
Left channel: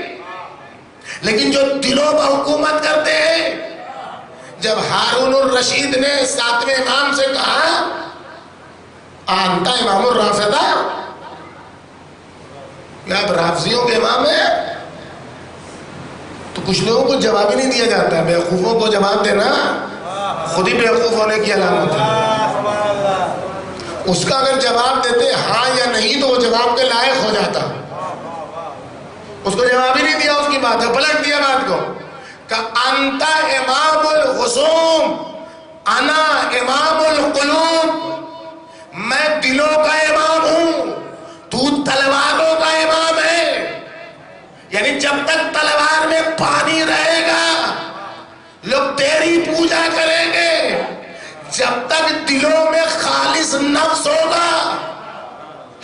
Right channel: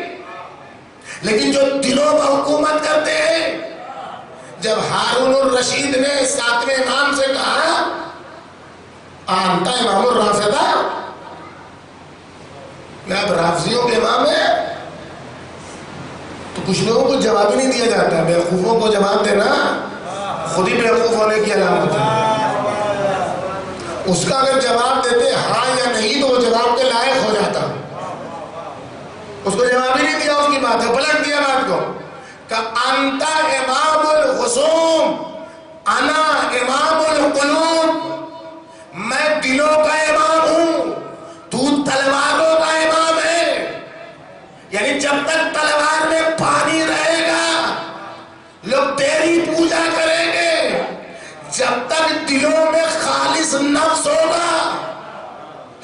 لیکن جو دلوں پر حکومت کرتے ہیں، جب ہارون الرشید نے 7ویں امام سے کہا آنتا امام الرافضہ، کیا آپ رافضیوں کے امام ہیں؟ تو کچھ لوگوں کو جواب ہی نہیں دیا جاتا. بیوقوفوں کو جواب دینا خود ہی بیوقوف ہونے کی علامت ہے. اس کا اگر جواب دیتے ہاں یا نہیں تو وہ جواب کے لائق ہو جاتا. اس کو جواب ہی نہیں دیا، اس کی بات ہے، پلٹ دیا بات کو کہ انتا امام الخصوم انا امام القلوب، میں دلوں کا امام ہوں، تو تلواروں کا امام ہے. یعنی جب تک تلوار میں پانی رہے گا لوگ تیری پوجا کریں گے، جب تک دلوں میں خالص نفس ہوگا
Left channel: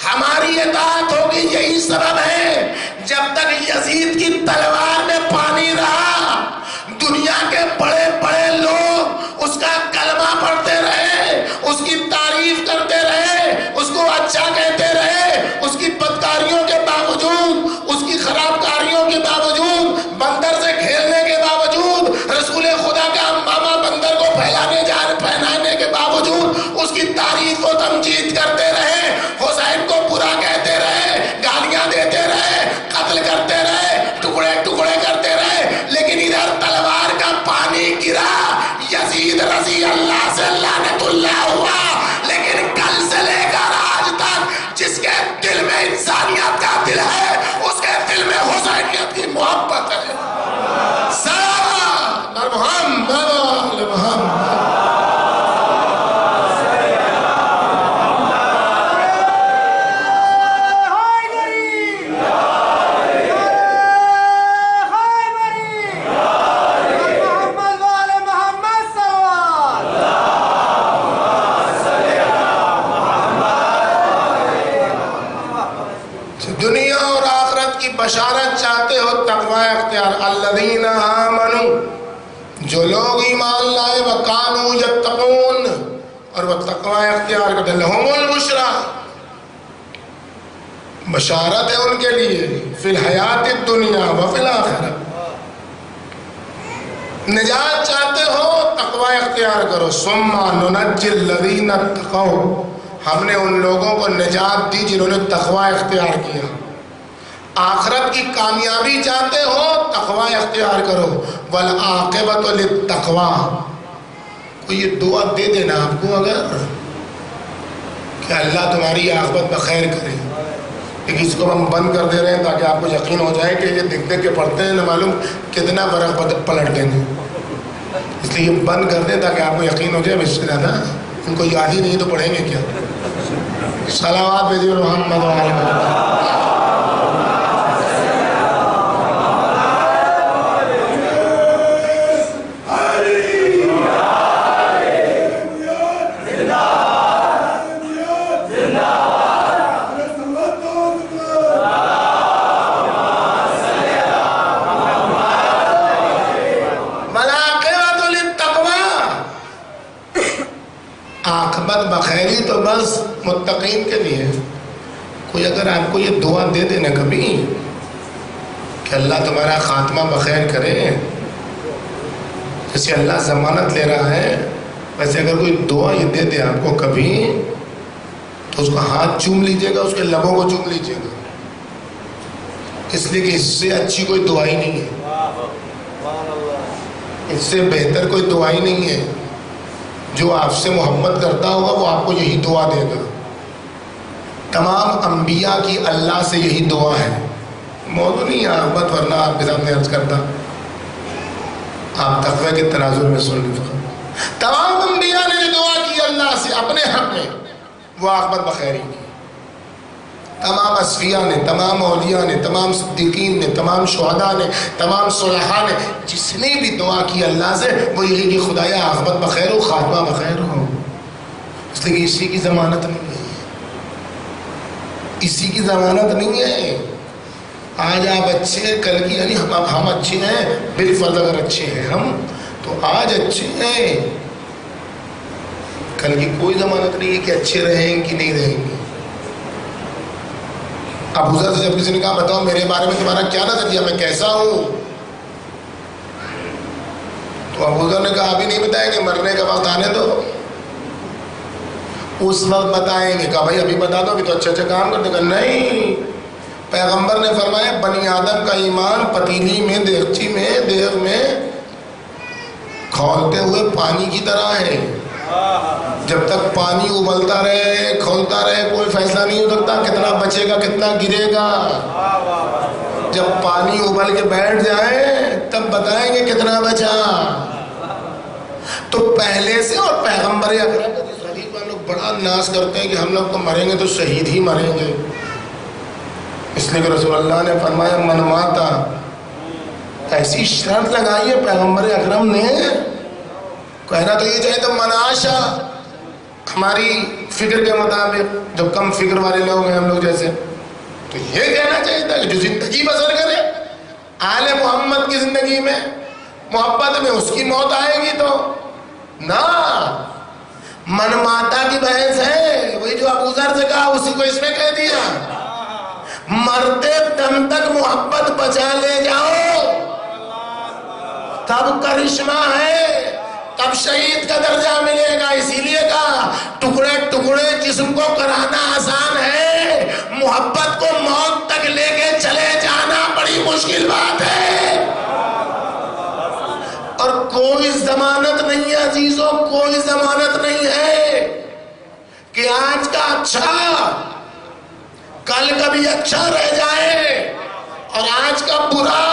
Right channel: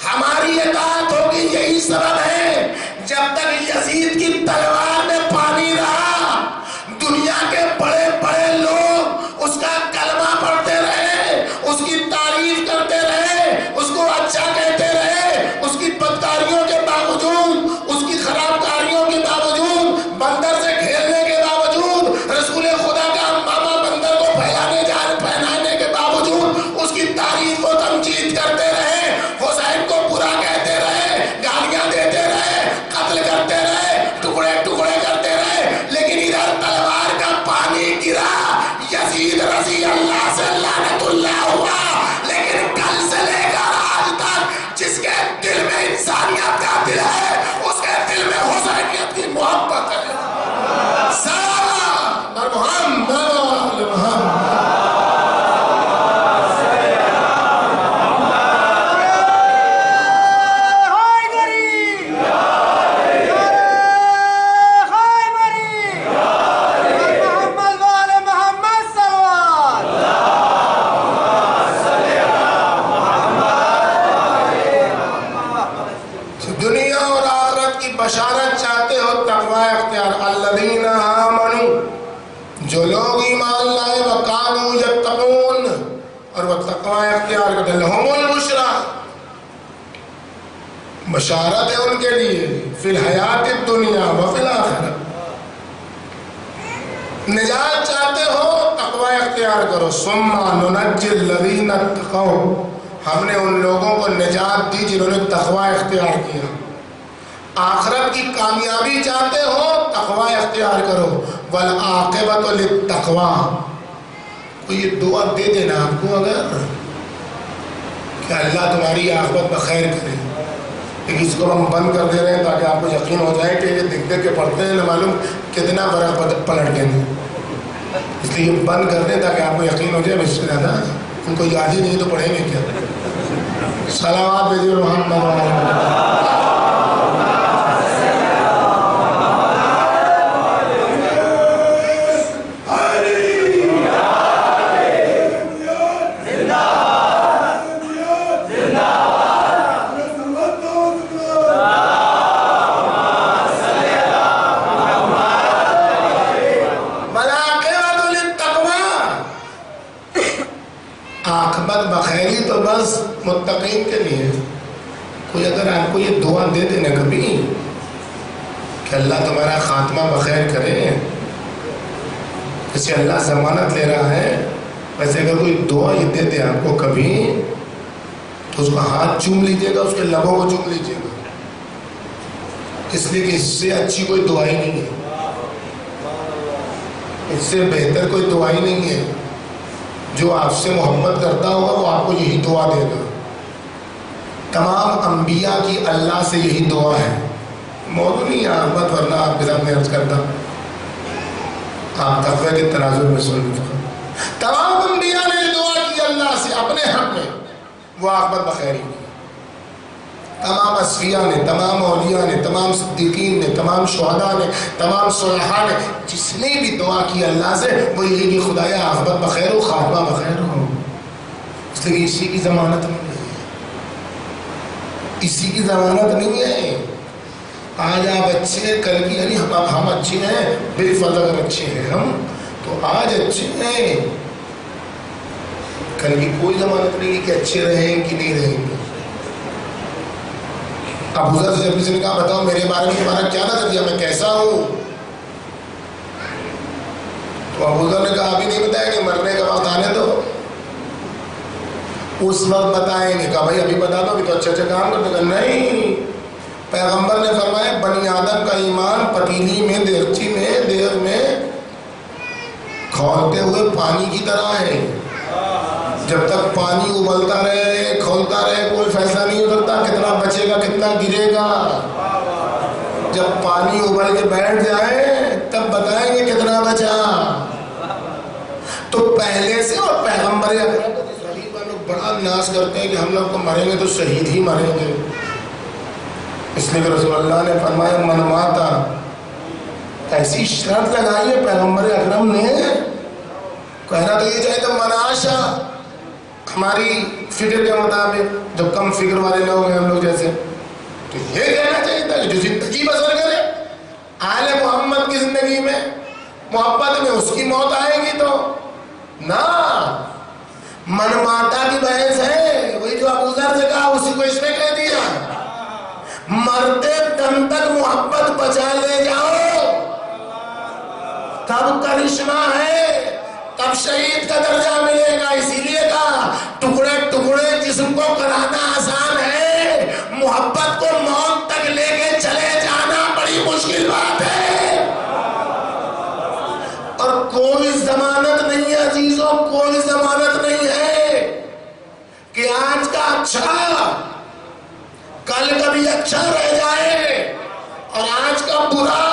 ہماری اطاعت ہوگی. یہی سبب ہے جب تک یزید کی تلوار میں پانی رہا دنیا کے بڑے بڑے لوگ اس کا کلمہ پڑھتے رہے، اس کی تعریف کرتے رہے، اس کو اچھا کہتے رہے، اس کی بدکاریوں کے باوجود، اس کی خراب کاریوں کے باوجود، بندر سے کھیلنے کے باوجود، رسول خدا کا امامہ بندر کو پہنانے کے باوجود اس کی تعریف و تمجید کرتے رہے، حسین کو برا کہتے رہے، گالیاں دیتے رہے، قتل کرتے رہے، ٹکڑے ٹکڑے کرتے رہے. لیکن ادھر تلوار کا پانی گرا، یزید رضی اللہ سے لعنت اللہ ہوا. لیکن کل سے لے کر آج تک جس کے دل میں انسانیت کا دل ہے اس کے دل میں حسینیت کی محبت ہے. دنیا اور آخرت کی بشارت چاہتے ہو، تقوی اختیار. الذین آمنوا، جو لوگ ایمان لائے، وکانوا یتقون، اور وہ تقوی اختیار کرتے، لہم البشریٰ، بشارت ہے ان کے لیے، فی الحیات الدنیا و فی الآخرہ. نجات چاہتے ہو تقوی اختیار کرو. ثم ننجی الذین اتقوا، ہم نے ان لوگوں کو نجات دی جنہوں نے تقوی اختیار کیا. آخرت کی کامیابی چاہتے ہو تقوی اختیار کرو. والعاقبۃ للتقویٰ، کوئی یہ دعا دے دینا آپ کو اگر کہ اللہ تمہاری عاقبت بخیر کرے، لیکن اس کو ہم بند کر دے رہے ہیں تاکہ آپ کو یقین ہو جائے کہ یہ دیکھ دیکھ کے پڑھتے ہیں نہ معلوم کتنا برق پلٹ دیں گے، اس لیے یہ بند کر دیں تاکہ آپ کو یقین ہو جائے. اس سے زیادہ ان کو یاد ہی نہیں تو پڑھیں گے کیا. صلوات بھیجیے محمد. بخیری تو بس متقین کے لیے. کوئی اگر آپ کو یہ دعا دے دینا کبھی کہ اللہ تمہارا خاتمہ بخیر کرے، جیسے اللہ ضمانت لے رہا ہے ویسے اگر کوئی دعا یہ دے دے آپ کو کبھی تو اس کا ہاتھ چوم لیجئے گا، اس کے لبوں کو چوم لیجئے گا، اس لیے کہ اس سے اچھی کوئی دعا ہی نہیں ہے، اس سے بہتر کوئی دعا ہی نہیں ہے. جو آپ سے محبت کرتا ہوگا وہ آپ کو یہی دعا دے گا. تمام انبیاء کی اللہ سے یہی دعا ہے. موضوع نہیں ہے احمد، ورنہ آپ کے سامنے عرض کرتا، آپ تقوی کے تناظر میں سن لیجیے. تمام انبیاء نے دعا کی اللہ سے اپنے حق میں، وہ عاقبت بخیری کی. تمام اصفیاء نے، تمام اولیاء نے، تمام صدیقین نے، تمام شہداء نے، تمام صلحاء نے، جس نے بھی دعا کی اللہ سے وہ یہی کہ خدایا عاقبت بخیر ہو، خاتمہ بخیر ہو. اس لیے اسی کی ضمانت نہیں ہے، اسی کی ضمانت نہیں ہے. آج آپ اچھے ہیں، کل کی یعنی ہم اچھے ہیں، بالفرض اگر اچھے ہیں ہم تو آج اچھے ہیں، کل کی کوئی ضمانت نہیں ہے کہ اچھے رہیں کہ نہیں رہیں گے۔ ابو ذر سے جب کسی نے کہا بتاؤ میرے بارے میں تمہارا کیا نظریہ، میں کیسا ہوں، تو ابو ذر نے کہا ابھی نہیں بتائیں گے، مرنے کا وقت آنے دو، اس وقت بتائیں گے۔ کہا بھائی ابھی بتا دو، ابھی تو اچھے اچھے کام کرتے۔ کہا نہیں، پیغمبر نے فرمایا بنی آدم کا ایمان پتیلی میں، دیگچی میں، دیگ میں کھولتے ہوئے پانی کی طرح ہے، جب تک پانی ابلتا رہے کھولتا رہے کوئی فیصلہ نہیں ہو سکتا کتنا بچے گا کتنا گرے گا۔ جب پانی ابل کے بیٹھ جائے تب بتائیں گے کتنا بچا۔ تو پہلے سے، اور پیغمبر اکرم لوگ بڑا ناز کرتے ہیں کہ ہم لوگ تو مریں گے تو شہید ہی مریں گے، اس لیے کہ رسول اللہ نے فرمایا من ماتا، ایسی شرط لگائی ہے پیغمبر اکرم نے، کہنا تو یہ چاہیے تو مناشا، ہماری فکر کے مطابق، جو کم فکر والے لوگ ہیں ہم لوگ جیسے، تو یہ کہنا چاہیے تھا کہ جو زندگی بسر کرے آل محمد کی زندگی میں محبت میں، اس کی موت آئے گی تو نہ۔ من ماتا کی بحث ہے، وہی جو ابو ذر سے کہا اسی کو اس میں کہہ دیا، مرتے دم تک محبت بچا لے جاؤ تب کرشمہ ہے، تب شہید کا درجہ ملے گا۔ اسی لیے کہا ٹکڑے ٹکڑے جسم کو کرانا آسان ہے، محبت کو موت تک لے کے چلے جانا بڑی مشکل بات ہے۔ اور کوئی ضمانت نہیں ہے عزیزوں، کوئی ضمانت نہیں ہے کہ آج کا اچھا کل کا بھی اچھا رہ جائے، اور آج کا برا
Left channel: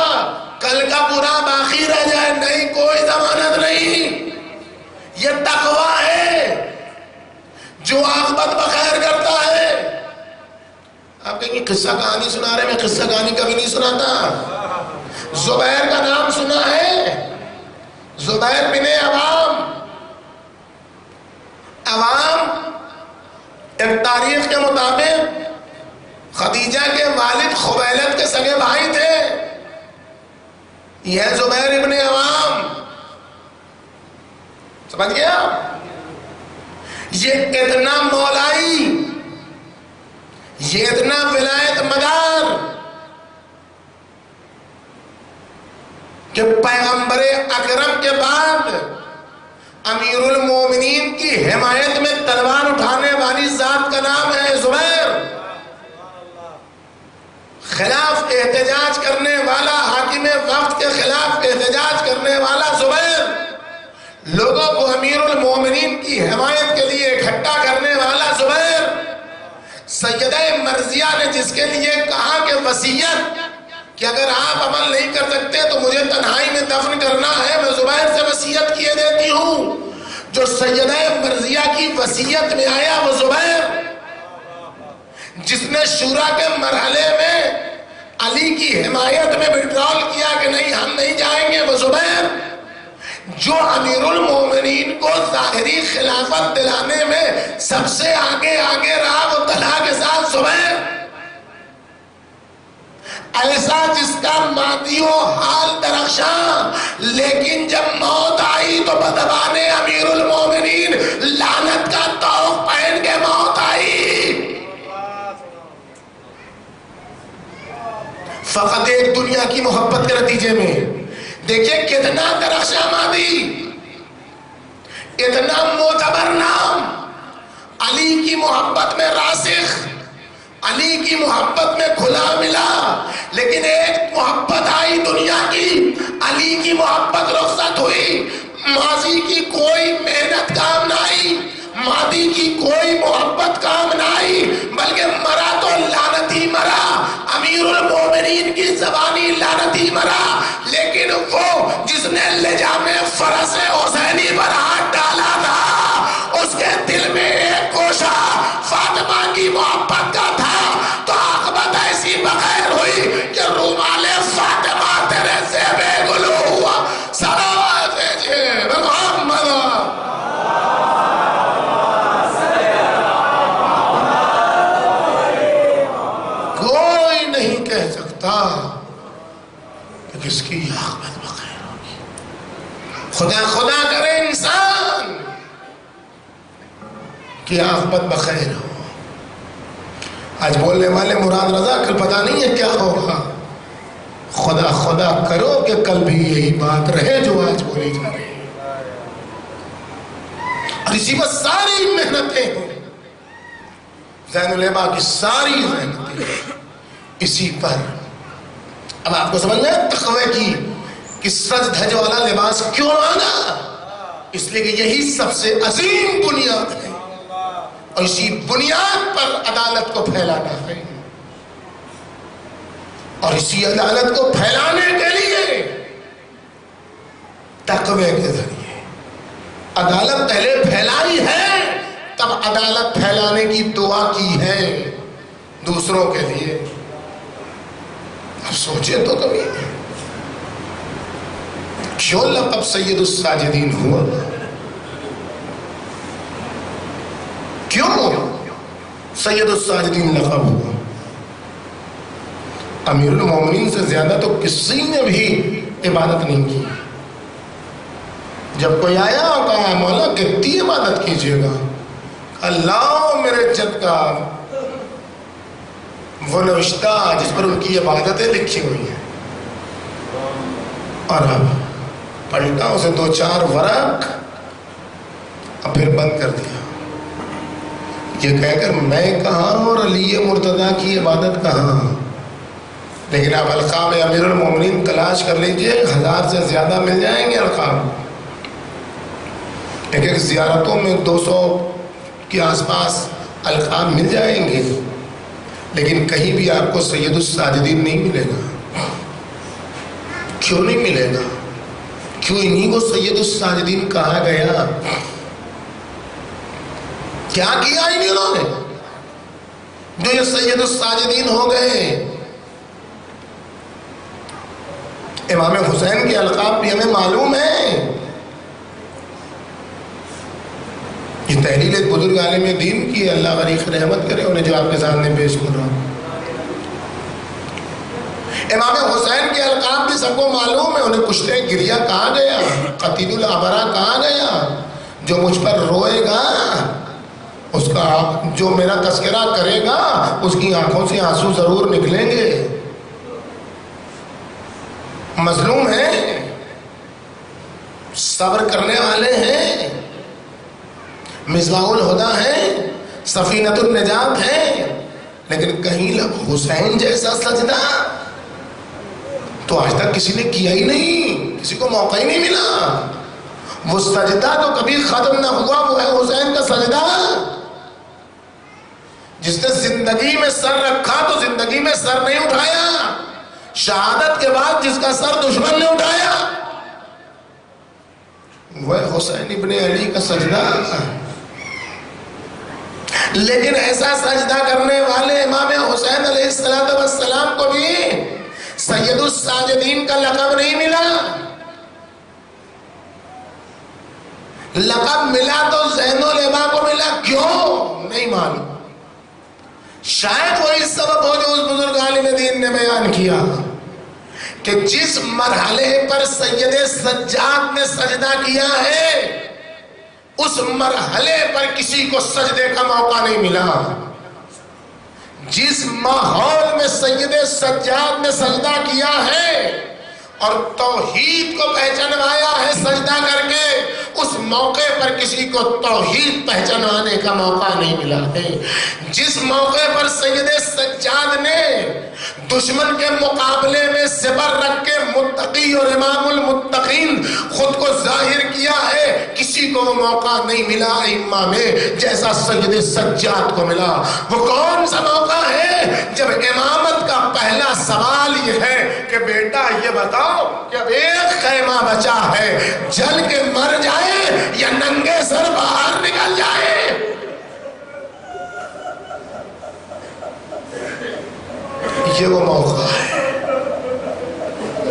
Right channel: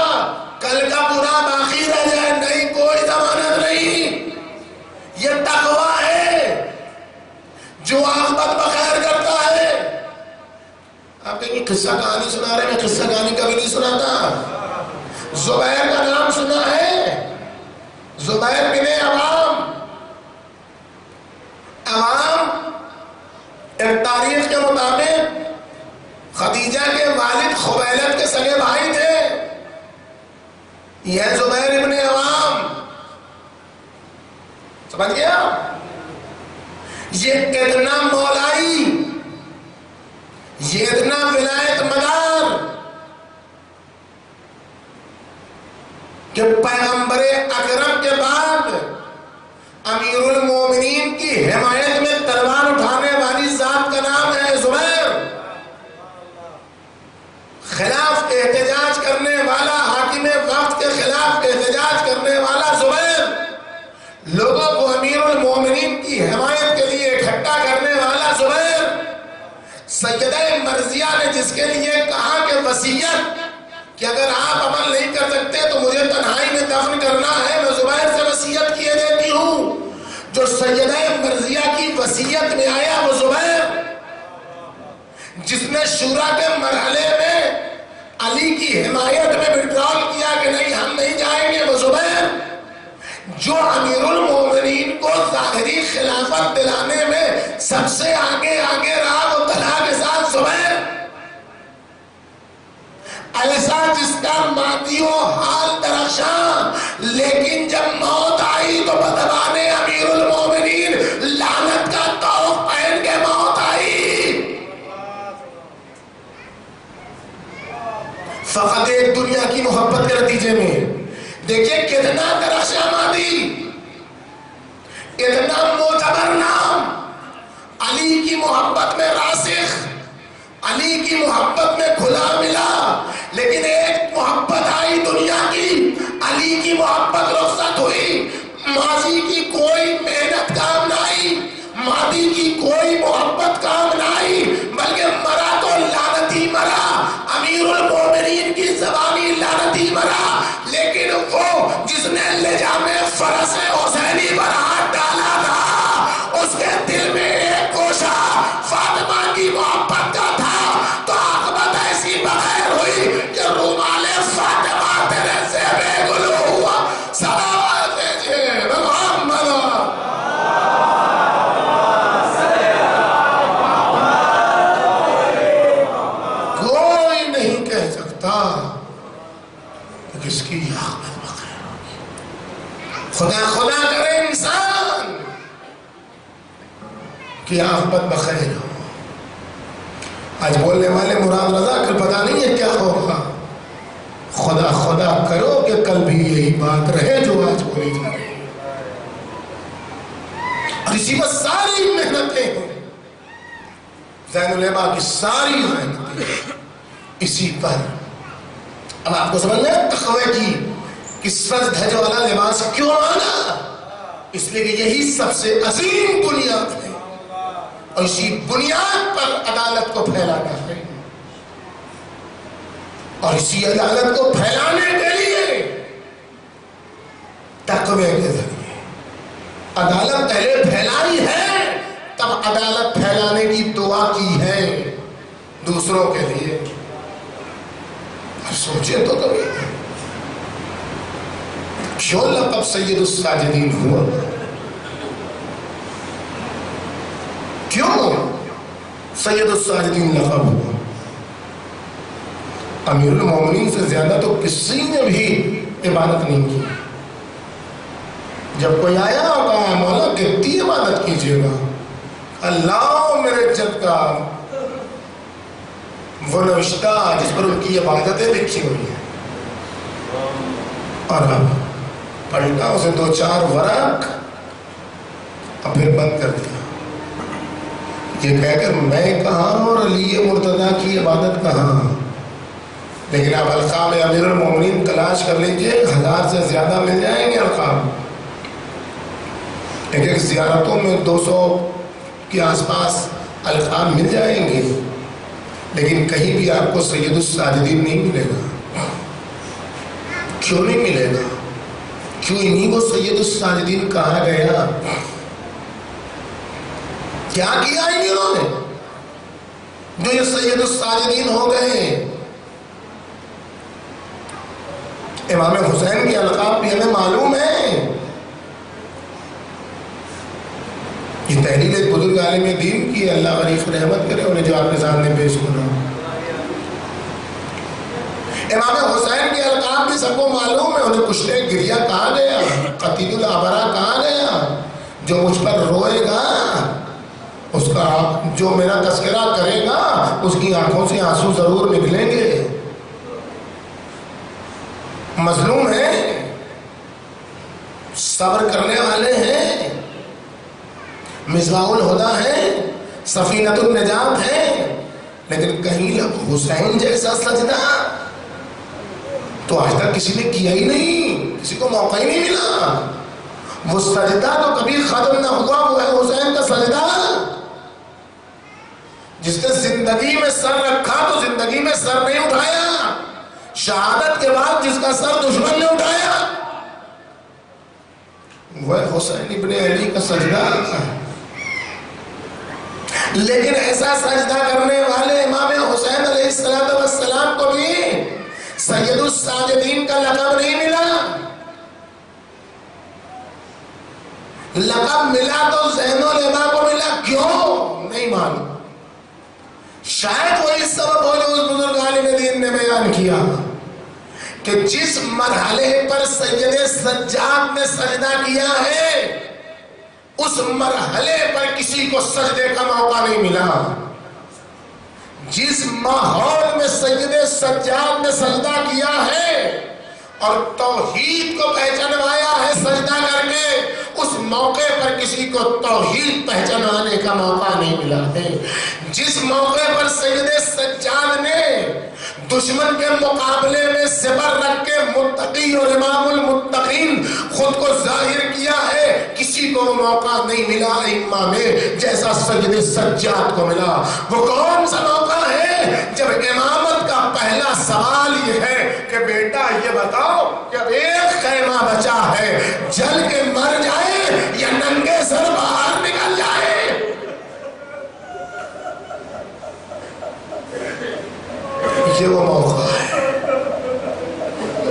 کل کا برا باقی رہ جائے، نہیں، کوئی ضمانت نہیں۔ یہ تقویٰ ہے جو عاقبت بخیر کرتا ہے۔ آپ کہیں گے قصہ کہانی سنا رہے، میں قصہ کہانی کبھی نہیں سناتا۔ زبیر کا نام سنا ہے؟ زبیر بن عوام ایک تاریخ کے مطابق خدیجہ کے والد خویلد کے سگے بھائی تھے، یہ زبیر ابن عوام، سمجھ گیا؟ یہ اتنا مولائی، یہ اتنا ولایت مدار کہ پیغمبر اکرم کے بعد امیر المومنین کی حمایت میں تلوار اٹھانے والی ذات کا نام ہے زبیر، خلاف احتجاج کرنے والا، حاکم وقت کے خلاف احتجاج کرنے والا زبیر، لوگوں کو امیر المومنین کی حمایت کے لیے اکٹھا کرنے والا زبیر، سیدہ مرضیہ نے جس کے لیے کہا کہ وصیت کہ اگر آپ عمل نہیں کر سکتے تو مجھے تنہائی میں دفن کرنا ہے، میں زبیر سے وصیت کیے دیتی ہوں۔ جو سیدہ مرضیہ کی وصیت میں آیا وہ زبیر، جس نے شورا کے مرحلے میں علی کی حمایت میں وڈرال کیا کہ نہیں ہم نہیں جائیں گے، وہ زبیر، جو امیر المومنین کو ظاہری خلافت دلانے میں سب سے آگے رہا، وہ طلحہ کے ساتھ زبیر، ایسا جس کا مادی و حال درخشاں، لیکن جب موت آئی تو بدبان امیر المومنین لعنت کا طوق پہن کے موت آئی۔ فقط ایک دنیا کی محبت کے نتیجے میں دیکھیں کتنا درخشاں مادی، اتنا معتبر نام، علی کی محبت میں راسخ، علی کی محبت میں کھلا ملا، لیکن ایک محبت آئی دنیا کی، علی کی محبت رخصت ہوئی، ماضی کی کوئی محنت کام نہ آئی، ماضی کی کوئی محبت کام نہ آئی، بلکہ مرا تو لعنتی مرا، امیر المومنین کی زبانی لعنتی مرا، لیکن وہ جس نے لجام فرس حسینی پر ہاتھ ڈالا تھا، اس کے دل میں ایک گوشہ فاطمہ کی محبت کا تھا، تو عاقبت ایسی بغیر ہوئی کہ رومال فاطمہ تیرے زیبے گلو ہوا، صلوات جیب محمد۔ کوئی نہیں کہہ سکتا کہ کس کی عاقبت بخیر ہوگی۔ خدا خدا کرے انسان کی عاقبت بخیر ہو۔ آج بولنے والے مراد رضا، کل پتہ نہیں ہے کیا ہوگا۔ خدا خدا کرو کہ کل بھی یہی بات رہے جو آج بولی جا رہی ہے، اور اسی پر ساری محنتیں ہیں، زین العلماء کی ساری محنتیں اسی پر۔ اب آپ کو سمجھ میں تقوی کی کہ سج دھج والا لباس کیوں آنا؟ اس لیے کہ یہی سب سے عظیم بنیاد ہے، اور اسی بنیاد پر عدالت کو پھیلانا ہے، اور اسی عدالت کو پھیلانے کے لیے تقوی کے ذریعے عدالت پہلے پھیلائی ہے، تب عدالت پھیلانے کی دعا کی ہے دوسروں کے لیے۔ اب سوچے تو کبھی کیوں لقب سید الساجدین ہوا؟ کیوں سید الساجدین لقب ہوا؟ امیر المومنین سے زیادہ تو کسی نے بھی عبادت نہیں کی۔ جب کوئی آیا اور کہا مولا کتنی عبادت کیجیے گا، اللہ میرے جد کا وہ نوشتہ جس پر ان کی عبادتیں لکھی ہوئی ہیں، اور اب پلٹا اسے 2-4 ورق اب پھر بند کر دیا، یہ کہہ کر میں کہاں اور علی مرتضیٰ کی عبادت کہاں۔ لیکن اب القاب امیر المومنین تلاش کر لیجئے، 1000 سے زیادہ مل جائیں گے القاب۔ ایک ایک زیارتوں میں 200 کے آس پاس القاب مل جائیں گے، لیکن کہیں بھی آپ کو سید الساجدین نہیں ملے گا۔ کیوں نہیں ملے گا؟ کیوں انہیں کو سید الساجدین کہا گیا؟ کیا کیا انہوں نے جو یہ سید الساجدین ہو گئے؟ امام حسین کے القاب بھی ہمیں معلوم ہے۔ یہ تحلیل ایک بزرگ عالم دین کی، اللہ غریق رحمت کرے، انہیں جو آپ کے سامنے پیش کر رہا ہوں۔ امام حسین کے القاب بھی سب کو معلوم ہے، انہیں کشتے گریہ کہا گیا، قتیل الابرا کہا گیا۔ جو مجھ پر روئے گا، اس کا جو میرا تذکرہ کرے گا، اس کی آنکھوں سے آنسو ضرور نکلیں گے۔ مظلوم ہیں، صبر کرنے والے ہیں، مصباح الہدیٰ ہیں، سفینۃ النجات ہیں، لیکن کہیں لب حسین جیسا سجدہ تو آج تک کسی نے کیا ہی نہیں، کسی کو موقع ہی نہیں ملا۔ وہ سجدہ تو کبھی ختم نہ ہوا، وہ ہے حسین کا سجدہ۔ جس نے زندگی میں سر رکھا تو زندگی میں سر نہیں اٹھایا، شہادت کے بعد جس کا سر دشمن نے اٹھایا وہ حسین ابن علی کا سجدہ۔ لیکن ایسا سجدہ کرنے والے امام حسین علیہ السلام کو بھی سید الساجدین کا لقب نہیں ملا۔ لقب ملا تو زین العلماء کو ملا، کیوں نہیں معلوم۔ شاید وہی سبب ہو جو اس بزرگ عالم دین نے بیان کیا کہ جس مرحلے پر سید سجاد نے سجدہ کیا ہے، اس مرحلے پر کسی کو سجدے کا موقع نہیں ملا۔ جس ماحول میں سید سجاد نے سجدہ کیا ہے اور توحید کو پہچانوایا ہے سجدہ کر کے، اس موقع پر کسی کو توحید پہچانوانے کا موقع نہیں ملا ہے۔ جس موقع پر سید سجاد نے دشمن کے مقابلے میں زبر رکھ کے متقی اور امام المتقین خود کو ظاہر کیا ہے، کسی کو موقع نہیں ملا ائمہ میں جیسا سید سجاد کو ملا۔ وہ کون سا موقع ہے؟ جب امامت کا پہلا سوال یہ ہے کہ بیٹا یہ بتاؤ کہ اب ایک خیمہ بچا ہے، جل کے مر جائے یا ننگے سر باہر نکل جائے؟ یہ وہ موقع ہے،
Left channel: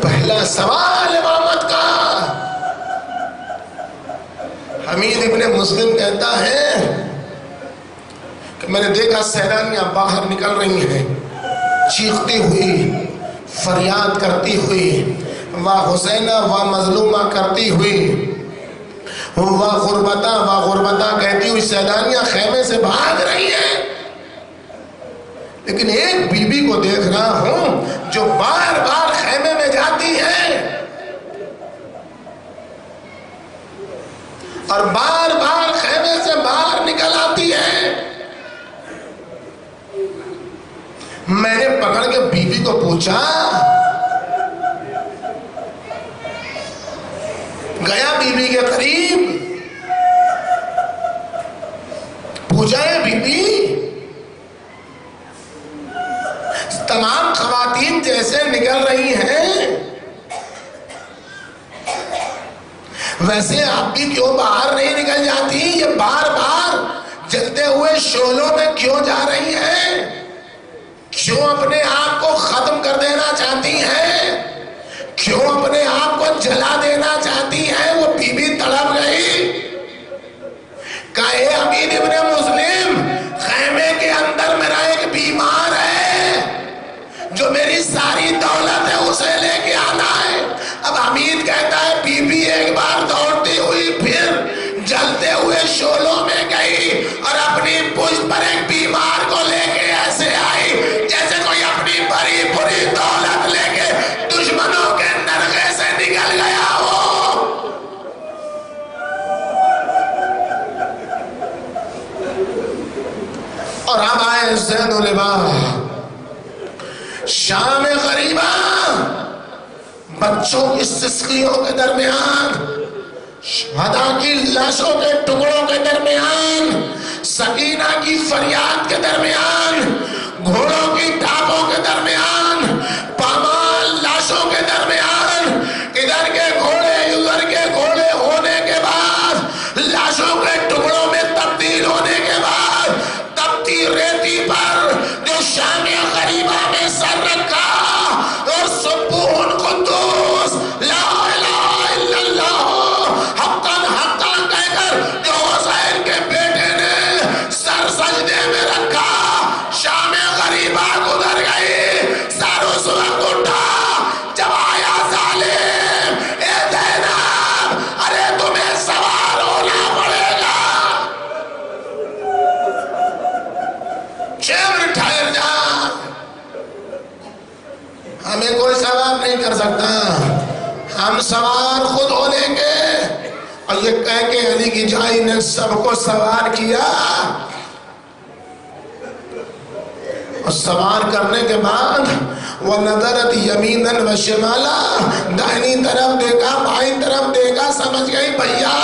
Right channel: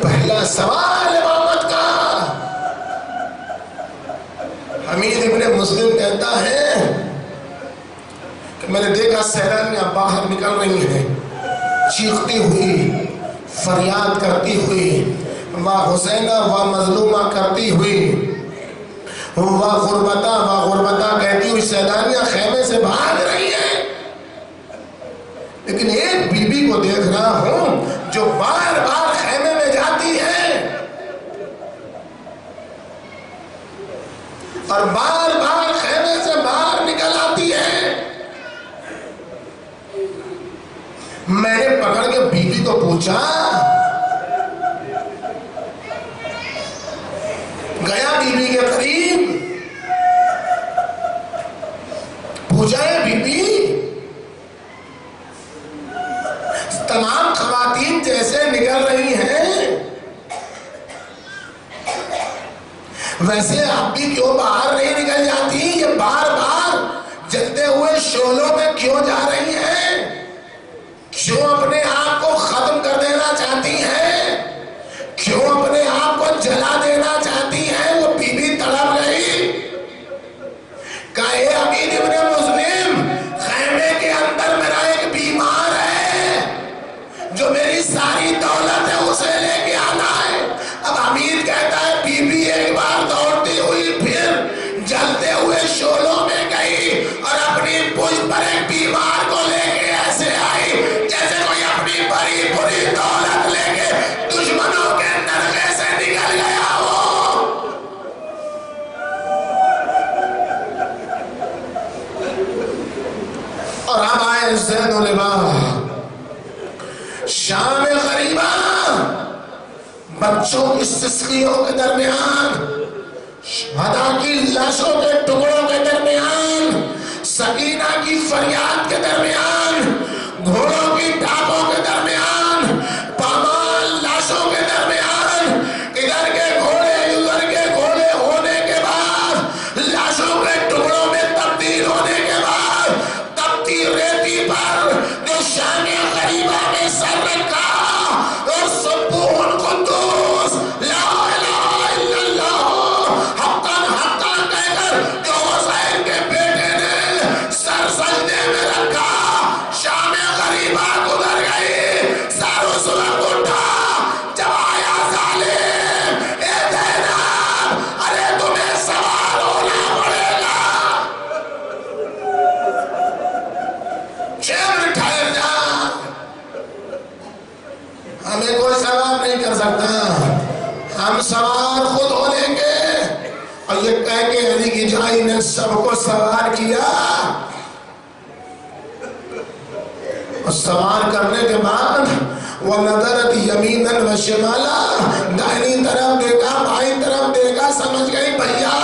پہلا سوال امامت کا۔ حمید ابن مسلم کہتا ہے کہ میں نے دیکھا سیلانیاں باہر نکل رہی ہیں چیختی ہوئی، فریاد کرتی ہوئی، وا حسینہ وا مظلومہ کرتی ہوئی، وا غربتہ کہتی ہوئی سیلانیاں خیمے سے بھاگ رہی ہیں، لیکن ایک بی بی کو دیکھ رہا ہوں جو بار بار خیمے میں جاتی ہے اور بار بار خیمے سے باہر نکل آتی ہے۔ میں نے پکڑ کے بی بی کو پوچھا، گیا بی بی کے قریب، پوچھا ہے بی بی تمام خواتین جیسے نکل رہی ہیں ویسے آپ بھی کیوں باہر نہیں نکل جاتی؟ یہ بار بار جلتے ہوئے شعلوں میں کیوں جا رہی ہیں؟ کیوں اپنے آپ کو ختم کر دینا چاہتی ہیں؟ کیوں اپنے آپ کو جلا دینا چاہتی ہیں؟ وہ بی بی تڑپ گئی، کہا اے امیر ابن مسلم، خیمے کے اندر میرا ایک بیمار ہے جو میری ساری دولت ہے اسے لے کے آنا ہے۔ اب حمید کہتا ہے بی بی ایک بار دوڑتی ہوئی پھر جلتے ہوئے شعلوں میں گئی اور اپنی پشت پر ایک بیمار کو لے کے ایسے آئی جیسے کوئی اپنی بڑی بڑی دولت لے کے دشمنوں کے نرغے سے نکل گیا ہو۔ اور اب آئے زید و لبا، شام غریبہ، بچوں کی سسکیوں کے درمیان، شہداء کی لاشوں کے ٹکڑوں کے درمیان، سکینہ کی فریاد کے درمیان، گھوڑوں کی ٹاپوں کے درمیان، پامال لاشوں کے درمیان، ادھر کے گھوڑے ادھر کے گھوڑے ہونے کے بعد، لاشوں کے ٹکڑوں میں تبدیل ہونے کے بعد، تپتی ریتی پر جو شام غریبہ میں سر رکھا اور سبحان قدوس لا الہ الا اللہ حقاً حقاً کہہ کر جو حسین کے بیٹے نے سر سجدے میں رکھا، شام غریبہ گزر گئی، سر اس وقت اٹھا جب آیا ظالم، اے زینب ارے تمہیں سوار ہونا پڑے گا، چیور ٹھہر جا، ہمیں کوئی سوار نہیں کر سکتا، ہم سوار خود ہو لیں گے۔ اور یہ کہہ کے علی کی جائی نے سب کو سوار کیا، اور سوار کرنے کے بعد وَنَظَرَتْ يَمِينًا وَشِمَالًا، دائنی طرف دیکھا بائیں طرف دیکھا، سمجھ گئی بھیا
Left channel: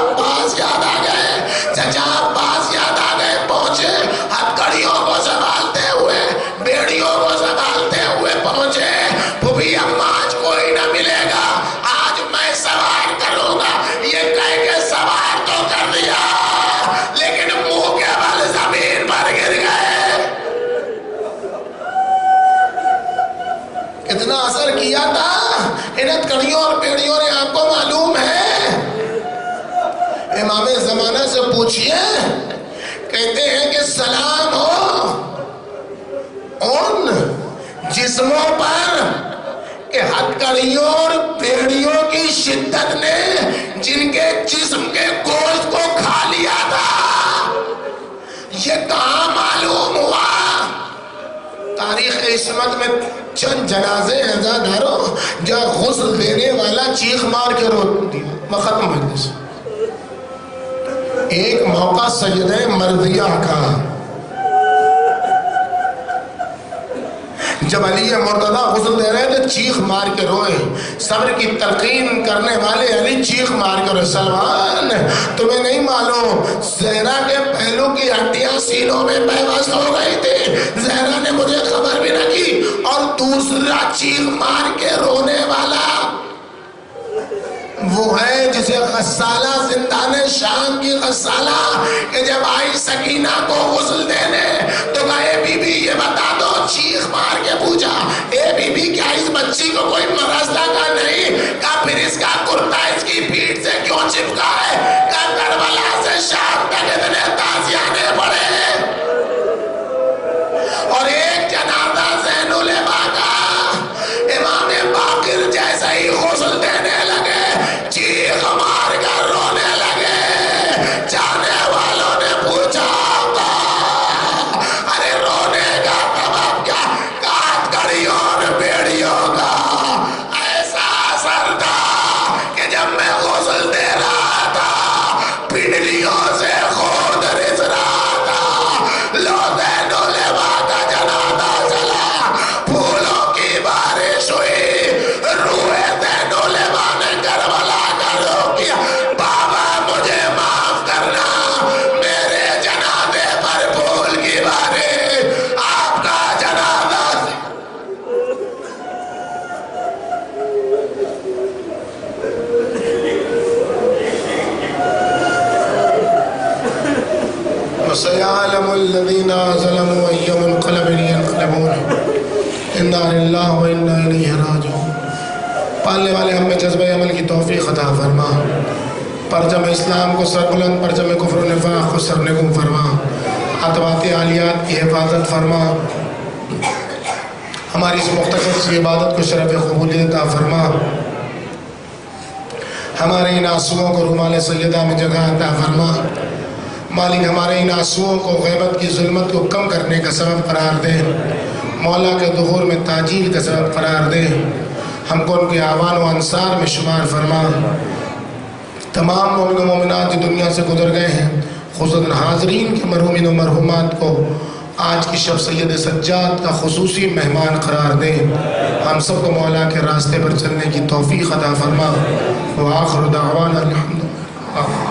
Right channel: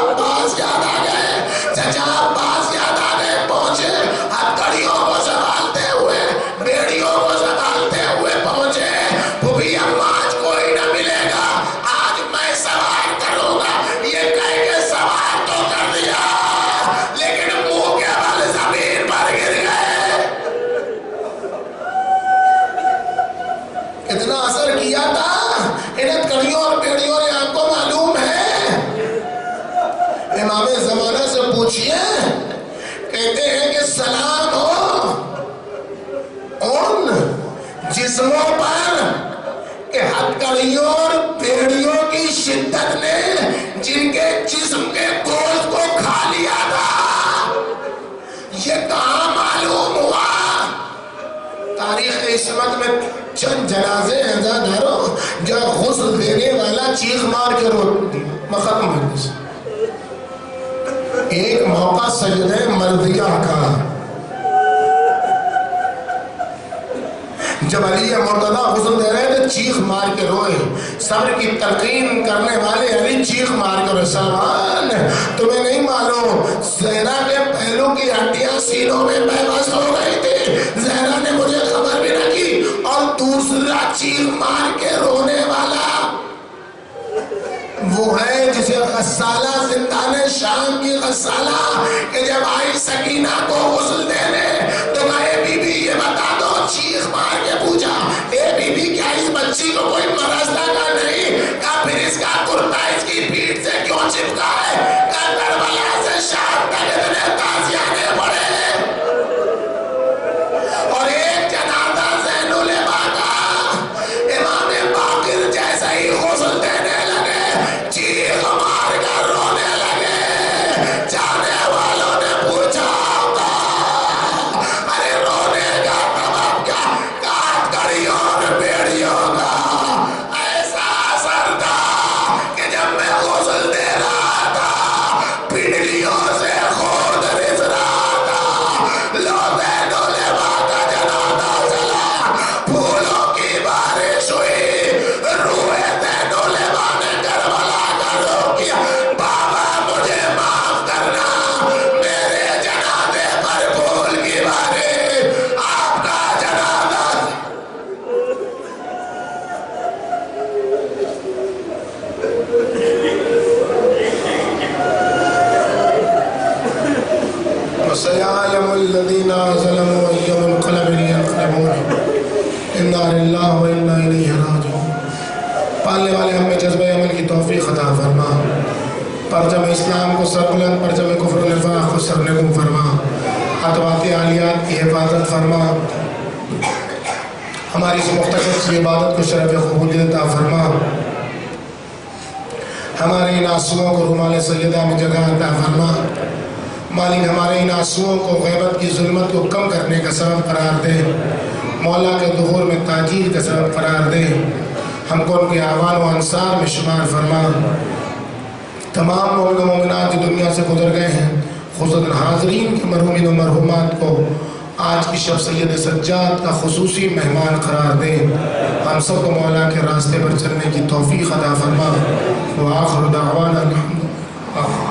عباس یاد آ گئے، چچا عباس یاد آ گئے، پہنچے، ہتھکڑیوں کو سنبھالتے ہوئے، بیڑیوں کو سنبھالتے ہوئے پہنچے، پھوپھی اماں آج کوئی نہ ملے گا، آج میں سوار کروں گا، یہ کہہ کے سوار تو کر دیا لیکن منہ کے بل زمین پر گر گئے۔ کتنا اثر کیا تھا ان ہتھکڑیوں اور بیڑیوں نے، آپ کو معلوم ہے؟ امام زمانہ سے پوچھئے، کہتے ہیں کہ سلام ہو ان جسموں پر کہ ہتھکڑیوں اور بیڑیوں کی شدت نے جن کے جسم کے گوشت کو کھا لیا تھا، یہ کہاں معلوم ہوا؟ تاریخ عصمت میں چند جنازے ہیں زاداروں جہاں غسل دینے والا چیخ مار کے رو دیا، میں ختم ہو جیسے۔ ایک موقع سجدہ مرضیہ کا، جب علی مرتضیٰ غسل دے رہے تھے چیخ مار کے روئے، صبر کی تلقین کرنے والے علی چیخ مار کے روئے، سلمان تمہیں نہیں معلوم زہرا کے پہلو کی ہڈیاں سینوں میں بےبس ہو گئی تھی، زہرا نے مجھے خبر بھی نہ کی، اور دوسرا چیخ مار کے رونے والا وہ ہے جسے غسالہ زندان شام کی غسالہ کہ جب آئی سکینہ کو غسل دینے تو کہا اے بی بی یہ بتا دو، چیخ مار کے پوچھا اے بی بی کیا اس بچی کو کوئی مرض لگا نہیں؟ کہا پھر اس کا کرتا اس کی پیٹھ سے کیوں چپکا ہے؟ کہا کربلا سے شام تک اتنے تازیانے پڑے، اور ایک جنازہ زین العبا کا، پالنے والے ہم میں جذبہ عمل کی توفیق عطا فرما، پرچم اسلام کو سربلند، پرچم کفر و نفاق کو سرنگم فرما، اطوات عالیات کی حفاظت فرما، ہماری اس مختصر سی عبادت کو شرف قبولیت عطا فرما، ہمارے ان آنسوؤں کو رومال سیدہ میں جگہ عطا فرما، مالک ہمارے ان آنسوؤں کو غیبت کی ظلمت کو کم کرنے کا سبب قرار دے، مولا کے ظہور میں تاجیل کا سبب قرار دے، ہم کو ان کے اعوان و انصار میں شمار فرما، تمام مومن و مومنات جو دنیا سے گزر گئے ہیں، خصوصاً حاضرین کے مرحومین و مرحومات کو آج کی شب سید سجاد کا خصوصی مہمان قرار دے، ہم سب کو مولا کے راستے پر چلنے کی توفیق عطا فرما، وآخر دعوانا الحمدللہ۔